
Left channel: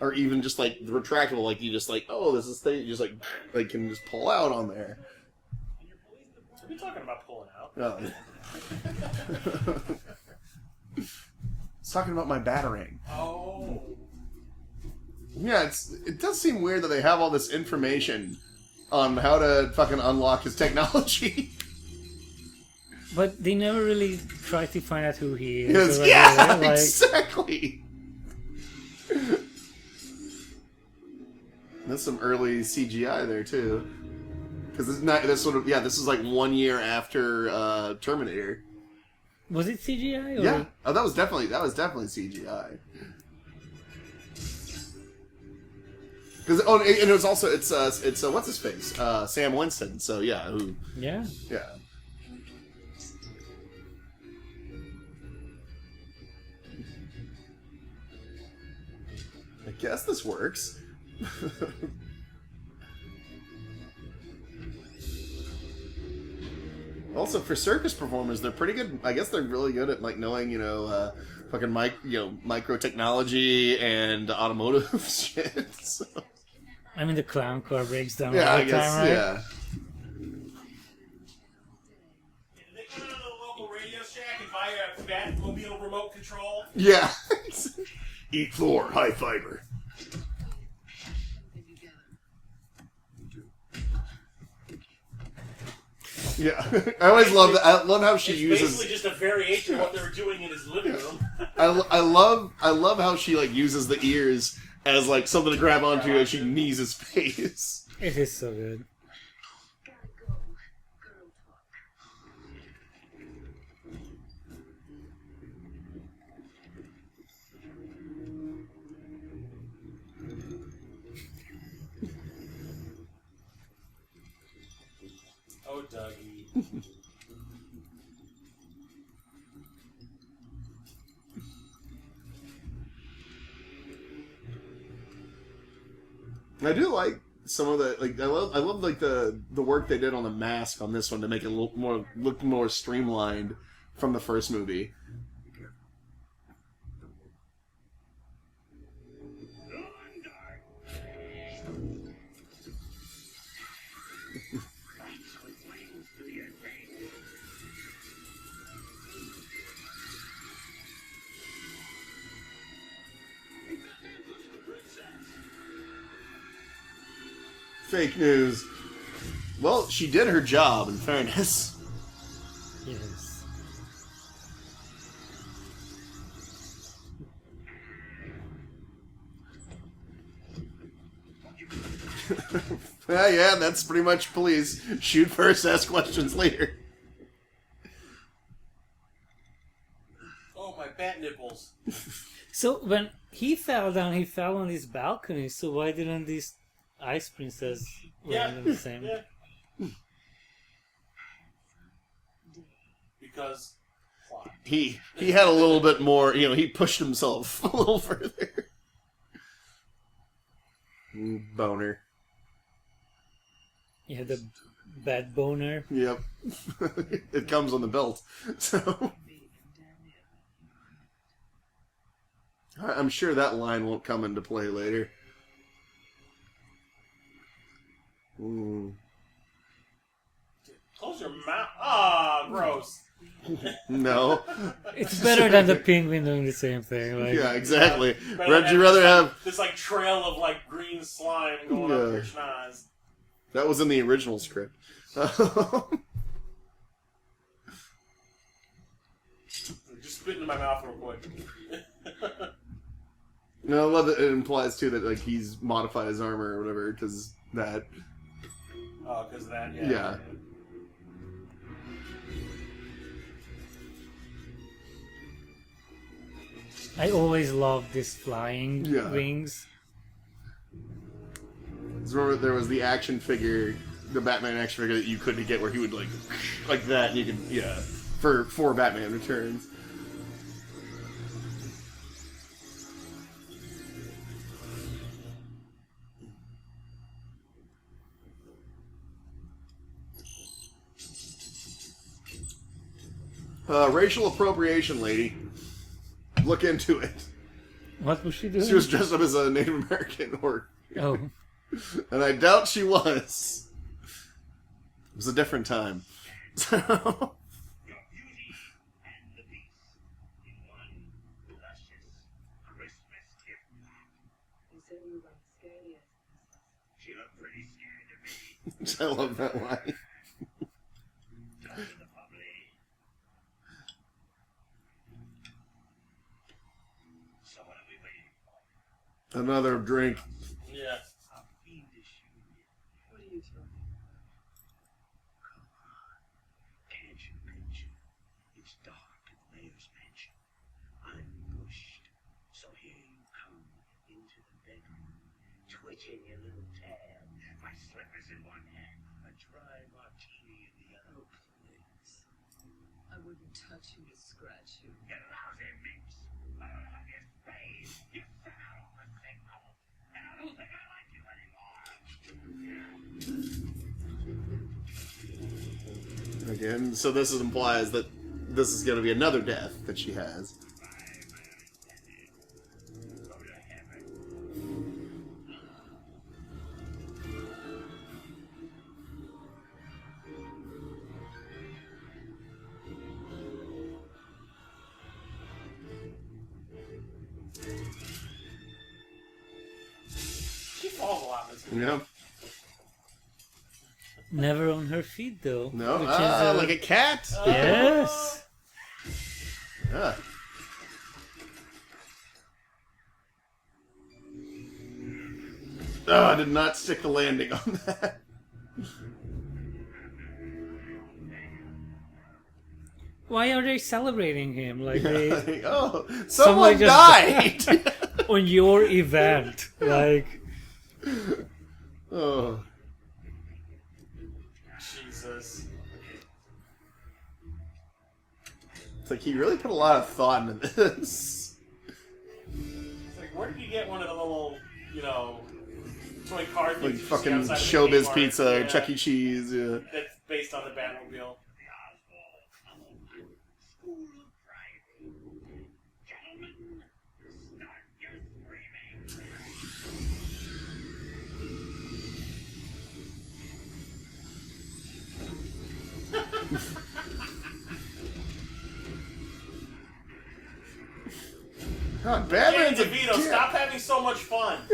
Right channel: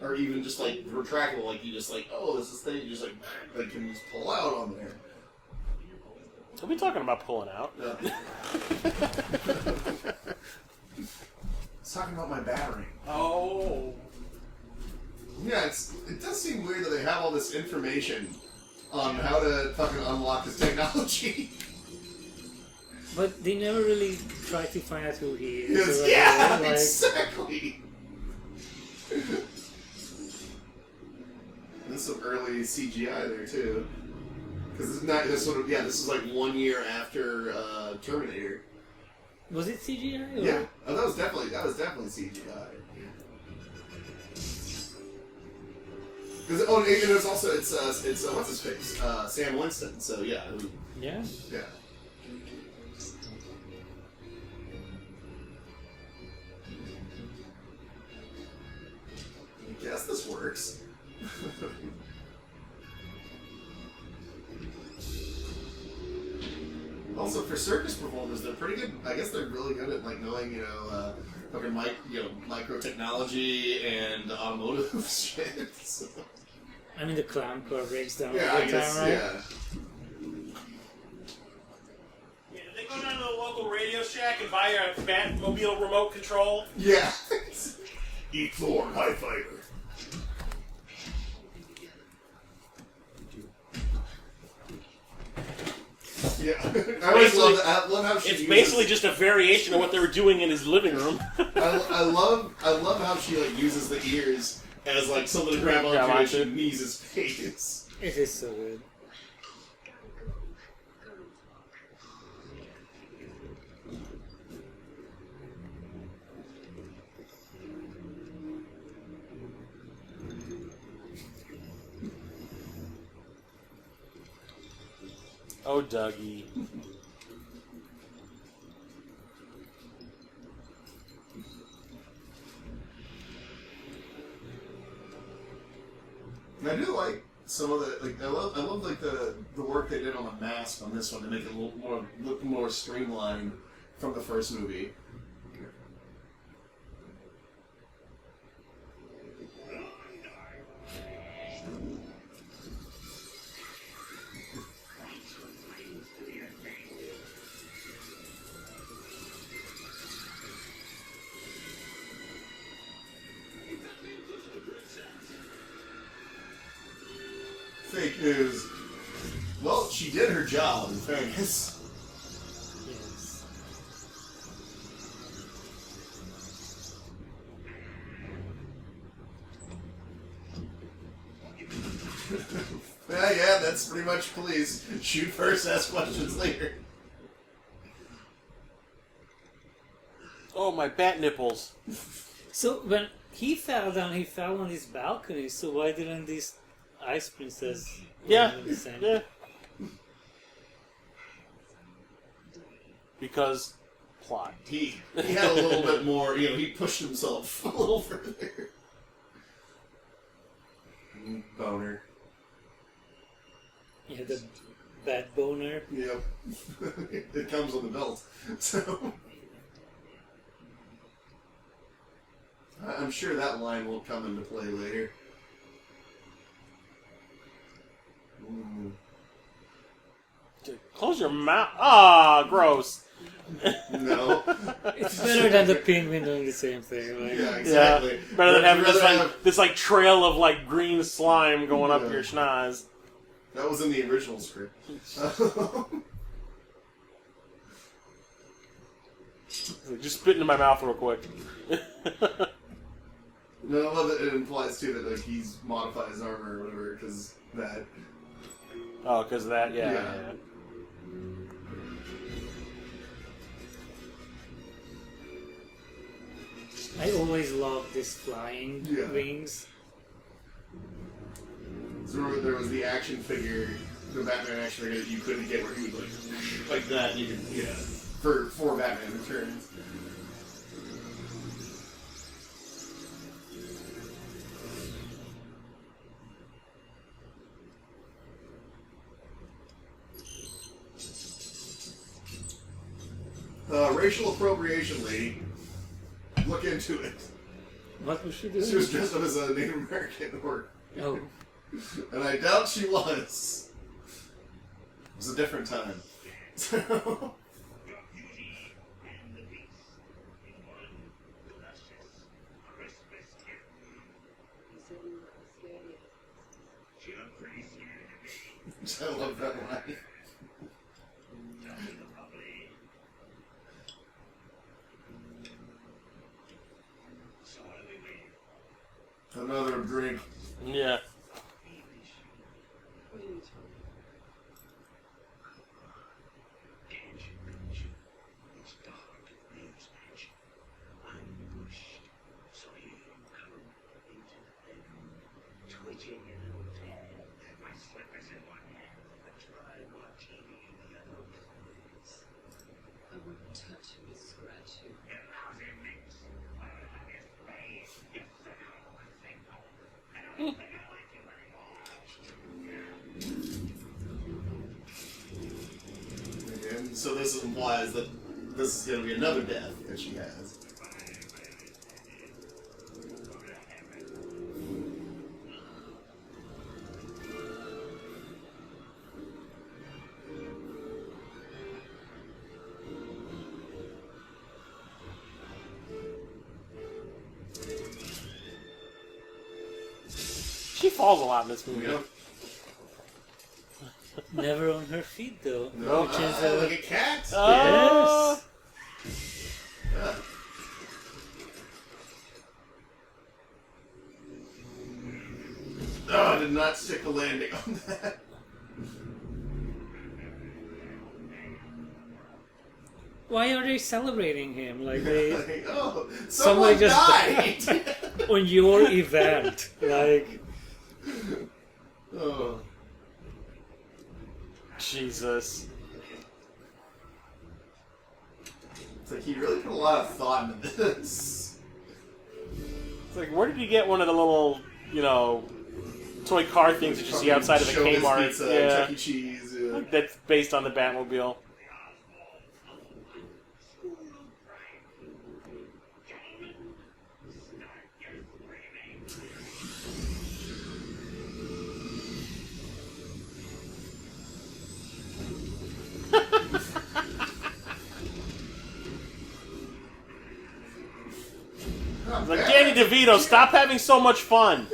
Or or even just like retractable, like you just like, oh, this is thing, you just like can just pull out on there. Are we talking about pulling out? It's talking about my battering. Oh. Yeah, it does seem weird that they have all this information on how to fucking unlock this technology. But they never really try to find out who he is. Yes, yeah, exactly. There's some early CGI there too, because this is like 1 year after Terminator. Was it CGI? Or? Yeah. Oh, that was definitely CGI. Because and it was also it's what's his face Sam Winston. So yeah. Yeah. Yeah. I guess this works. Also, for circus performers, they're pretty good. I guess they're really good at like knowing, fucking micro technology and automotive shit. So. I mean, the clown car breaks down Yeah, all I the guess. time, right? Yeah. Yeah, did they go down to the local Radio Shack and buy a Batmobile remote control? Yeah. Eat Thor, high fiber. Yeah, I always love that. I love how she uses. It's basically just a variation of what they were doing in his living room. I love how she like uses the ears as like something to grab onto and she knees his face. It is so good. Oh, Dougie. I do like some of the like I love like the work they did on the mask on this one to make it look more streamlined from the first movie. Fake news. Well, she did her job, in fairness. Yes. Yeah, that's pretty much police. Shoot first, ask questions later. Oh, my bat nipples. So when he fell down, he fell on this balcony. So why didn't these Ice Princess land on the same? Yeah. Because plot. He had a little bit more, he pushed himself a little further. Boner. Yeah, the bad boner. Yep. It comes on the belt. So I'm sure that line won't come into play later. Ooh. Close your mouth. Ah, gross. No. It's better than the penguin doing the same thing. Like, Yeah, exactly. Yeah. Better than having rather this trail of like green slime going up your schnoz. That was in the original script. Just spit into my mouth real quick. No, I love that it implies too that like he's modified his armor or whatever because that. Oh, because of that, yeah. I always loved this flying wings. Remember, there was the action figure, the Batman action figure that you couldn't get where he would like that, and you could for Batman Returns. Racial appropriation, lady. Look into it. What was she doing? She was dressed up as a Native American, Oh. and I doubt she was. It was a different time. So... Your beauty and the beast in one luscious Christmas gift. You said you weren't scared yet. She looked pretty scared of me. I love that line. Tell me the public. So what are we waiting for? Another drink. Yeah. A fiendish union. What are you talking Can't you picture? It's dark at the mayor's mansion. I'm pushed. So here you come into the bedroom, twitching your little tail. My slippers in one hand, a dry martini in the other. Please. I wouldn't touch you to scratch you. You lousy mix. I don't have your face. You sent out all the signals. And I don't think I like you anymore. Again, so this implies that this is going to be another death that she has. Go to heaven. She falls a lot in this movie. You know? Never on her feet, though. No, Which is like a cat. yes. Yeah. Oh, I did not stick the landing on that. Why are they celebrating him? Like they Oh, Somebody someone just died. on your event, like. Oh. Jesus. It's like he really put a lot of thought into this. It's like, where did you get one of the little, toy car things that you see Fucking outside of the Showbiz Kmart? Pizza, Yeah. Chuck E. Cheese. Yeah. That's based on the Batmobile. School of Crime. Gentlemen, start your screaming. Oh, Like, Danny DeVito, stop having so much fun.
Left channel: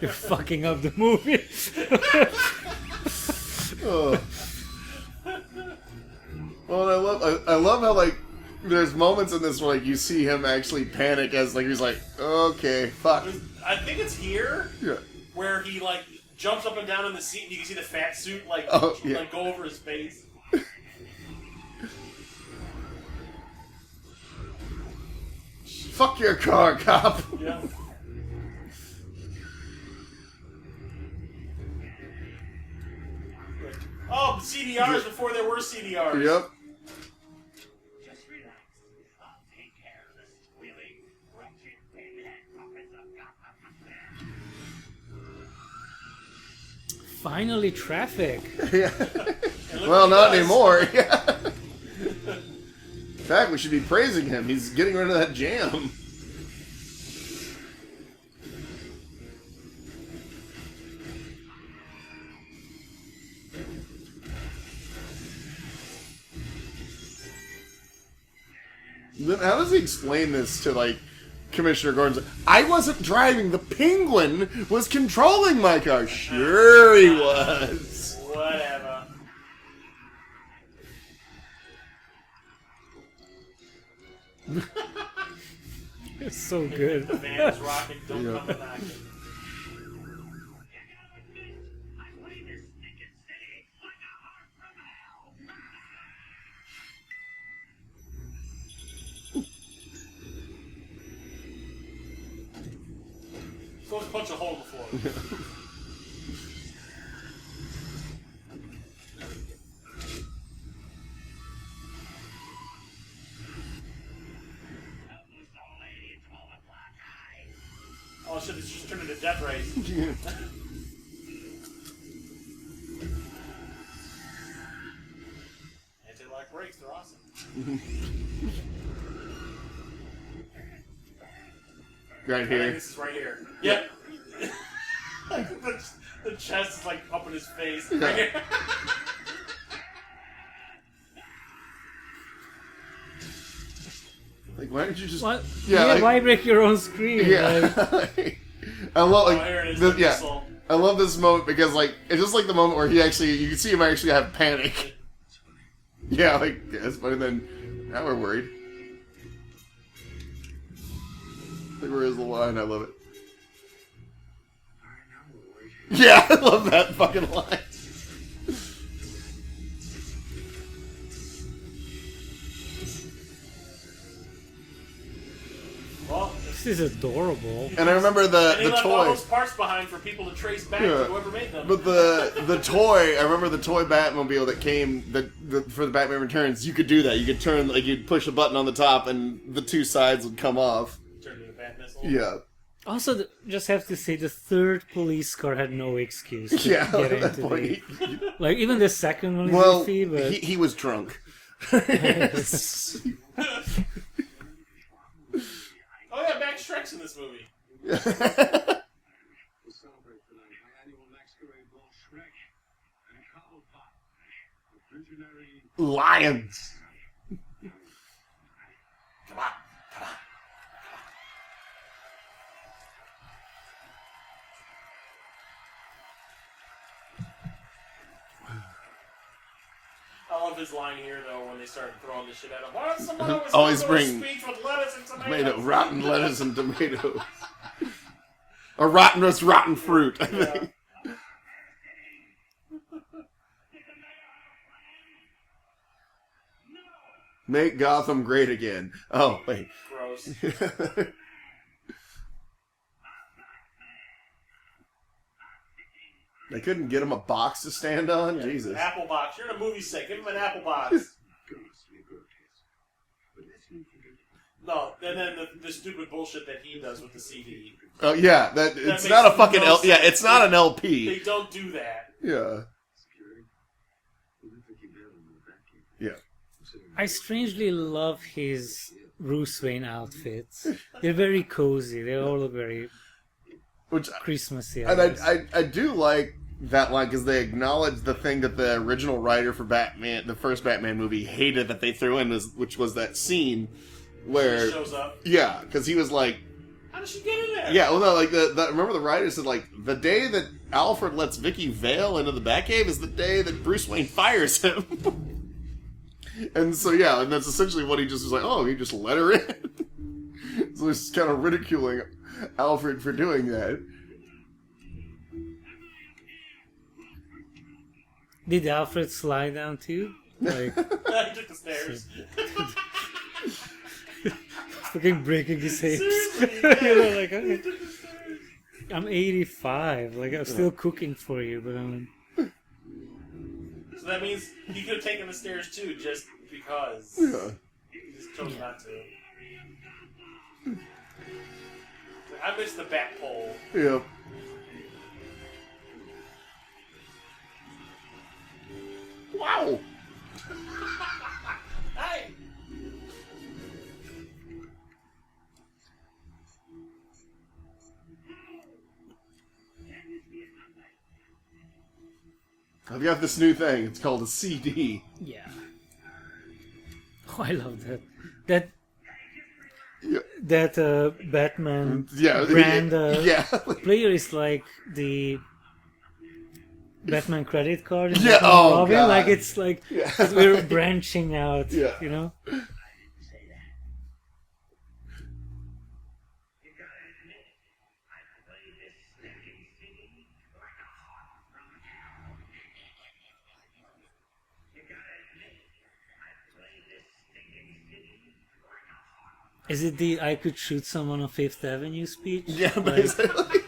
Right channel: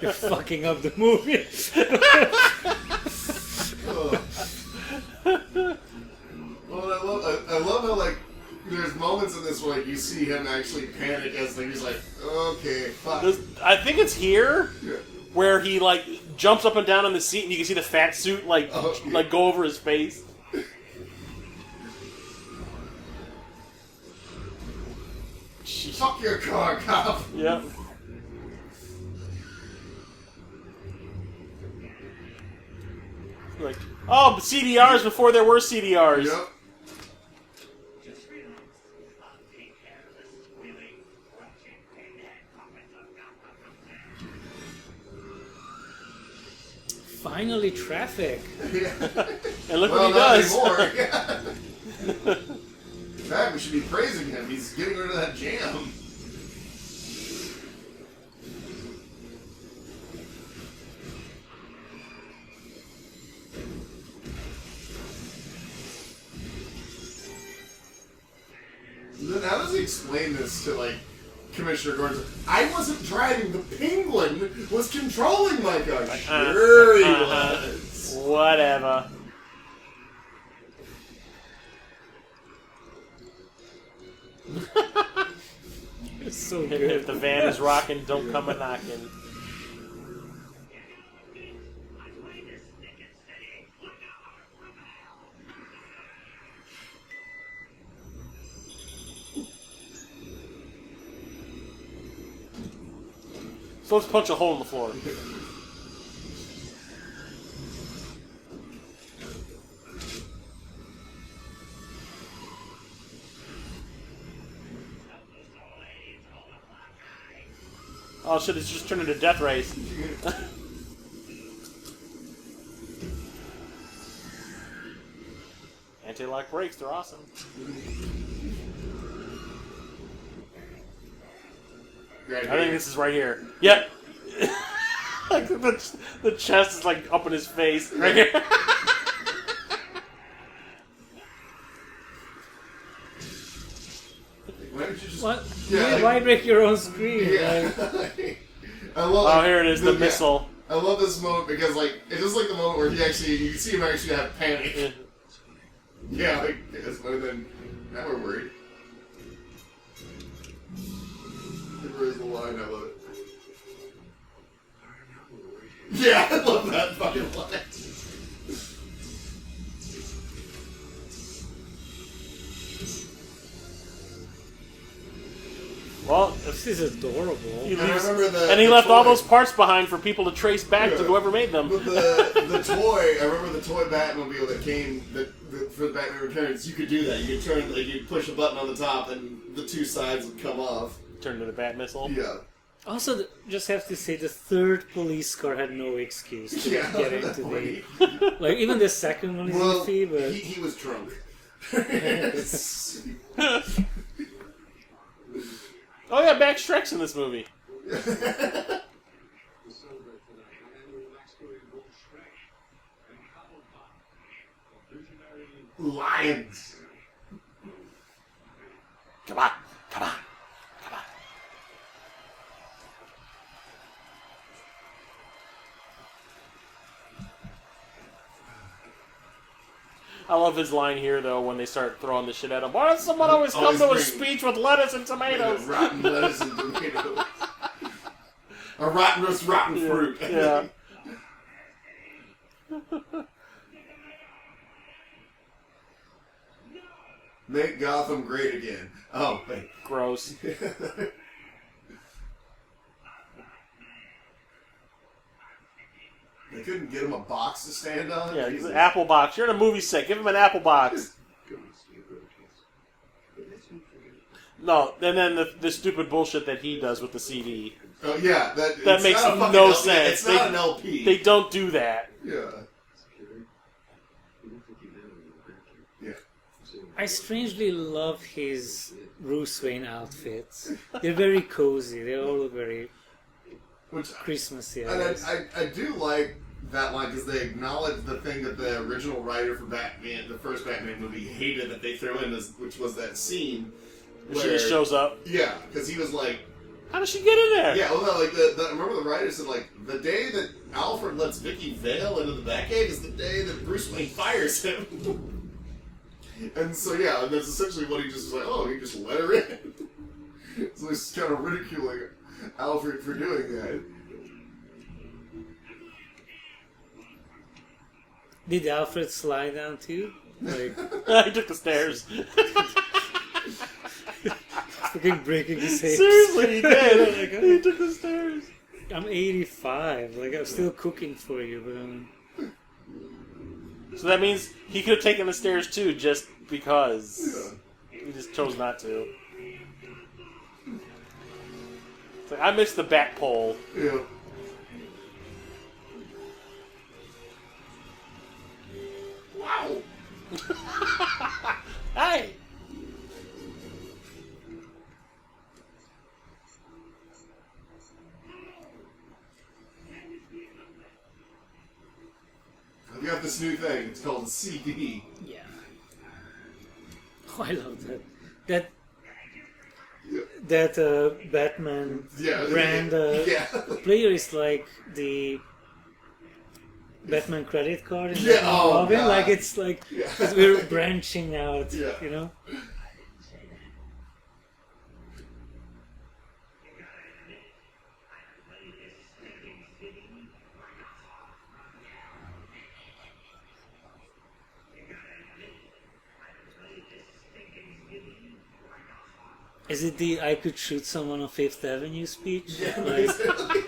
You're fucking up the movie. Oh. Well, I love how like there's moments in this where like, you see him actually panic as like he's like, okay, fuck. I think it's here Yeah. where he like jumps up and down on the seat, and you can see the fat suit like Yeah. go over his face. Fuck your car, cop. Yeah. Like, oh, CDRs before there were CDRs. Yep. Just relax. I'll take care of the squealing, wretched pinhead puppets of Gotham. Finally, traffic. And look Well, what he not does. anymore. Yeah. In fact, we should be praising him. He's getting rid of that jam. Then how does he explain this to, like, Commissioner Gordon? I wasn't driving. The Penguin was controlling my car. Sure he was. Whatever. It's so If good. the van is rocking, don't come a knocking. I play this stinking city like a heart from hell. So let's punch a hole in the floor. Oh shit, it's just turned into Death Race. Anti-lock brakes, they're awesome. Right I here. think this is right here. Yeah. Like the chest is like up in his face. Right here. Like, why did you just... What? Yeah, Yeah, like- why break your own screen? Yeah. Like, I love, Oh, here it is, the missile. I love this moment because, like, it's just like the moment where he actually, you can see him actually have panic. Yeah, like, it's funny then, now we're worried. There is the line, I love it. Yeah, I love that fucking line. Well, this is adorable. And I remember and he the left all toy. those parts behind for people to trace back to whoever made them. But the toy, I remember the toy Batmobile that came for the Batman Returns. You could do that. You could turn, like, you'd push a button on the top, and the two sides would come off. Turned into a bat missile. Yeah. Also, just have to say, the third police car had no excuse to get into the... Like, even the second one is iffy, but... He was drunk. Oh yeah, Max Shrek's in this movie. We celebrate tonight my annual masquerade ball Shrek and Cobblepot, a visionary Lions. Come on. Come on. I love his line here, though, when they start throwing the shit at him. Why does someone always come to a speech with lettuce and tomatoes? Rotten lettuce and tomatoes. A rotten fruit. Yeah. Make Gotham great again. Oh, wait. Gross. They couldn't get him a box to stand on? Yeah, Jesus. an apple box. You're in a movie set. Give him an apple box. ghastly grotesque. But let's not forget No, and then the stupid bullshit that he does with the CD. Oh, yeah. That it's makes not a fucking no LP. Yeah, sense. it's not an LP. They don't do that. Yeah. security. You don't think you have him in the vacuum. Yeah. I strangely love his Bruce Wayne outfits. They're very cozy. They all look very Which, Christmassy, I and guess. I do like that line because they acknowledge the thing that the original writer for Batman, the first Batman movie, hated that they threw in, which was that scene where She just shows up. Yeah, because he was like, How does she get in there? yeah, well, no, like remember the writer said like the day that Alfred lets Vicky Vale into the Batcave is the day that Bruce Wayne fires him. And so yeah, and that's essentially what he just was like. Oh, he just let her in. So he's kind of ridiculing Alfred for doing that. Did Alfred slide down too? Like, He took the stairs. fucking breaking his hips. Seriously, he did. Like, He took the stairs. I'm 85. Like, I'm still cooking for you, but So that means he could have taken the stairs too, just because. Yeah. He just chose not to. It's like, I missed the bat pole. Yeah. Wow. Hey! I've got this new thing. It's called a CD. yeah. Oh, I love that. That Yeah. Batman Yeah. brand yeah. player is like the Batman credit card in Yeah, Batman oh, Robin. God. Like, it's like Yeah. 'cause we're branching out, Yeah. you know? Is it the I could shoot someone on Fifth Avenue speech? Yeah, Like, basically.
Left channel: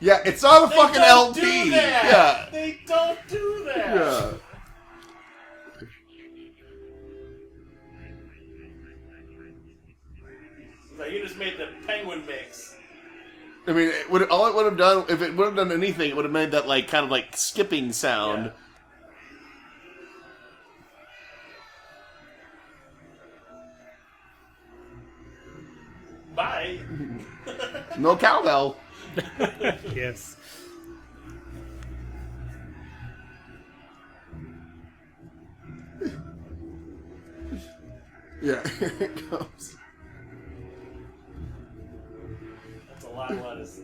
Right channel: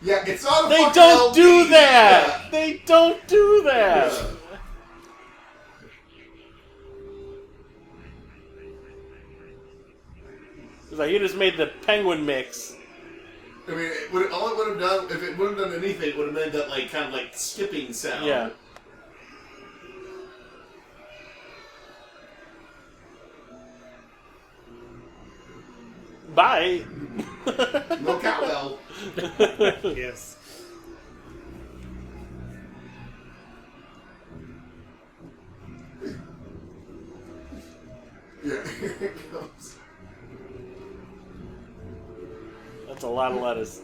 Yeah, it's not a They fucking don't LP. do that! They don't do that! Yeah. It's like, you just made the penguin mix. I mean, all it would have done, if it would have done anything, it would have made that like kind of like skipping sound. Yeah. Bye. No cowbell. Yes. Yeah, here it comes. That's a lot of lettuce.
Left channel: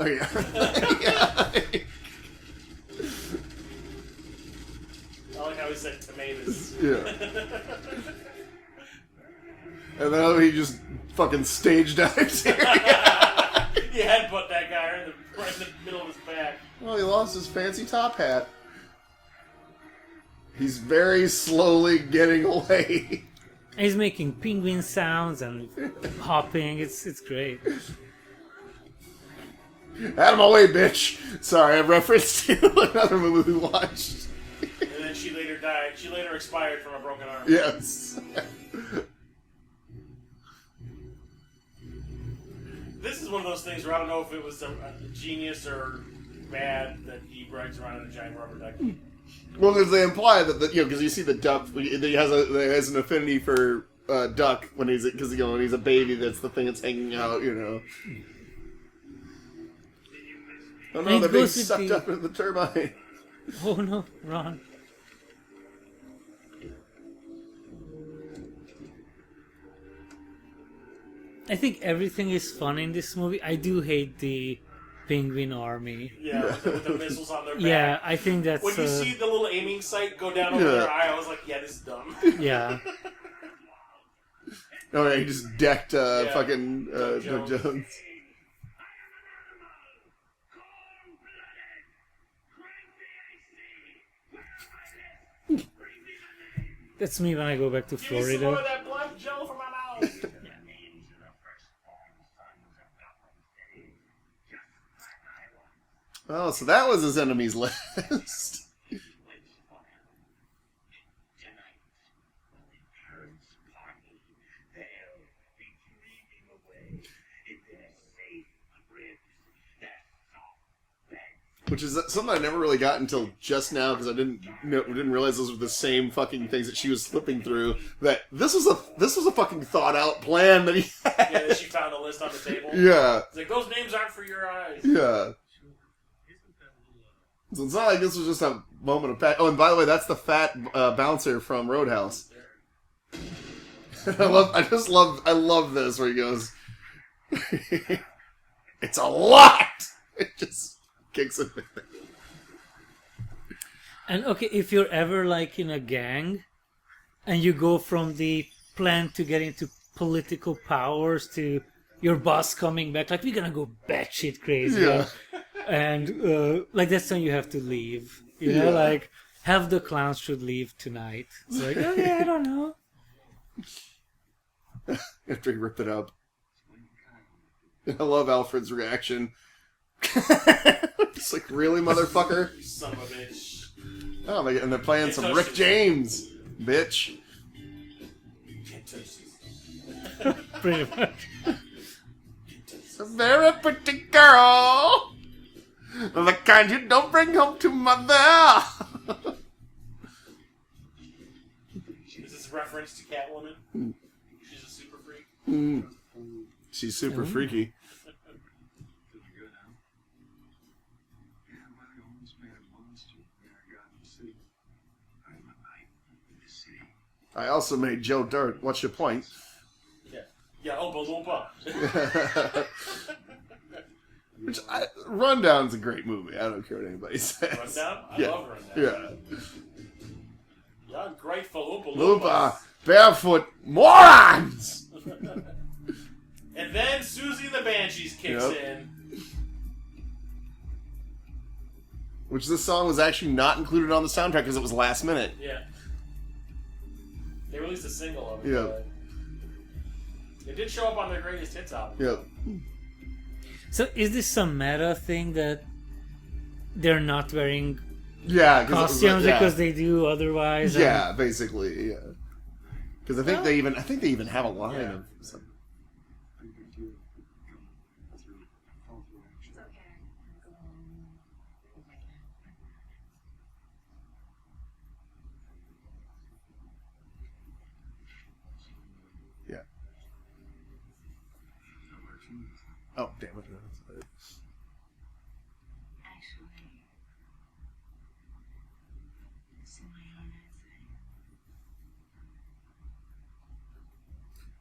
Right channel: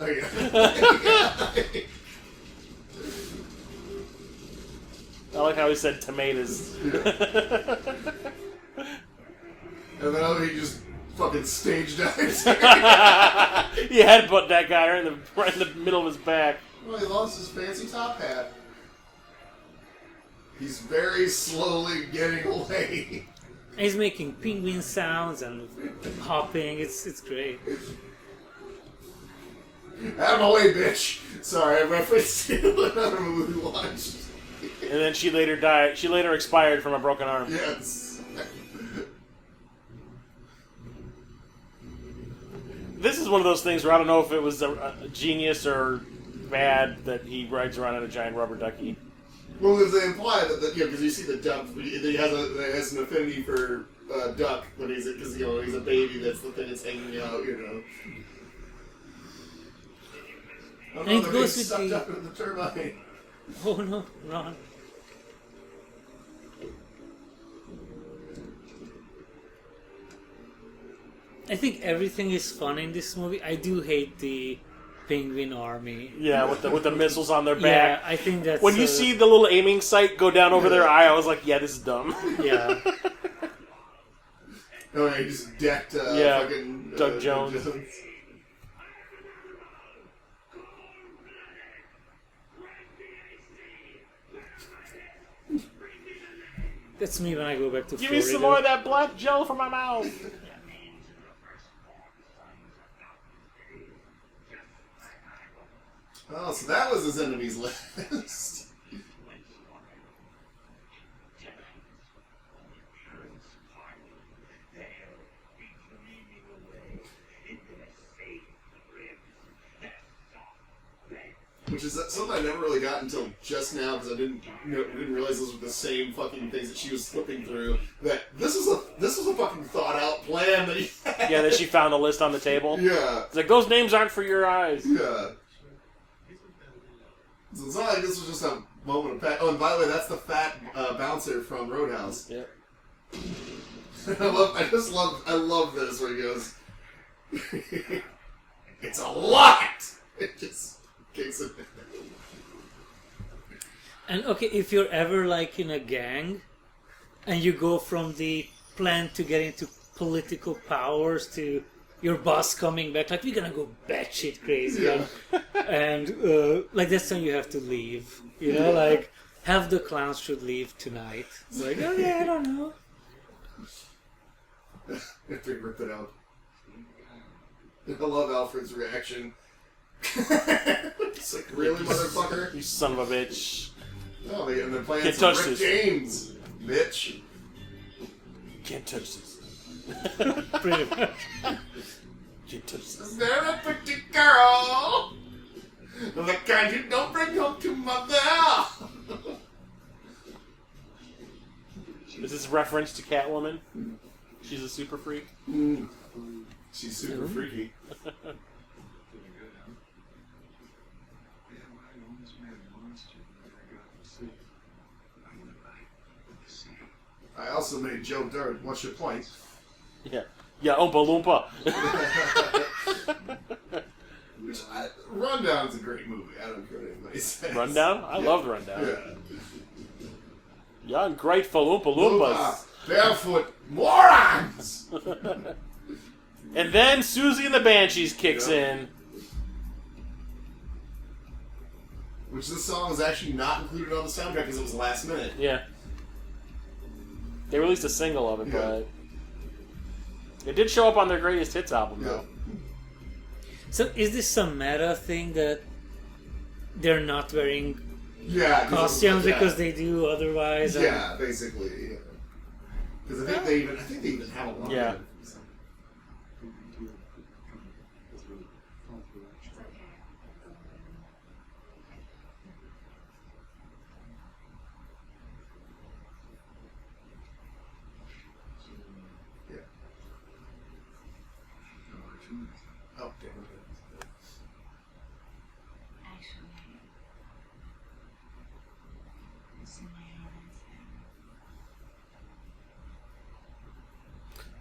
Oh, yeah. I like how he said tomatoes. Yeah. And then he just fucking stage dives. He headbutt that guy right in the middle of his back. Oh, he lost his fancy top hat. He's very slowly getting away. He's making penguin sounds and hopping. It's great. Out of my way, bitch. Sorry, I referenced to another movie we watched. And then she later died. She later expired from a broken arm. Yes. This is one of those things where I don't know if it was a genius or bad that he rides around in a giant rubber ducky. Well, because they imply that because you see the duck, he has an affinity for duck when he's when he's a baby. That's the thing that's hanging out. Oh, And it they're goes being with sucked the- up into the turbine. Oh no, Ron. I think everything is fun in this movie. I do hate the penguin army. Yeah, with the missiles on their back. Yeah, I think that's When you see the little aiming sight go down over their eye, I was like, yeah, this is dumb. yeah. Oh, he just decked fucking Doug Jones. That's me when I go back to Give me Florida. some more of that black gel from my mouth. Oh, so that was his enemies list. Which is something I never really got until just now because I didn't realize those were the same fucking things that she was flipping through. That this was a fucking thought out plan that he had. Yeah, that she found a list on the table. Yeah. It's like, those names aren't for your eyes. Yeah. So it's not like this was just a moment of oh, and by the way, that's the fat bouncer from Roadhouse. Yeah. I love this where he goes, it's a lot. It just kicks it. And okay, if you're ever like in a gang, and you go from the plan to get into political powers to your boss coming back, like we're gonna go batshit crazy, Yeah. and like that's when you have to leave. You know, like half the clowns should leave tonight. It's like, oh yeah, I don't know. After he ripped it up. I love Alfred's reaction. It's like, really, motherfucker? You son of a bitch. Oh, and they're playing Can't some touch Rick this. James, bitch. Can't touch this. Pretty much. Can't touch A this. very pretty girl. The kind you don't bring home to mother. Is this a reference to Catwoman? She's a super freak. She's super Ooh. freaky. Feeling good, huh? Yeah, well, I almost made a monster when I got to see. I would like to say. I also made Joe Dirt. What's your point? Yeah. Yeah, Oompa Loompa. Rundown's a great movie. I don't care what anybody says. Rundown? I loved Rundown. Yeah. Young, grateful Oompa Loompa, Loompas. barefoot morons. And then Susie and the Banshees kicks in. Which this song was actually not included on the soundtrack because it was last minute. Yeah. They released a single of it, Yeah. but it did show up on their greatest hits album. Yeah. So is this some meta thing that they're not wearing Yeah. costumes because they do otherwise? and- Yeah, basically. Yeah. Because I think they even have a line. Yeah. So. Big deal. Come through. Fall through action. It's okay. I'm going. Oh, damn it. Actually, it's in my own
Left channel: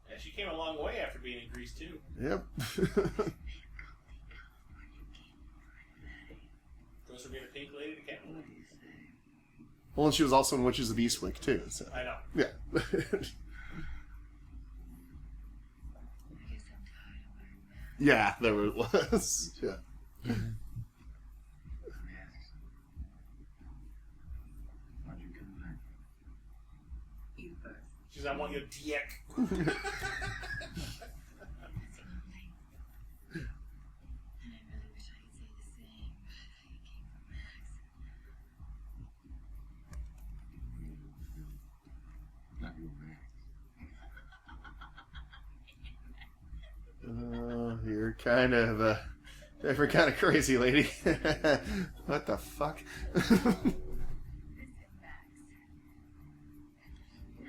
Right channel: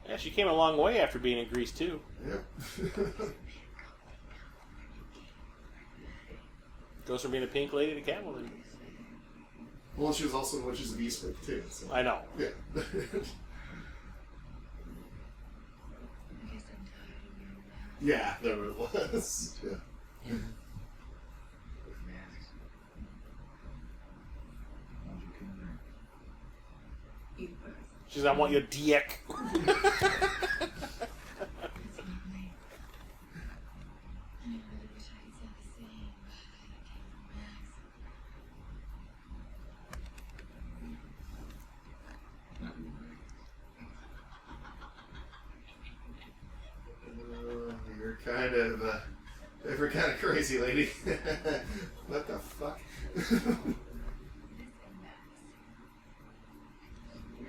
head. Yeah, she came a long way after being in Grease too. Yep. Goes from being a pink lady to Catwoman. Well, and she was also in Witches of Eastwick, too. So. I know. Yeah. I guess I'm tired of wearing masks. Yeah, there it was. Yeah. Why'd you come here? You first. She's I want your dick. That's lovely. And I really wish I could say the same, but I came from Max. Not you, Vegas. You're kind of, you're kind of crazy, lady. What the fuck? Listen, Max. No,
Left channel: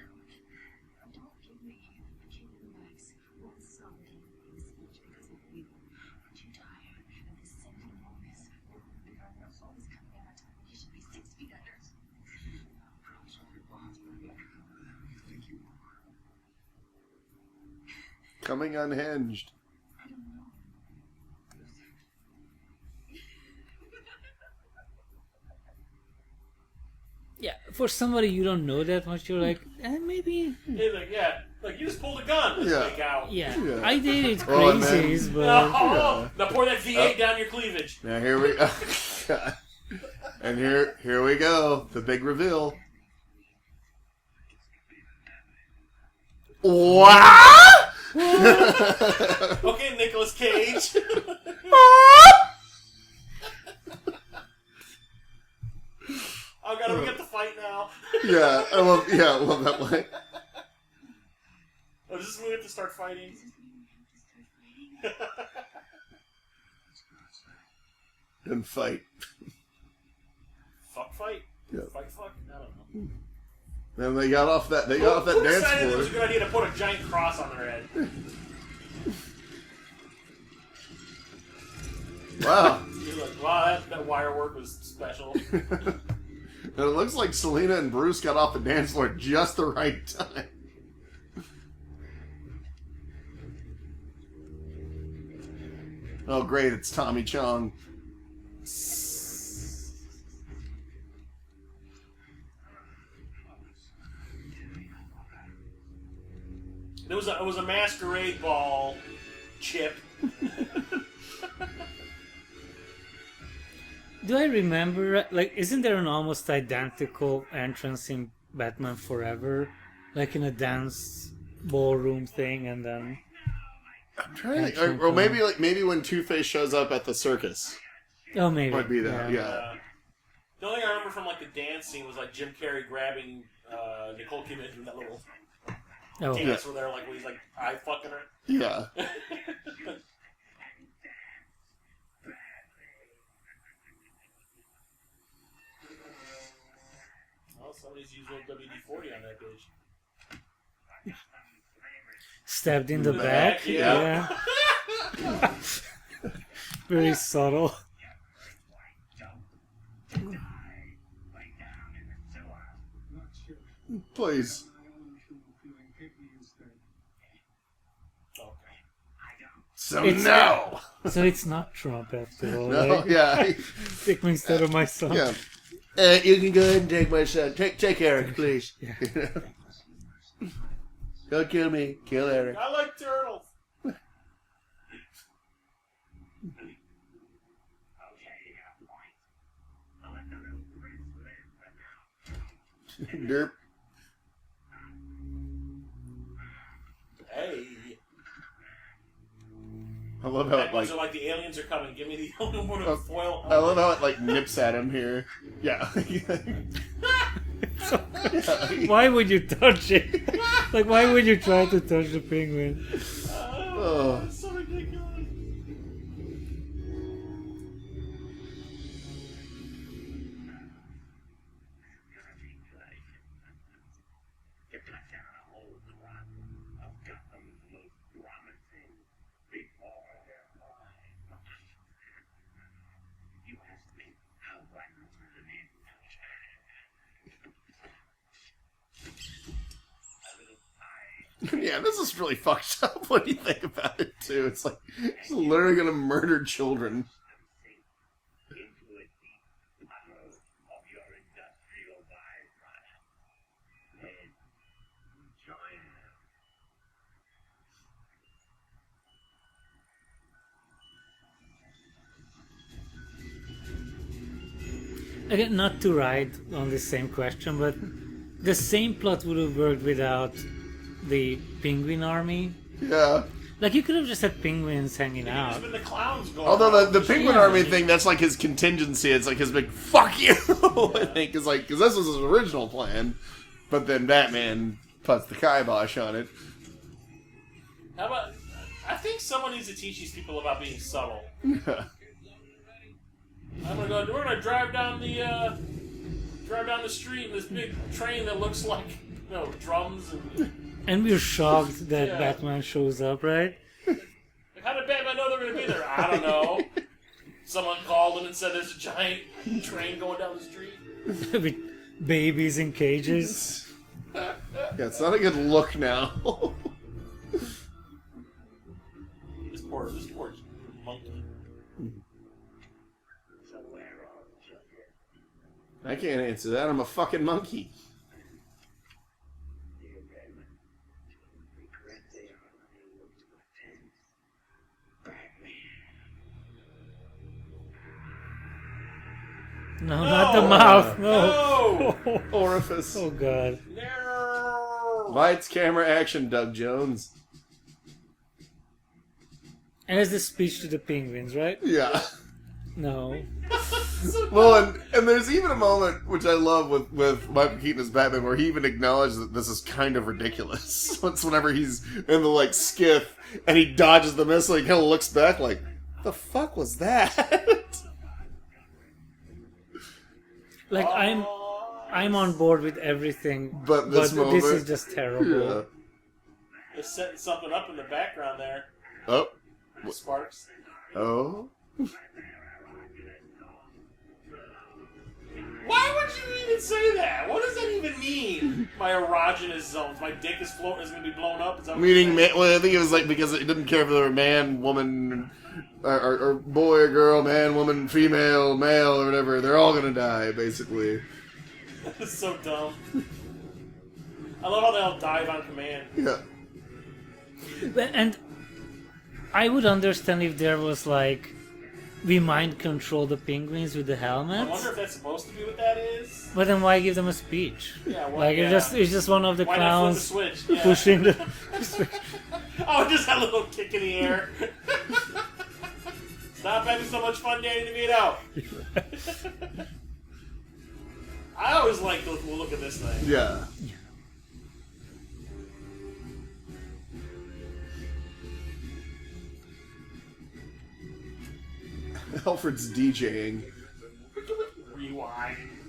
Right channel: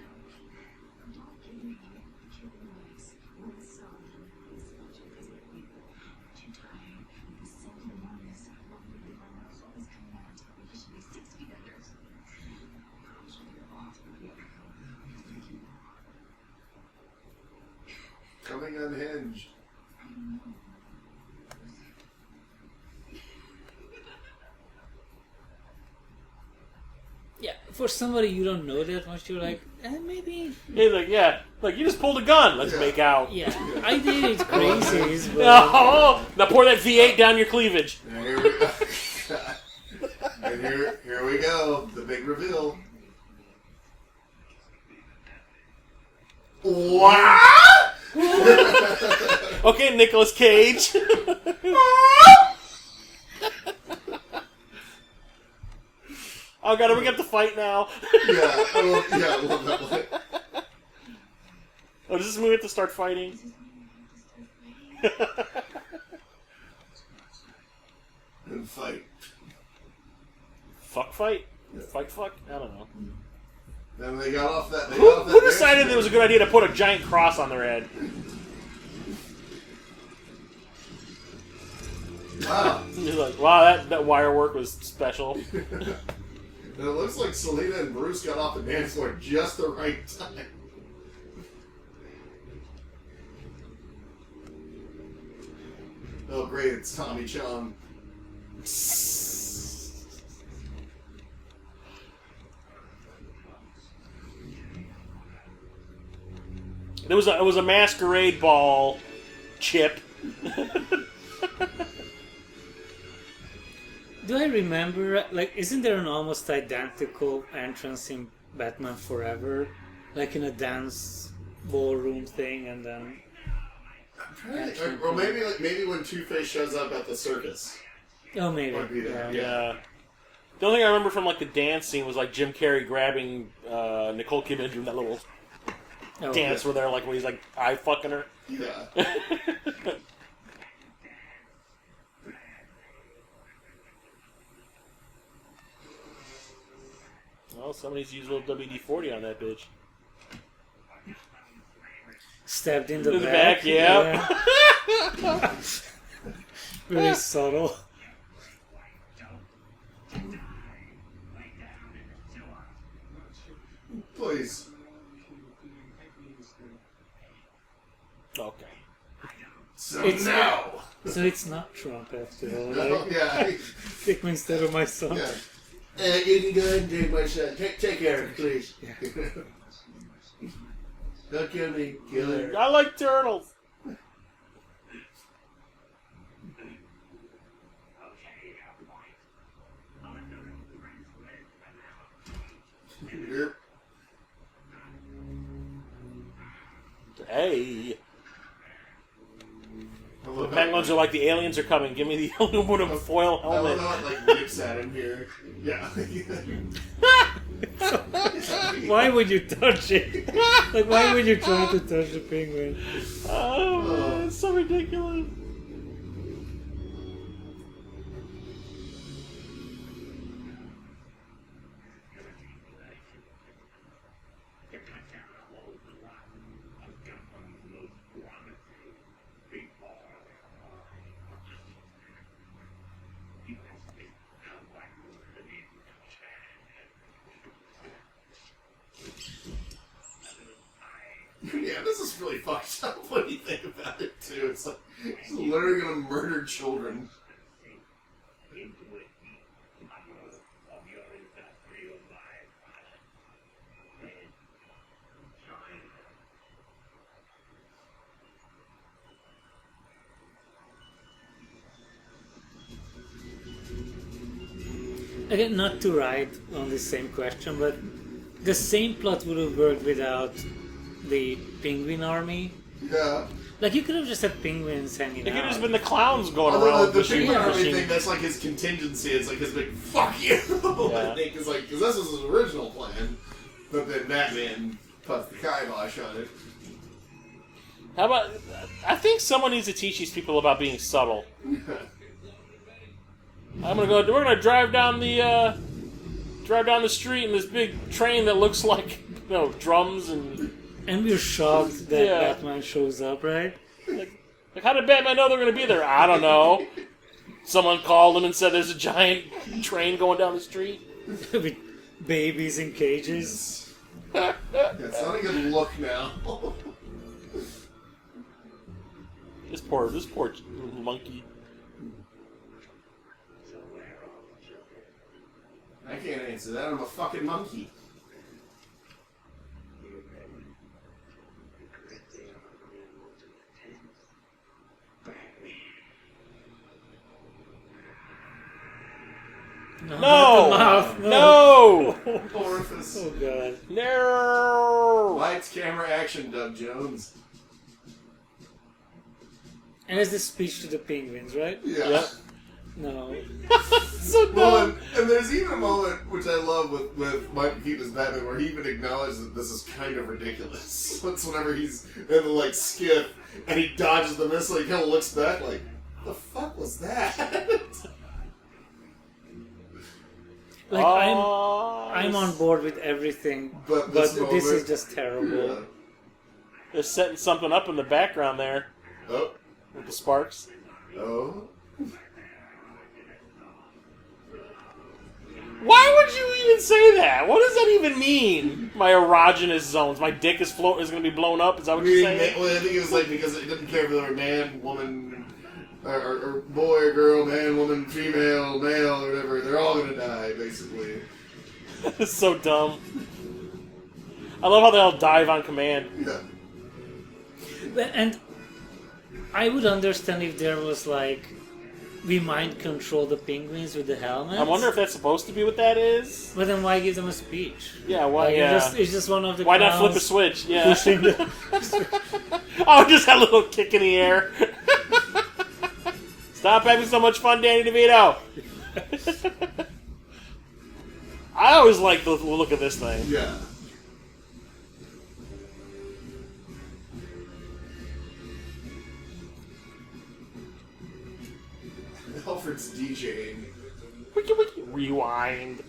I'm not kidding. Killing Max one son is much because of you. But you're tired of the sanctimonious, lovely girls always coming out on top when he should be 6 feet under. Girls with your boss, but what you think you are? Coming unhinged. I don't know. Yeah, for somebody you don't know that much, you're like, maybe. He's like, yeah, like you just pulled a gun. Let's Yeah. make out. Yeah, I did it crazies, but Oh, now pour that V8 down your cleavage. Now here we go. And here we go. The big reveal. What? Okay, Nicolas Cage. Oh god, are we got to fight now? Yeah, I love that one. Oh, does this movie have to start fighting? This is when you have to start fighting. And fight. Fuck fight? Yeah. Fight fuck? I don't know. And they got off that. Who decided it was a good idea to put a giant cross on their head? Wow. You're like, wow, that wire work was special. And it looks like Selena and Bruce got off the dance floor at just the right time. Oh, great, it's Tommy Chong. It was a masquerade ball, Chip. do I remember, like, isn't there an almost identical entrance in Batman Forever? Like in a dance ballroom thing, and then... I'm trying to think. Or maybe when Two-Face shows up at the circus. Oh, maybe. Might be that, yeah. The only thing I remember from like the dance scene was like Jim Carrey grabbing Nicole Kidman doing that little Oh, dance where they're like, where he's like eye fucking her. Yeah. Well, somebody's used a little WD-40 on that bitch. stabbed in the In the back. back, yeah. Yeah. Very subtle. Please. Okay. So It's- no. So it's not Trump after all. No, Like, yeah. take me instead of my son. Yeah. You can go ahead and take my son. Take care, please. Yeah. Don't kill me. Kill her. I like turtles. Derp. Hey. I love The how, penguins are like, the aliens are coming. Give me the aluminum foil I love helmet. how it like nips at him here. Yeah. Why would you touch it? Like, why would you try to touch the penguin? Oh, it's so ridiculous. just really fucked up when you think about it, too. It's like, he's literally gonna murder children. Into a deep tunnel of your industrial byproduct. And join them. Again, not to ride on the same question, but the same plot would have worked without the penguin army. Yeah. Like, you could have just had penguins hanging It could have out. just been the clowns going Although around. the pushing penguin the army machine. thing, that's like his contingency. It's like his big fuck you. I think is like, because this was his original plan, but then Batman puts the kibosh on it. How about? I think someone needs to teach these people about being subtle. I'm gonna go. We're gonna drive down the street in this big train that looks like drums And we're shocked that Yeah. Batman shows up, right? like how did Batman know they're gonna be there? I don't know. Someone called him and said there's a giant train going down the street. With babies in cages. Yeah, it's not a good look now. This poor little monkey. So where are all the children? I can't answer that. I'm a fucking monkey. Dear Batman, regret they are unable to attend. Batman. No, not the mouth. No. Orifice. Oh god. No. Lights, camera, action, Doug Jones. And it's the speech to the penguins, right? Yeah. No. So dumb. Well, and there's even a moment which I love with Michael Keaton as Batman where he even acknowledges that this is kind of ridiculous. It's whenever he's in the like skiff and he dodges the missile, he kind of looks back like, "The fuck was that?" Like, I'm on board with everything, But but this this is moment- just terrible. They're setting something up in the background there Oh, with the sparks. oh. Why would you even say that? What does that even mean? My erogenous zones. My dick is going to be blown up. Is that what you're Meaning, saying? well, I think it was like because it didn't care if they were man, woman, or boy, or girl, man, woman, female, male, or whatever. They're all gonna die, basically. It's so dumb. I love how they all dive on command. Yeah. And I would understand if there was like, we mind control the penguins with the helmets. I wonder if that's supposed to be what that is. But then why give them a speech? Yeah, why? Like, Yeah. it's just one of the Why not flip a clowns switch? Yeah. pushing the... Oh, just that little kick in the air. Stop having so much fun, Danny DeVito. I always like the look of this thing. Yeah. Alfred's DJing. Wiki, wiki. Rewind.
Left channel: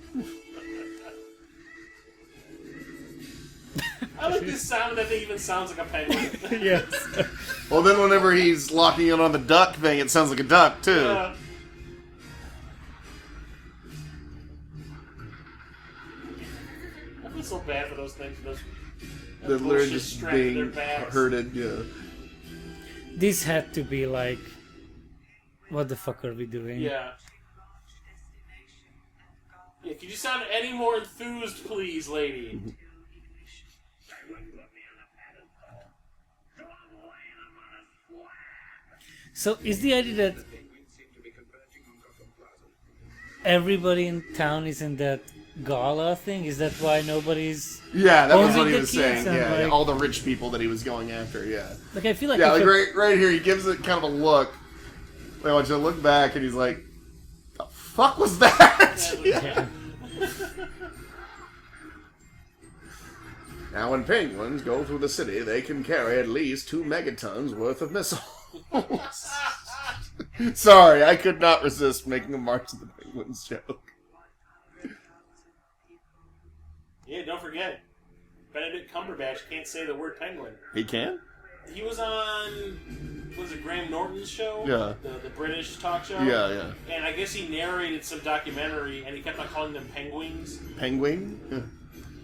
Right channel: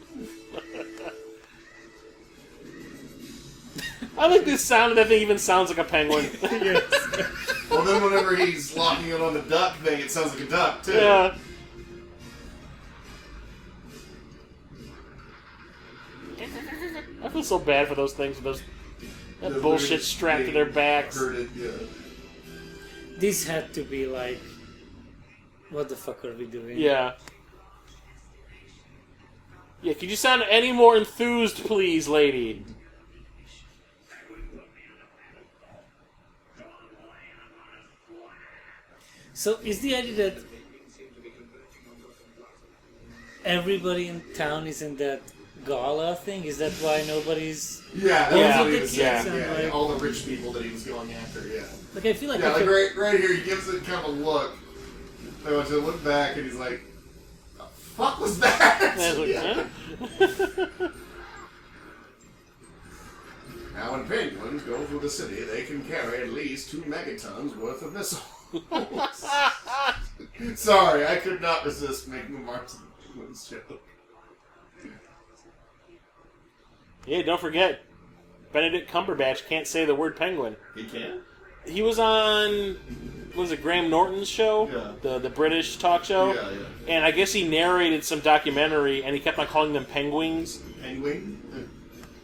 I like this sound, and that thing even sounds like a penguin. Yes. Well, then whenever he's locking it on the duck thing, it sounds like a duck, too. Yeah. I feel so bad for those things, that They're bullshit literally strapped to their being backs. Hurted, yeah. This had to be like, what the fuck are we doing? Yeah. Yeah, could you sound any more enthused, please, lady? So is the idea that everybody in town is in that gala thing? Is that why nobody's... Yeah, that's Only what he the was kids saying. and, Yeah, like- all the rich people that he was going after, yeah. Like, I feel like... Yeah, if like a- right here, he gives it kind of a look. I want you to look back, and he's like, "The fuck was that?" And I was like, Yeah. yeah. Now, when penguins go through the city, they can carry at least 2 megatons worth of missiles. Sorry, I could not resist making a March of the Penguins joke. Yeah, don't forget, Benedict Cumberbatch can't say the word penguin. He can? He was on, what was it, Graham Norton's show? Yeah. The British talk show? Yeah, yeah. And I guess he narrated some documentary, and he kept on calling them penguins. Penguin? Yeah.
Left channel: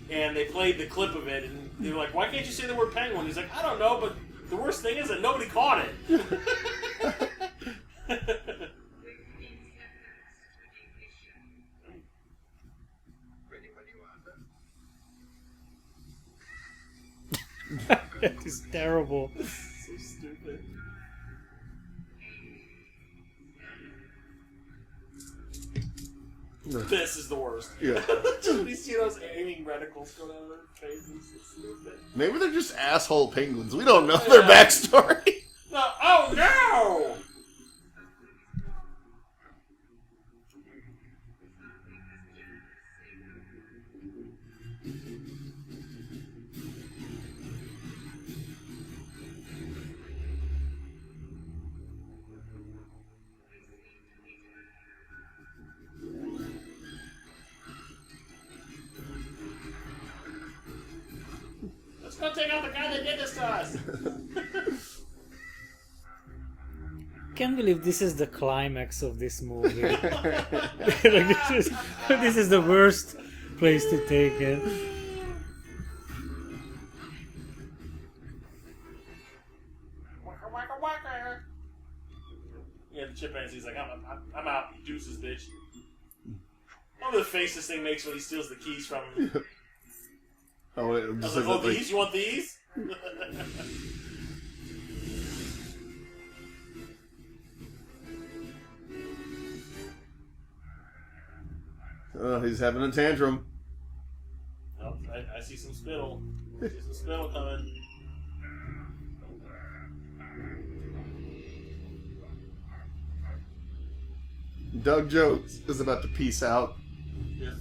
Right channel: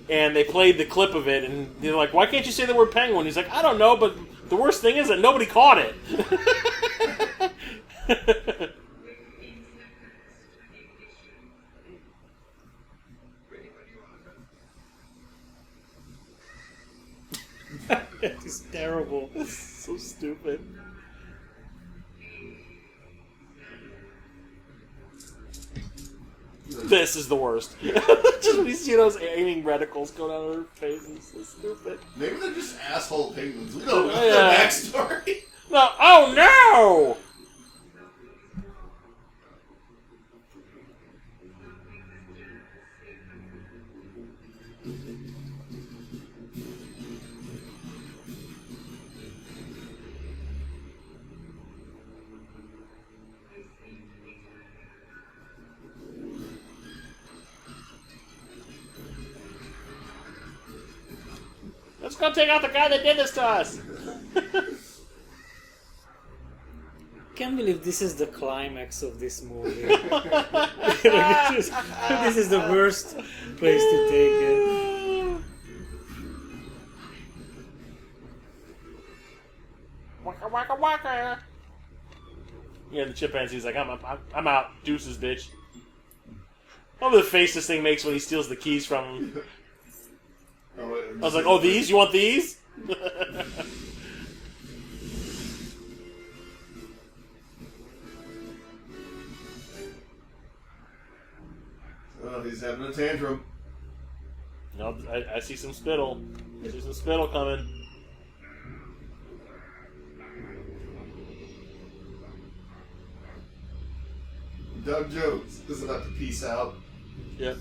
and they played the clip of it, and they're like, "Why can't you say the word penguin?" He's like, "I don't know, but the worst thing is that nobody caught it." That is terrible. So stupid. This is the worst. Just when you see those aiming reticles go down their faces, so stupid. Maybe they're just asshole penguins. We don't know Yeah. their backstory. No, oh no! Let's go take out the guy that did this to us. Can't believe this is the climax of this movie. Like, this is the worst place to take it. Waka waka waka. Yeah, the chimpanzee's like, I'm out. Deuces, bitch. I love the face this thing makes when he steals the keys from him. Oh, wait, I was like, oh, these? You want these? Oh, he's having a tantrum. No, I see some spittle. I see some spittle coming. Doug Jones is about to peace out. Yep.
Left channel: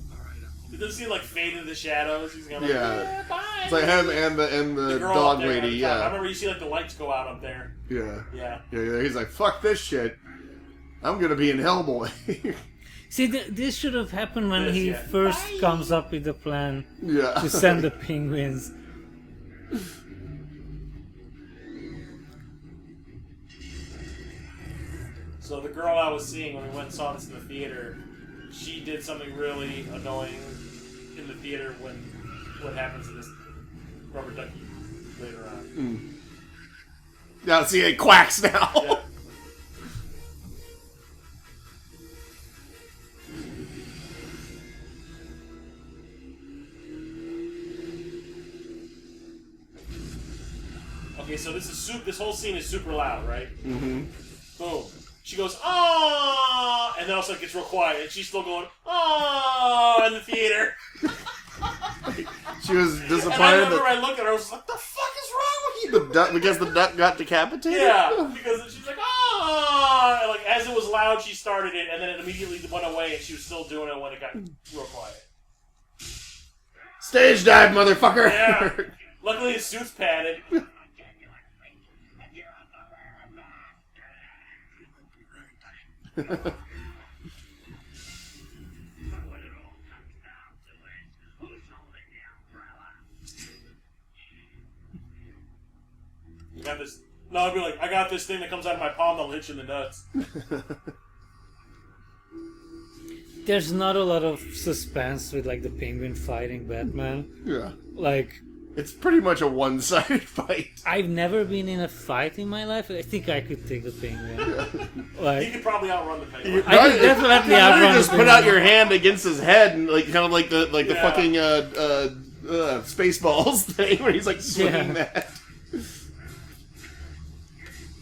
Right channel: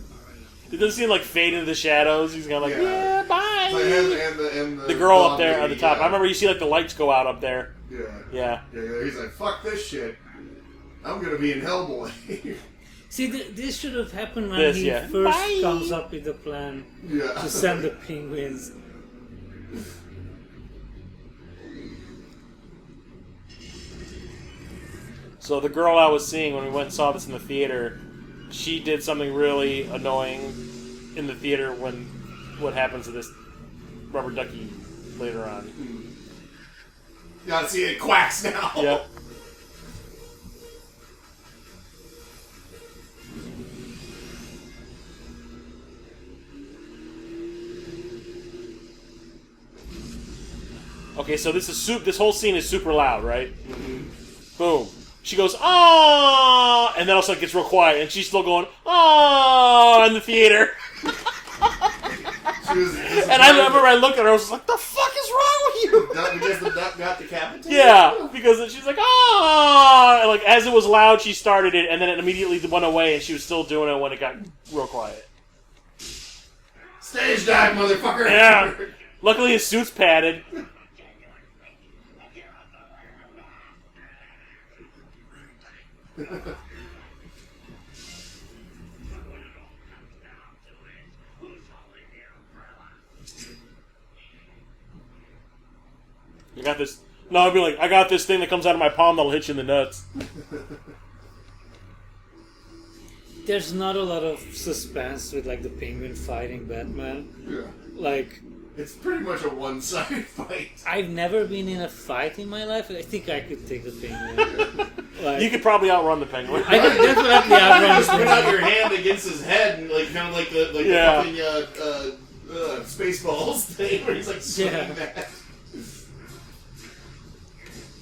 It doesn't seem like fade into the shadows. He's kind of like, yeah, bye. It's like, and the girl blonde up there lady, at the top. yeah. I remember you see like the lights go out up there. Yeah. Yeah. Yeah. He's like, fuck this shit. I'm gonna be in Hellboy. See, this should have happened when This, he yeah. first Bye. comes up with the plan Yeah. to send the penguins. So the girl I was seeing when we went and saw this in the theater, she did something really annoying in the theater when what happens to this rubber ducky later on. Yeah, see, it quacks now. Yep. Okay, so this whole scene is super loud, right? Mm-hmm. Boom. She goes, "Oh!" and then all of a sudden it gets real quiet, and she's still going, "Oh!" in the theater. She was disappointed. And I remember I looked at her, I was just like, "The fuck is wrong with you?" Because the duck got decapitated? Yeah, because she's like, "Oh!" and like as it was loud, she started it, and then it immediately went away, and she was still doing it when it got real quiet. Stage dive, motherfucker! Yeah. Luckily, his suit's padded. You got this. No, I'd be like, I got this thing that comes out of my palm that'll hit you in the nuts. There's not a lot of suspense with like the penguin fighting Batman. Yeah. Like, it's pretty much a one-sided fight. I've never been in a fight in my life. I think I could take the penguin. Like, You could probably outrun the penguin. I could definitely outrun the Just put out penguin. your hand against his head and like kind of like the Yeah. fucking Spaceballs thing where he's like swinging Yeah. that.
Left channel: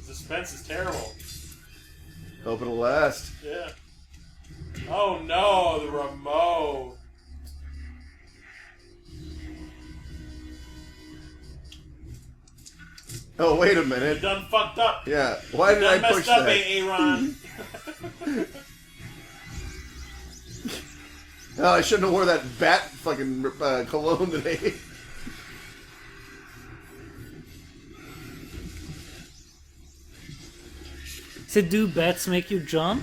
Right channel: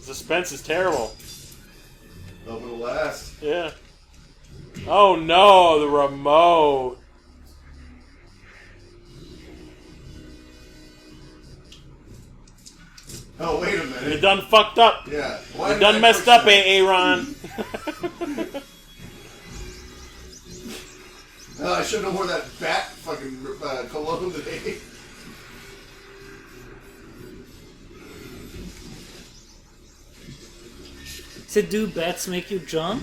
Suspense is terrible. Hope it'll last. Yeah. Oh no, the remote. Oh, wait a You're minute. done fucked up. Yeah. Why You're did I done messed push up, that? Aaron. Oh, I shouldn't have wore that bat fucking cologne today. So do bats make you jump?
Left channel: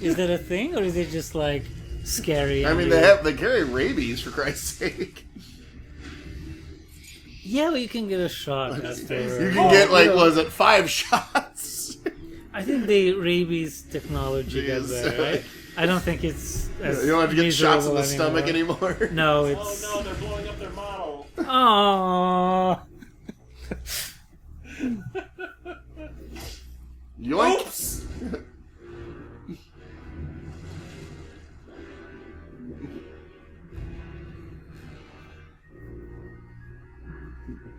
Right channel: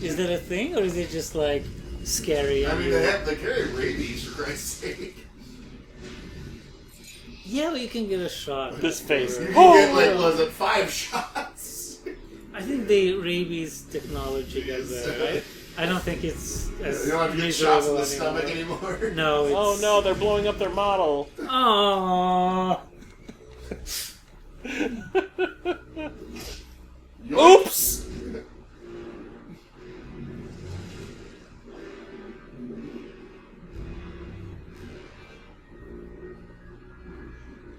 Is that a thing, or is it just like scary? I and mean, you- they carry rabies, for Christ's sake. Yeah, but you can get a shot. This face. You afterward. can get, like, was it 5 shots? I think the rabies technology got Yes. better, right? I don't think it's as You don't have to get shots in miserable the stomach anymore. No, it's... Oh no, they're blowing up their model. Oh. Oops!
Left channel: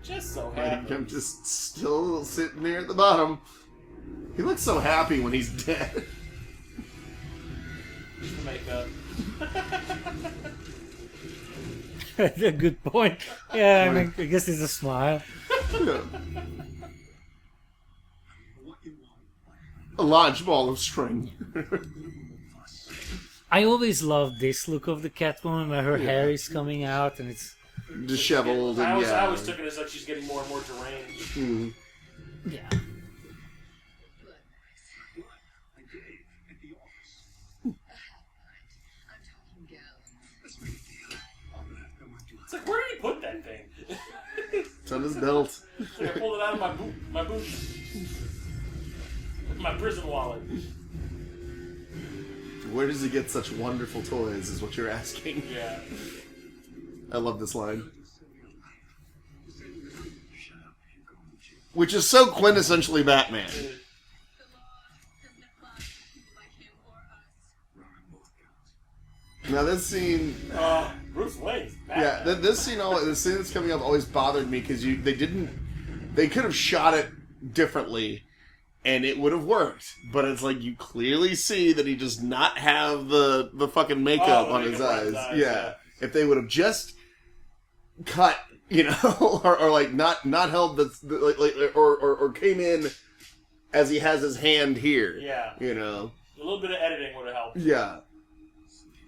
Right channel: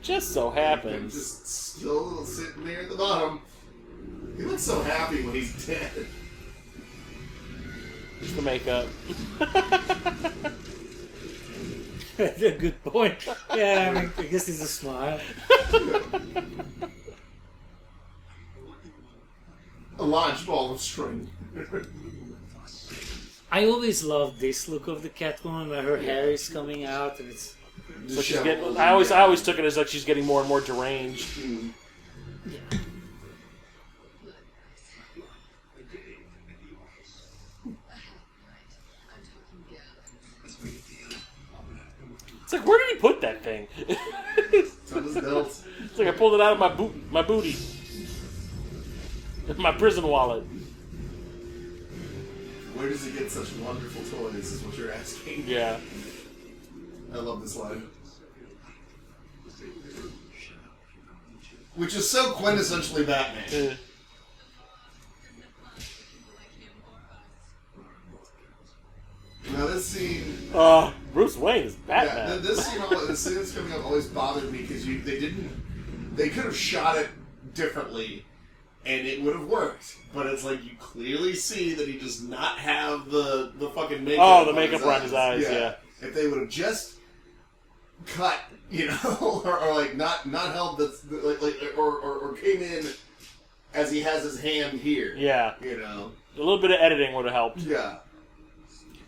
Just so I'm happens. just still sitting there at the bottom. He looks so happy when he's dead. Just the makeup. A good point. Yeah, I mean, I guess it's a smile. A large ball of string. I always loved this look of the Catwoman where her hair is coming out and it's... So she's getting, I always took it as like she's getting more and more deranged. Mm. Yeah. It's like, where did he put that thing? It's on his belt. It's like I pulled it out of my booty. My prison wallet. Where does he get such wonderful toys, is what you're asking. Yeah. I love this line. Which is so quintessentially Batman. Now this scene... Bruce Wayne is Batman. Yeah, this scene, the scene that's coming up always bothered me because they could have shot it differently and it would have worked. But it's like you clearly see that he does not have the fucking makeup. Oh, the makeup around his eyes. Yeah. If they would have just cut, or like not held or came in as he has his hand here. Yeah. A little bit of editing would have helped. Yeah.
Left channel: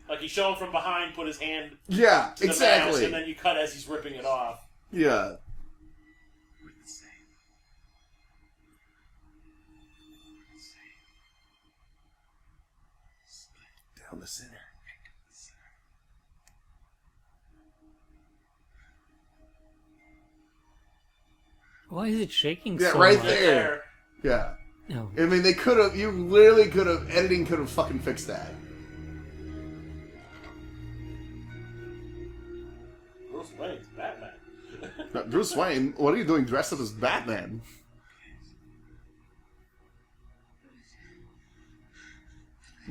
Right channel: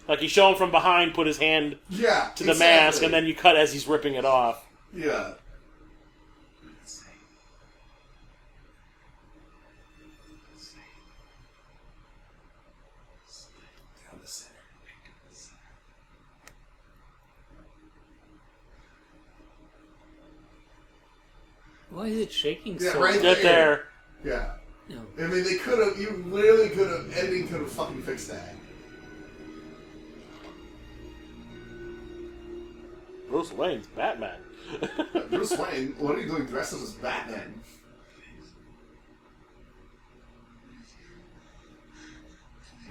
Like you show him from behind, put his hand to the exactly. mask, and then you cut as he's ripping it off. Yeah. Down the center. Why is it shaking Yeah, so right much? Get there. Yeah. No. I mean, they could have. You literally could have. Editing could have fucking fixed that. Bruce Wayne's Batman. Bruce Wayne, what are you doing dressed up as Batman?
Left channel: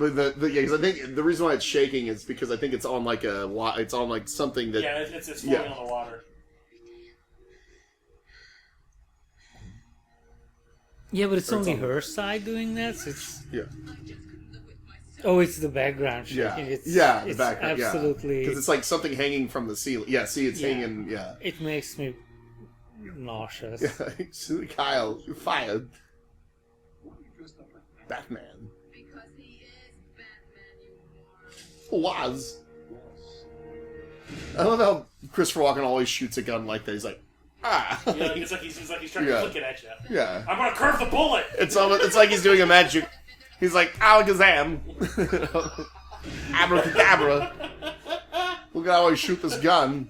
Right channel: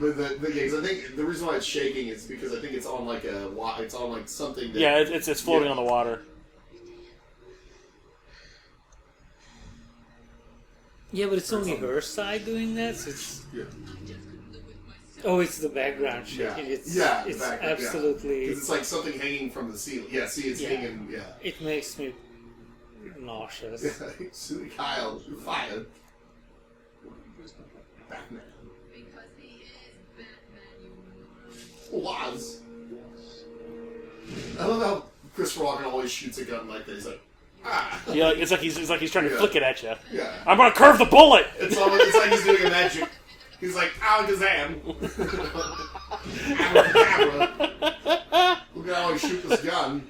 But I think the reason why it's shaking is because I think it's on like something that. Yeah, it's floating on the water. Yeah, but it's only her side doing that, so it's... Yeah. Oh, it's the background shaking. It's absolutely... 'Cause it's like something hanging from the ceiling. Yeah, see, it's hanging, It makes me nauseous. Yeah, Kyle, you're fired. Batman. Because he is Batman, you moron. Was. I love how Christopher Walken always shoots a gun like that. He's like, Yeah, it's like he's trying to flick it at you. Yeah. I'm gonna curve the bullet. It's like he's doing a magic. He's like Alakazam. Abracadabra. Look at how he shoot this gun.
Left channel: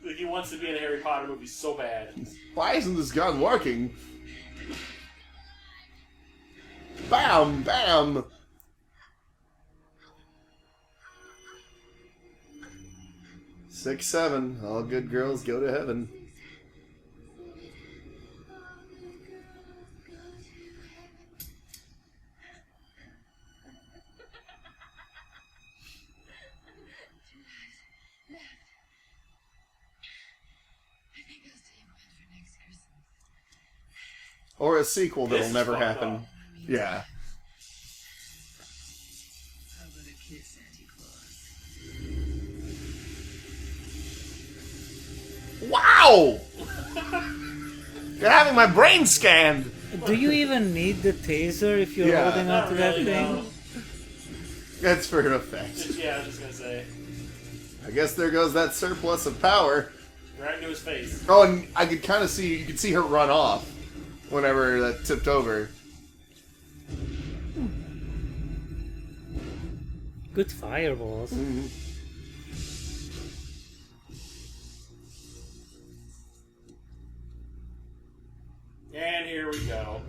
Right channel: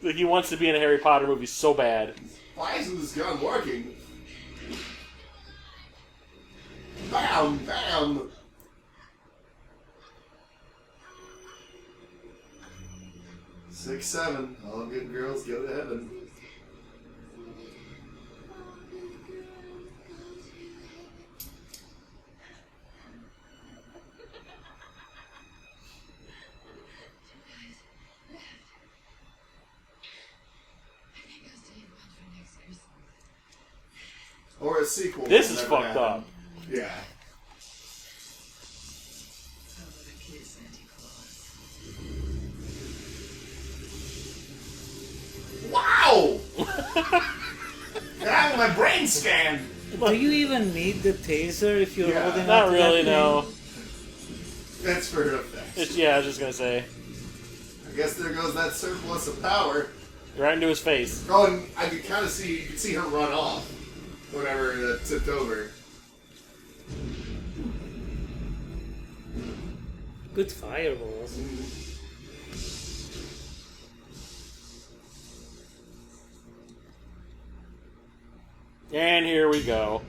Like he wants to be in a Harry Potter movie so bad. Why isn't this gun working? Bam! Bam! Six, 7. All good girls go to heaven. Or a sequel This that'll is never fucked happen. up. Yeah. How about a kiss, Santa Claus? Wow! You're having my brain scanned! Do you even need the taser if you're holding Not on to really, that no. thing? It's for effect. Yeah, I was just gonna say. I guess there goes that surplus of power. Right into his face. Oh, and I could kind of see, you could see her run off whenever that tipped over. Good fireballs. And here we go.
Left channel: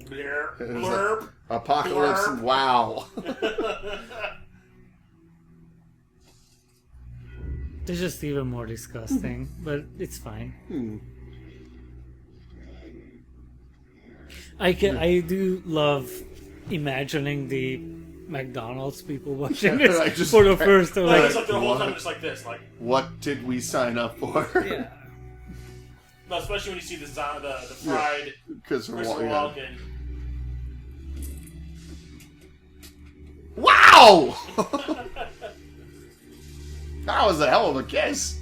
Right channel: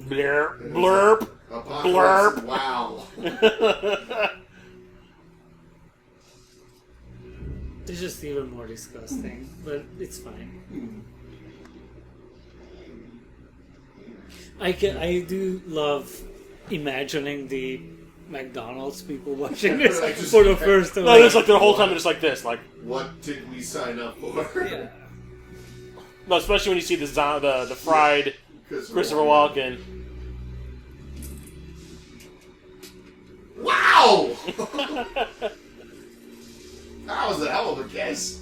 Blurp. Blurp. Apocalypse. Blurp. Wow. They're just even more disgusting, but it's fine. I do love imagining the McDonald's people watching this I just- for the first time. No, it's like the whole time they're just like this, like What did we sign up for? Yeah. no, especially when you see the fried Christopher Walken. Wow! That was a hell of a kiss.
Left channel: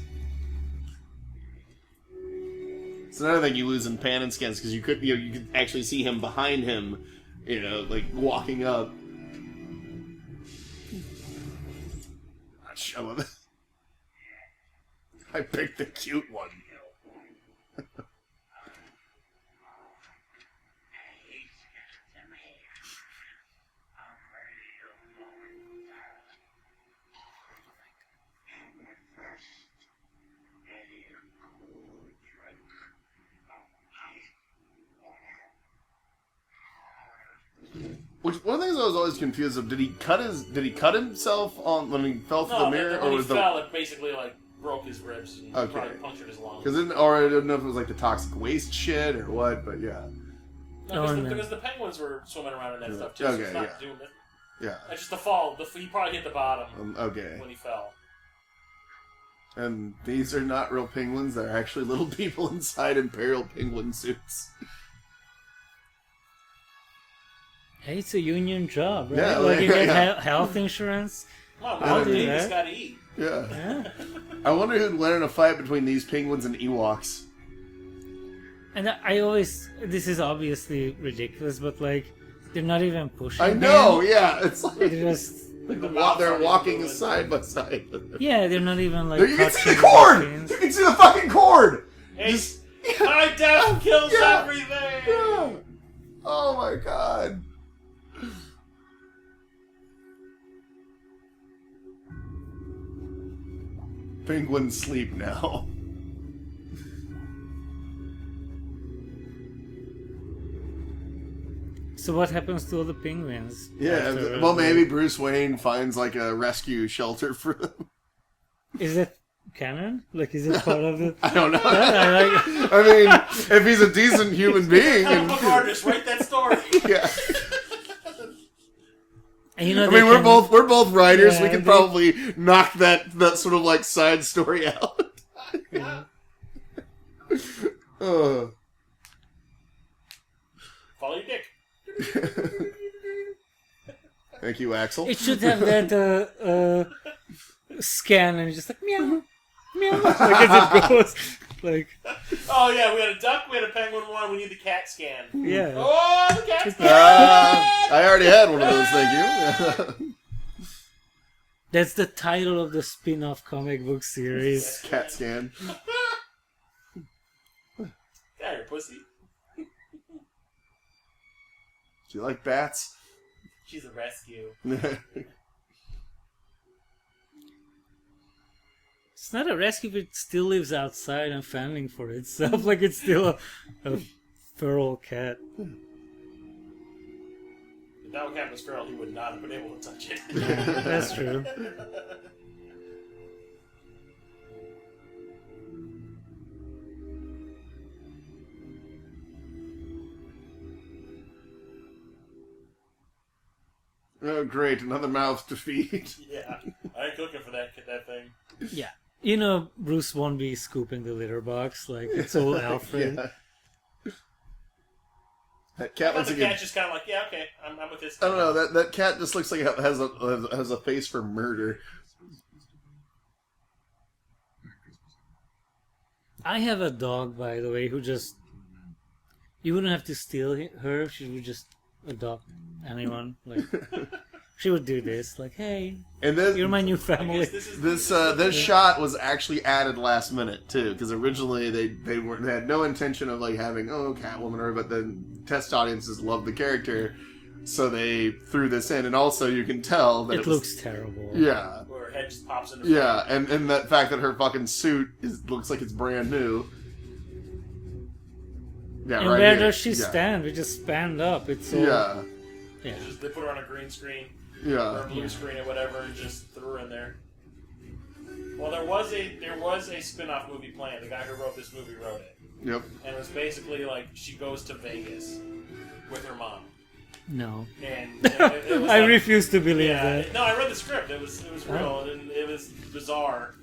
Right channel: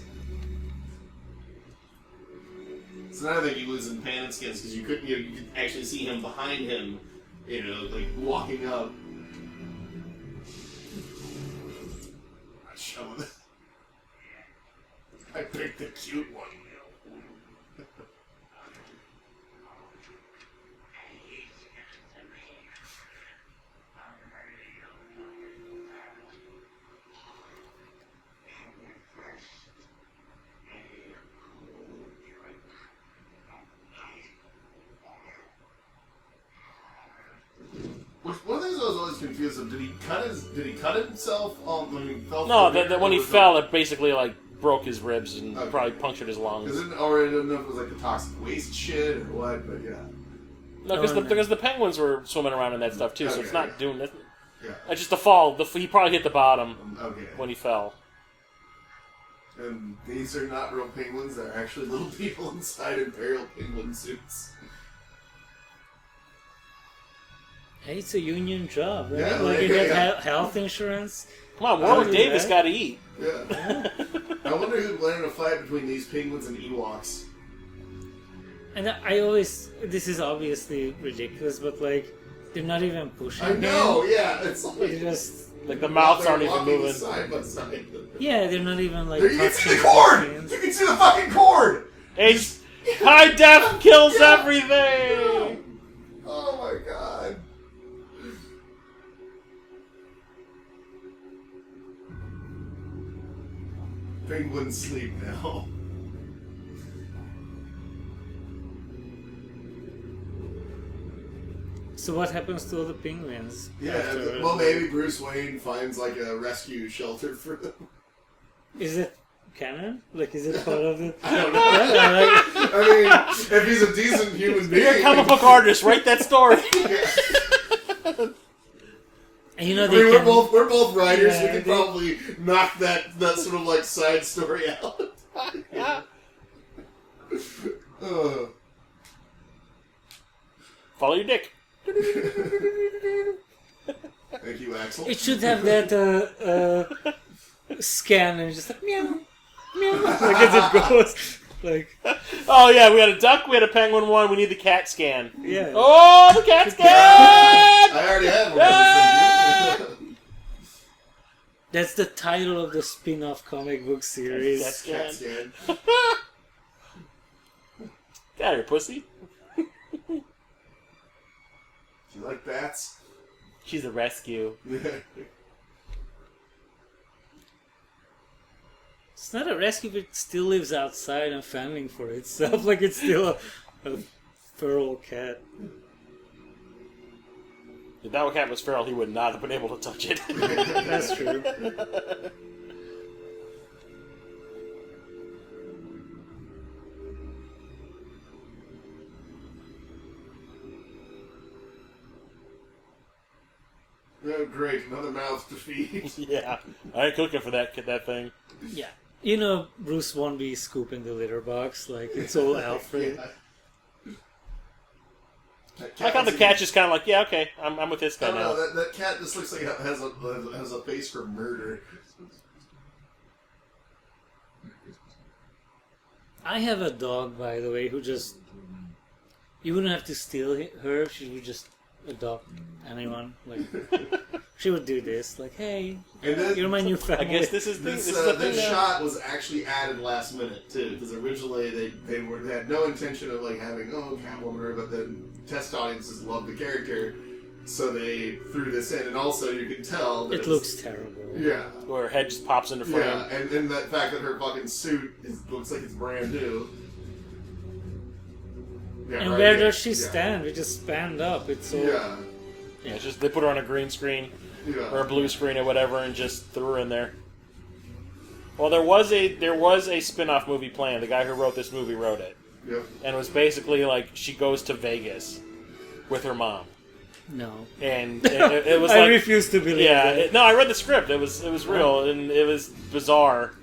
It's another thing you lose in pan and skins because you could actually see him behind him, like walking up. Shove it. I picked the cute one. Which one of the things I was always confused of, did he cut himself on when he fell? No, from the mirror, when or he was fell, it basically like broke his ribs and Okay. probably punctured his lungs. Or I didn't know if it was like the toxic waste shit or what, but yeah. No, because the penguins were swimming around in that stuff too, so Okay, it's not yeah. doing it. Yeah. It's just the fall. He probably hit the bottom Okay. when he fell. And these are not real penguins, they're actually little people inside Imperial penguin suits. Hey, it's a union job, right? Yeah, like you yeah. get health insurance. Come on, I'll Warwick do Davis that. got to eat. Yeah. I wonder who'd learn a fight between these penguins and Ewoks. And I always, this is obviously ridiculous, but like, they're not even pushing I know, him. yeah. It's like, They're just, Like the while mouths they're aren't even walking moving. side by side. yeah, they're not even like You can see touching the cord! machines. You can see the fucking cord! High def kills Yeah. everything! Yeah. Oh my god. Penguins sleep now. So what happens to all the penguins? Yeah, after, well, maybe Bruce Wayne finds like a rescue shelter for them. Is it canon? Like, is it part of the? I don't know. Like, I mean, if he's a decent human being, Comic book artist, write that story. yeah. and you know, I they mean, can, we're both writers. We Yeah, could they- probably knock that sort of like side story out. Follow your dick. Thank you, Axel. It should have that scan and just like meow, meow, like as it goes. Like, Oh yeah, we had a duck, we had a penguin one, we need the cat scan. yeah. Oh, the cat scan! I already had one of those. Thank you. That's the title of the spin-off comic book series. That's Cat scan. Get out of here, pussy. Do you like bats? She's a rescue. It's not a rescue, but it still lives outside and fending for itself. Like it's still a feral cat. If that cat was feral, he would not have been able to touch it. That's true. Oh, great, another mouth to feed. Yeah, I ain't cooking for that thing. Yeah. You know, Bruce won't be scooping the litter box. Like, it's all Alfred. Yeah. That I thought the looks cat's just kind of like, yeah, okay, I'm with this guy I don't now. know, that cat just looks like it has a face for murder. I have a dog, by the way, who just... You wouldn't have to steal her. She would just adopt anyone. Like, she would do this. Like, hey, And then you're my new I family. guess this is this the this thing. shot was actually added last minute too, because originally they had no intention of like having Catwoman or, but then test audiences loved the character, so they threw this in, and also you can tell that It looks terrible. yeah. Where her head just pops into frame. Yeah, and the fact that her fucking suit looks like it's brand new. Yeah, And right where here. does she Yeah. stand? We just stand up. It's all... Yeah, Yeah. It's just they put her on a green screen or yeah. a blue screen or whatever and just threw her in there. Well, there was a spin-off movie planned. The guy who wrote this movie wrote it. Yep. And it was basically like she goes to Vegas with her mom. No. And it was I like, refuse to believe that. no, I read the script. It was real, and it was bizarre.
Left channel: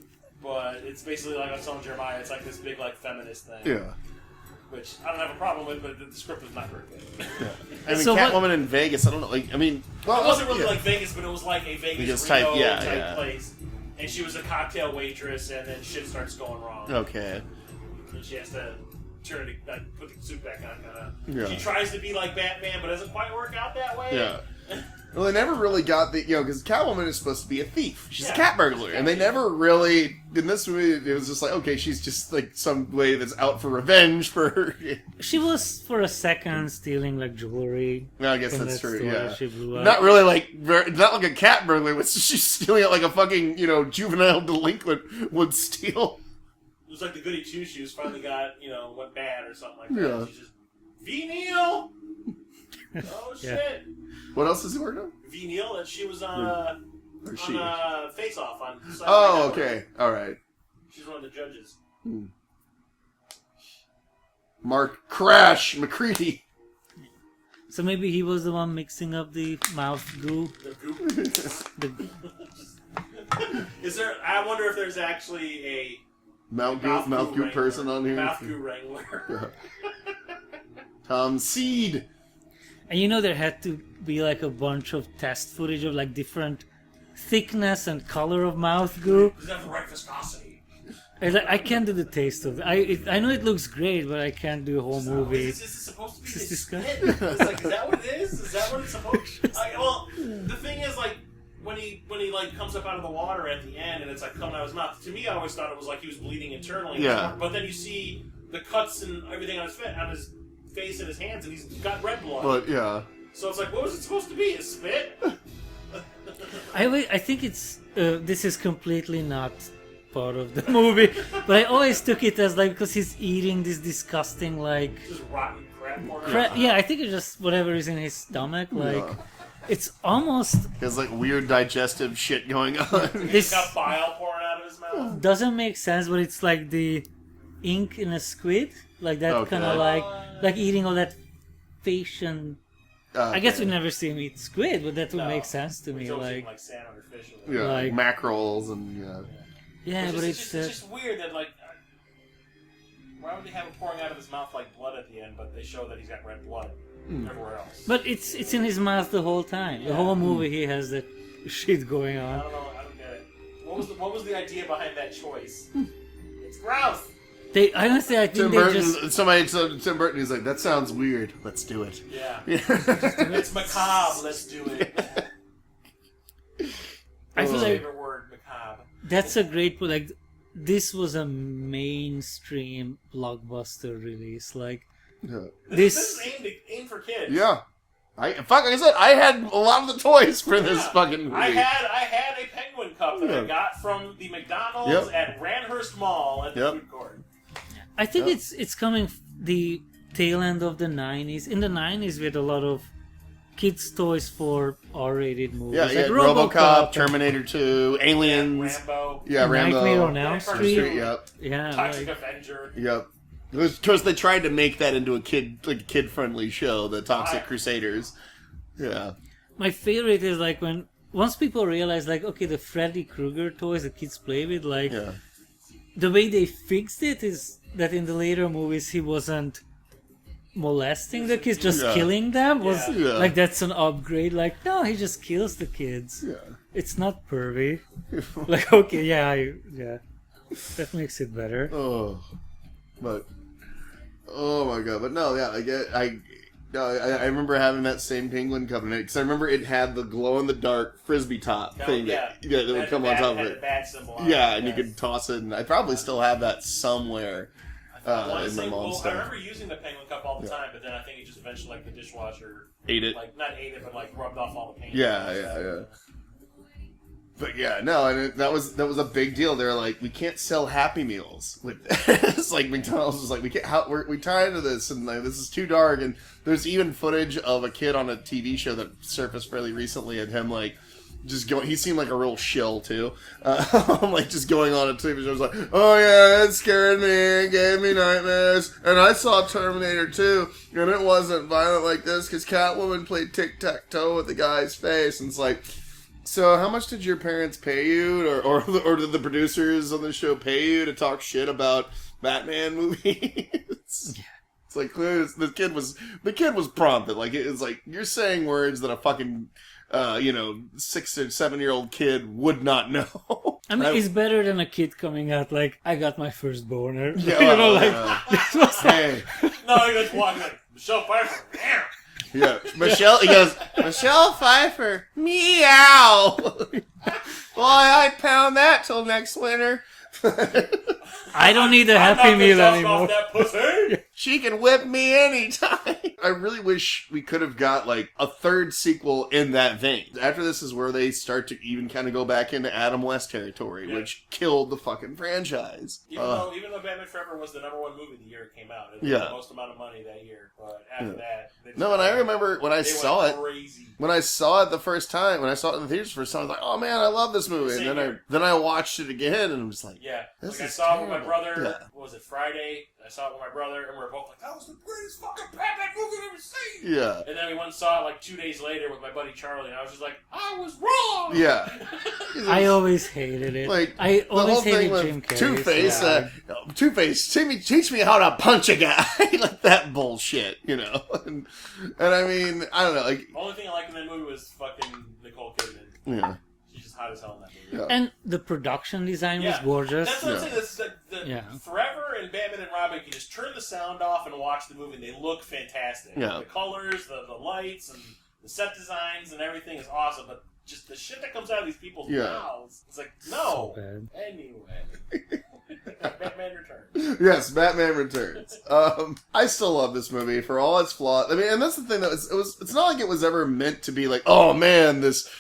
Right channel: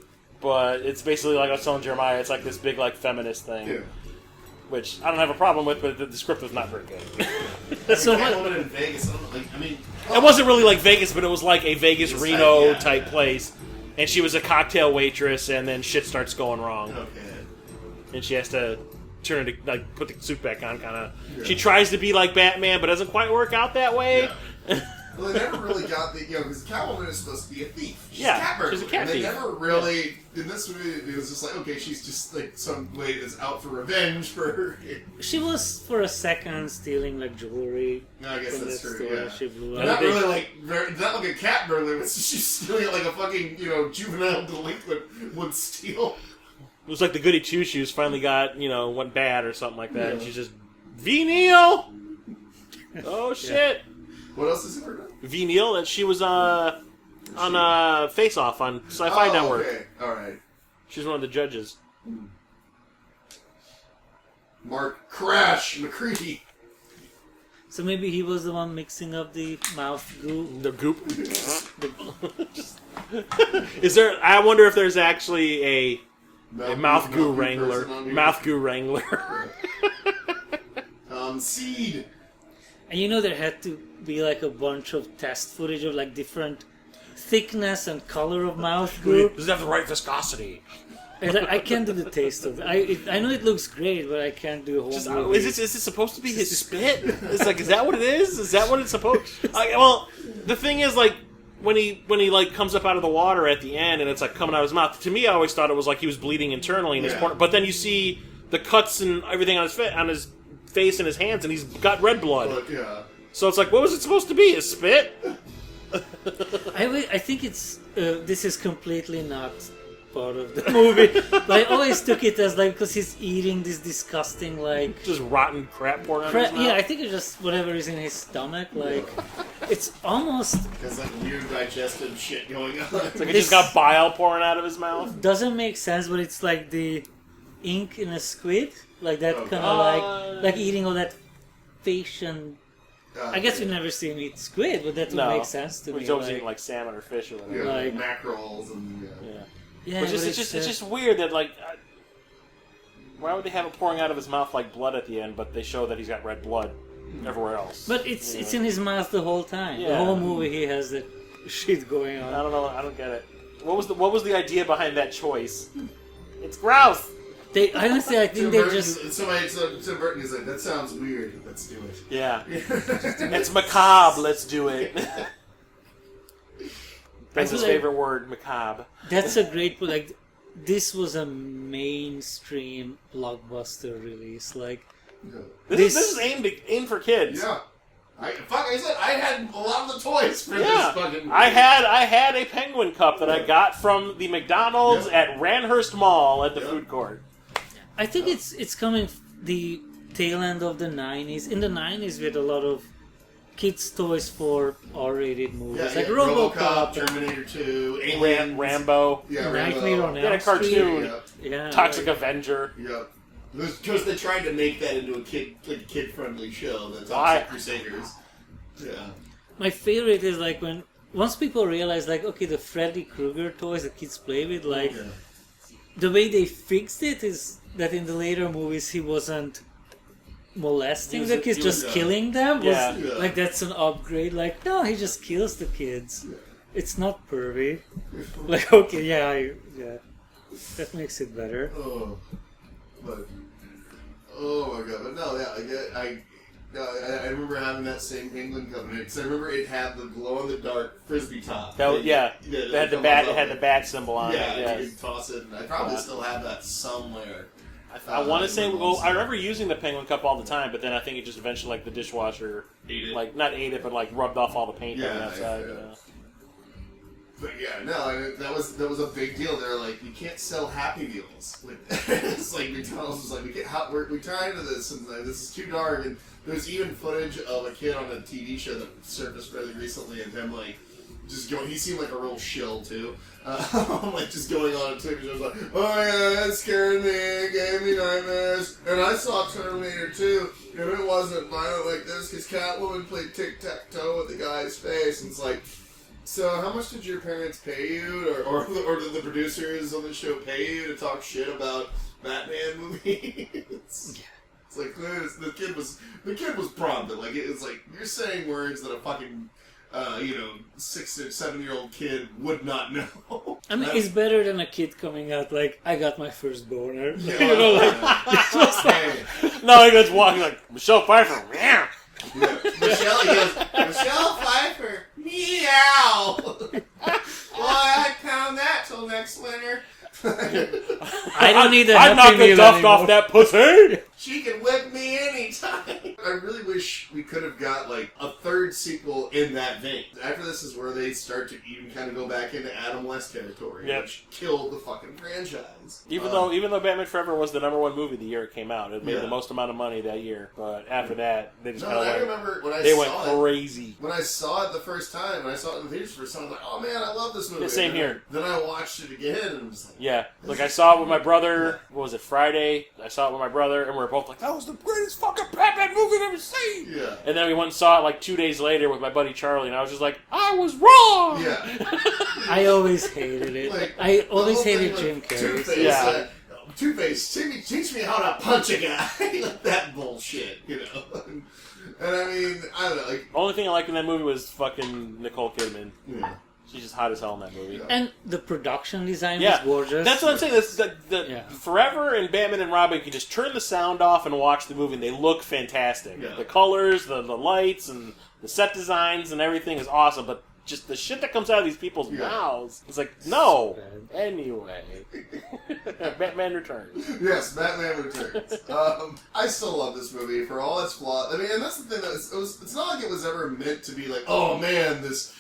But it's basically like I was telling Jeremiah. It's like this big like feminist thing. Yeah. Which I don't have a problem with, but the script was not very good. I mean, So what- Catwoman in Vegas, I don't know, like, I mean... It wasn't really like Vegas, but it was like a Vegas Vegas Reno type, type yeah. place. And she was a cocktail waitress, and then shit starts going wrong. Okay. And she has to turn into, like, put the suit back on, kind of. Yeah. She tries to be like Batman, but doesn't quite work out that way. Yeah. Well, they never really got the, because Catwoman is supposed to be a thief. She's Yeah, a cat burglar. she's a cat and they thief. never really, in this movie, it was just like, okay, she's just like some way that's out for revenge for her. She was for a second stealing like jewelry. No, I guess from that's that true, store. yeah. She blew up. Not really like, not like a cat burglar, but she's stealing it like a fucking, juvenile delinquent would steal. It was like the goody two shoes finally got, went bad or something like that. Yeah. And she's just, V. Neal! Oh, shit. What else is he working on? V. Neal, and she was on Face Off on Sci-Fi Network. Okay, alright. She's one of the judges. Mark Crash McCready. So maybe he was the one mixing up the mouth goo. The goop. The, Is there? I wonder if there's actually a mouth goo person on wrangler. here. Mouth goo wrangler. Tom Seed. and there had to be like a bunch of test footage of like different thickness and color of mouth goo. Does it have the right viscosity? It's like, I can't do the taste of it. I know it looks great, but I can't do a whole movie. Is it supposed to be his spit? It's like, is that what it is? Is that what it's supposed? Well, the thing is, like, when he like comes up out of the water at the end, and it's like coming out of his mouth. To me, I always thought it was like he was bleeding internally. In his corner. But then you see the cuts and everything on his face and his hands, and he's got red blood. But, yeah. So it's like, what was it supposed to be? A spit? I think it's this is completely not part of the movie, but I always took it as like because he's eating this disgusting like Just rotten crap poured out of his mouth. yeah, I think it's just whatever is in his stomach. Like it's almost There's like weird digestive shit going on. Like he just got bile pouring out of his mouth. doesn't make sense, but it's like the ink in a squid, like that Okay. kind of like eating all that fish and. I guess we've never seen him eat squid, but that would make sense to me. He's always eating like salmon or fish or whatever. Yeah, like- mackerels and yeah, But but it's just weird that like, why would they have it pouring out of his mouth like blood at the end? But they show that he's got red blood everywhere else. But it's in his mouth the whole time. The Yeah. whole movie he has that shit going I on. don't know. I don't get it. What was the idea behind that choice? It's gross. They honestly, I think Tim they Burton, just Tim Burton is like, that sounds weird. Let's do it. Yeah. Yeah. It's macabre. Let's do it. That's feel his like- favorite word, macabre. that's a great like. This was a mainstream blockbuster release. Like This is aimed for kids. Yeah. Like I said, I had a lot of the toys for this fucking movie. I had a penguin cup that I got from the McDonald's at Ranhurst Mall at the food court. I think it's coming the tail end of the 90s. In the 90s, we had a lot of kids' toys for R-rated movies, like RoboCop, Terminator 2, Aliens, Rambo, Nightmare on Elm Street. cartoon, Yeah, Toxic like- Avenger. Yep. Because they tried to make that into a kid-friendly show, the Toxic Crusaders. Yeah. My favorite is like once people realize like, okay, the Freddy Krueger toys that kids play with, like the way they fixed it is that in the later movies he wasn't molesting the kids, just killing them. Was like that's an upgrade. Like no, he just kills the kids. Yeah. It's not pervy. Like okay, yeah, that makes it better. Oh, but oh my god! But no, yeah, I remember having that same penguin coming in because I remember it had the glow in the dark frisbee top. That was, that it would had the come bat. on It top had of the bat symbol on Yeah, it. and you could toss it, and I probably still have that somewhere. I want to say, my mom's well, I stuff. remember using the penguin cup all the time, but then I think it just eventually, like, the dishwasher Ate it. like not ate it, but like rubbed off all the paint. on the outside. But yeah, no, and that was a big deal. They're like, we can't sell Happy Meals with this. It's like McDonald's was like, we're tired of this, and like, this is too dark. And there's even footage of a kid on a TV show that surfaced fairly recently, of him like just going. He seemed like a real shill too. Like just going on a TV show, like, oh yeah, it scared me, it gave me nightmares, and I saw Terminator 2, and it wasn't violent like this because Catwoman played tic-tac-toe with the guy's face, and it's like, so how much did your parents pay you, or did the producers on the show pay you to talk shit about Batman movies? It's like clearly the kid was prompted. Like it's like you're saying words that a fucking 6 or 7 year old kid would not know. I mean, it's better than a kid coming out like, I got my first boner. Yeah, This was like, No, he goes walking like, Michelle Pfeiffer, meow. Yeah. He goes, Michelle Pfeiffer, meow. Well, I pound that till next winter. I don't need a I'm Happy not the Meal duff anymore. off that pussy. She can whip me anytime. I really wish we could have got like a third sequel in that vein. After this is where they start to even kind of go back into Adam West territory, Yep. which killed the fucking franchise. Even though Batman Forever was the #1 movie the year it came out, it made Yeah. the most amount of money that year. But after that, they just No, kinda and I like- remember when I they saw went it. crazy. When I saw it the first time, when I saw it in the theaters the first time, I was like, oh man, I love this movie. Yeah, same And then here. then I watched it again and was like, Yeah, This like I is saw it with my cool. brother. Yeah. What was it, Friday? I saw it with my brother, and we were both like, "That was the greatest fucking Batman movie I've ever seen." yeah. And then we went and saw it like 2 days later with my buddy Charlie, and I was just like, "I was wrong." Yeah. I always hated it. Like, I the always whole thing hated with Jim Carrey. Two-Face, so- Two-Face, teach me how to punch a guy. Like that bullshit, you know? And I mean, I don't know, like, Only thing I liked in that movie was fucking Nicole Kidman. yeah. She's just hot as hell in that movie. Yeah. And the production design Yeah, was gorgeous. That's what I'm saying. This is Yeah. Forever and Batman and Robin, you can just turn the sound off and watch the movie, and they look fantastic. Yeah. The colors, the lights, and the set designs, and everything is awesome. But just the shit that comes out of these people's Yeah. mouths, it's like, no. So bad. Anyway, Batman Returns. Yes, Batman Returns. I still love this movie for all its flaws. I mean, and that's the thing, that it's not like it was ever meant to be like, oh man, this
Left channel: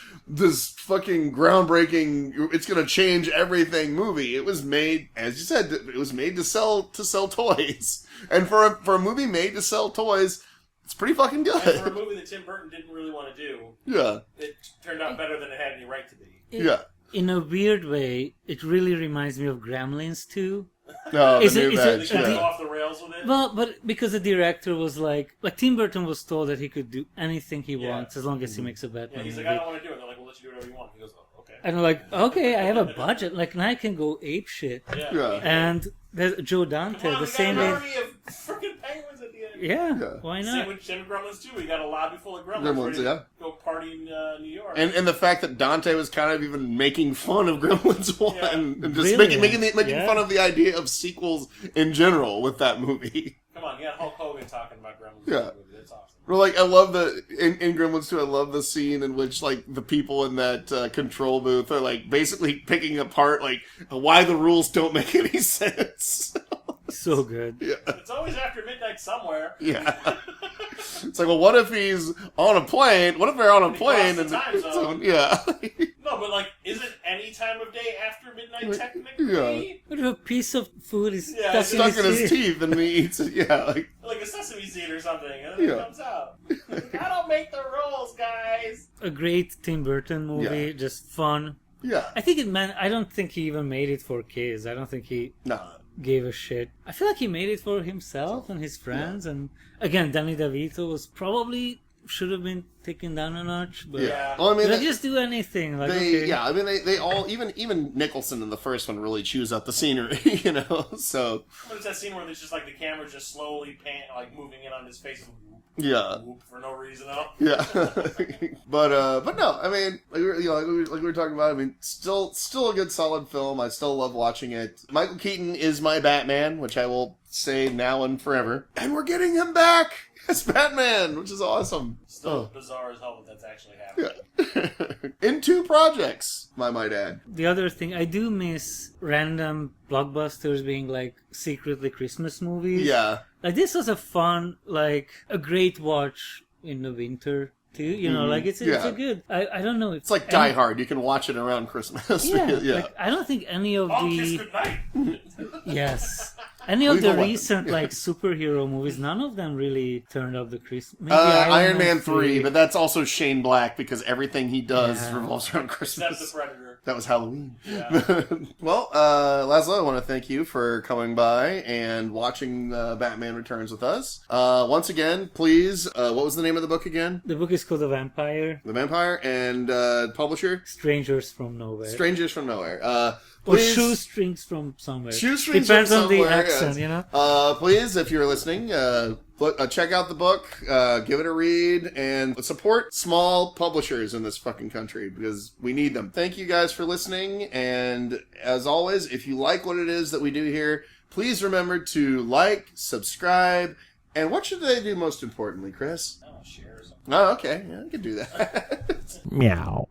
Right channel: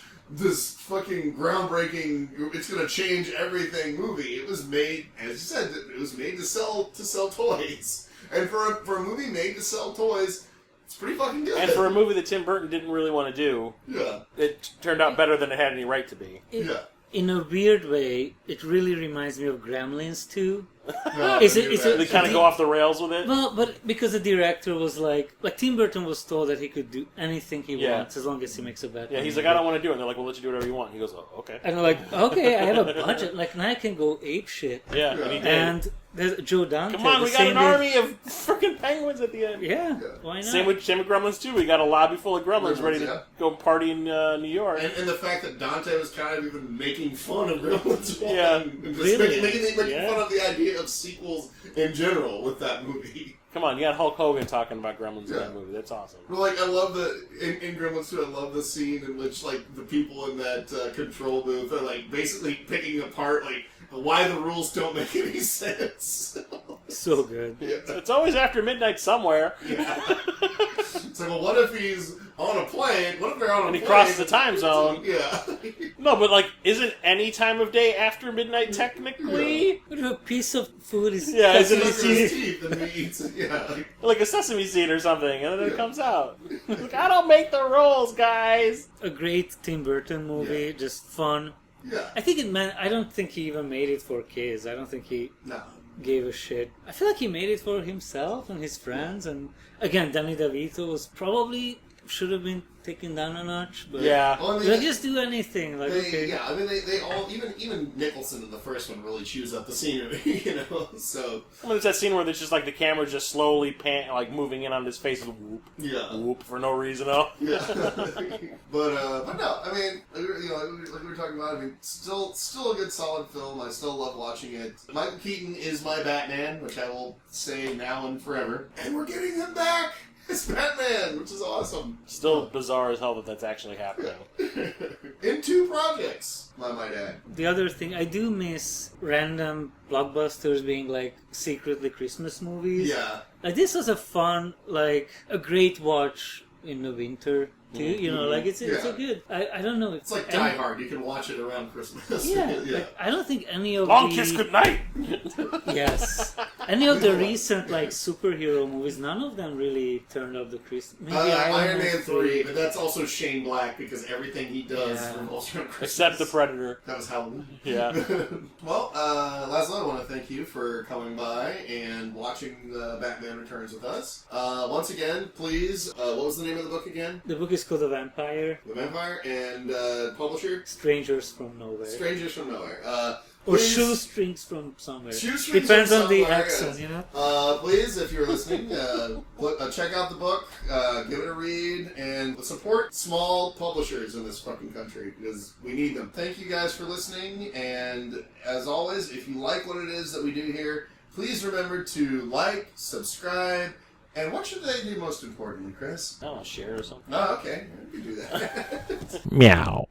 fucking groundbreaking, it's gonna change everything movie. It was made, as you said, it was made to sell toys. And for a movie made to sell toys, it's pretty fucking good. And for a movie that Tim Burton didn't really want to do, yeah. it turned out better than it had any right to be. Yeah. In a weird way, it really reminds me of Gremlins too. No, Is I it- knew is that. They kind of go off the rails with it. Well, but because the director was like Tim Burton was told that he could do anything he Yeah. wants as long as he makes a Batman Yeah, he's movie. like, I don't want to do it. And they're like, we'll let you do whatever you want. He goes, oh, okay. And I'm like, okay, I have a budget. Like now I can go ape shit. Yeah, Yeah. and he did. And there's Joe Dante. Come on, the we got same an day- army of freaking penguins at the end. Yeah, Yeah. why not? Same with Gremlins too. We got a lobby full of Gremlins Gremlins, ready yeah. to go party in New York. And the fact that Dante was kind of even making fun of Gremlins 1. Yeah. And just Brilliant. making Yeah. fun of the idea of sequels in general with that movie. Come on, you got Hulk Hogan talking about Gremlins in Yeah. that movie. That's awesome. Well, like, I love in Gremlins 2, I love the scene in which, like, the people in that control booth are, like, basically picking apart, like, why the rules don't make any sense. So good. Yeah. It's always after midnight somewhere. Yeah. It's like, well, what if he's on a plane? What if they're on a And he plane? crosses the time zone. Yeah. No, but like, isn't any time of day after midnight technically? What if a piece of food is Yeah, stuck it's in Stuck his in his teeth? teeth and he eats it. Yeah. Like, Like a sesame seed or something, and then Yeah. it comes out. Like, I don't make the rules, guys. A great Tim Burton movie, just fun. yeah. I don't think he even made it for kids. I don't think he No. gave a shit. I feel like he made it for himself and his friends. And again, Danny DeVito was probably should have been taken down a notch. But Yeah. Well, I mean, like just do anything. Like they, okay, yeah, I mean, they all, even Nicholson in the first one really chews up the scenery, you know, so, I mean, it's that scene where there's just like the camera just slowly like moving in on his face, whoop, yeah. whoop, for no reason. Oh. Yeah. but no, I mean, like we were talking about, I mean, still a good solid film. I still love watching it. Michael Keaton is my Batman, which I will say now and forever. And we're getting him back as Batman, which is awesome. Still bizarre as hell that that's actually happening. In 2 projects, I might add. The other thing, I do miss random blockbusters being like secretly Christmas movies. Yeah. Like this was a fun, like a great watch in the winter too. You know, like it's Yeah. a good. I don't know. It's like Die Hard. You can watch it around Christmas. Yeah, yeah. like I don't think any of Long the kiss goodnight. yes, Any of the Lethal recent like superhero movies, none of them really turned up the Christmas. Maybe Iron Man 3, but that's also Shane Black because everything he does revolves around Christmas. Except the Predator. That was Halloween. Yeah. Well, Laszlo, I want to thank you for coming by and watching Batman Returns with us. Once again, please, what was the name of the book again? The book is called The Vampire. The Vampire, and publisher? Strangers from Nowhere. Strangers from Nowhere. Or Please- shoestrings from somewhere. Shoestrings Depends from on the somewhere, accent, yes. you know? Please, if you're listening, check out the book, give it a read, and support small publishers in this fucking country because we need them. Thank you guys for listening, and as always, if you like what it is that we do here, please remember to like, subscribe, and what should they do most importantly, Chris? Oh, share or something. Oh, okay. Yeah, I can do that. Meow.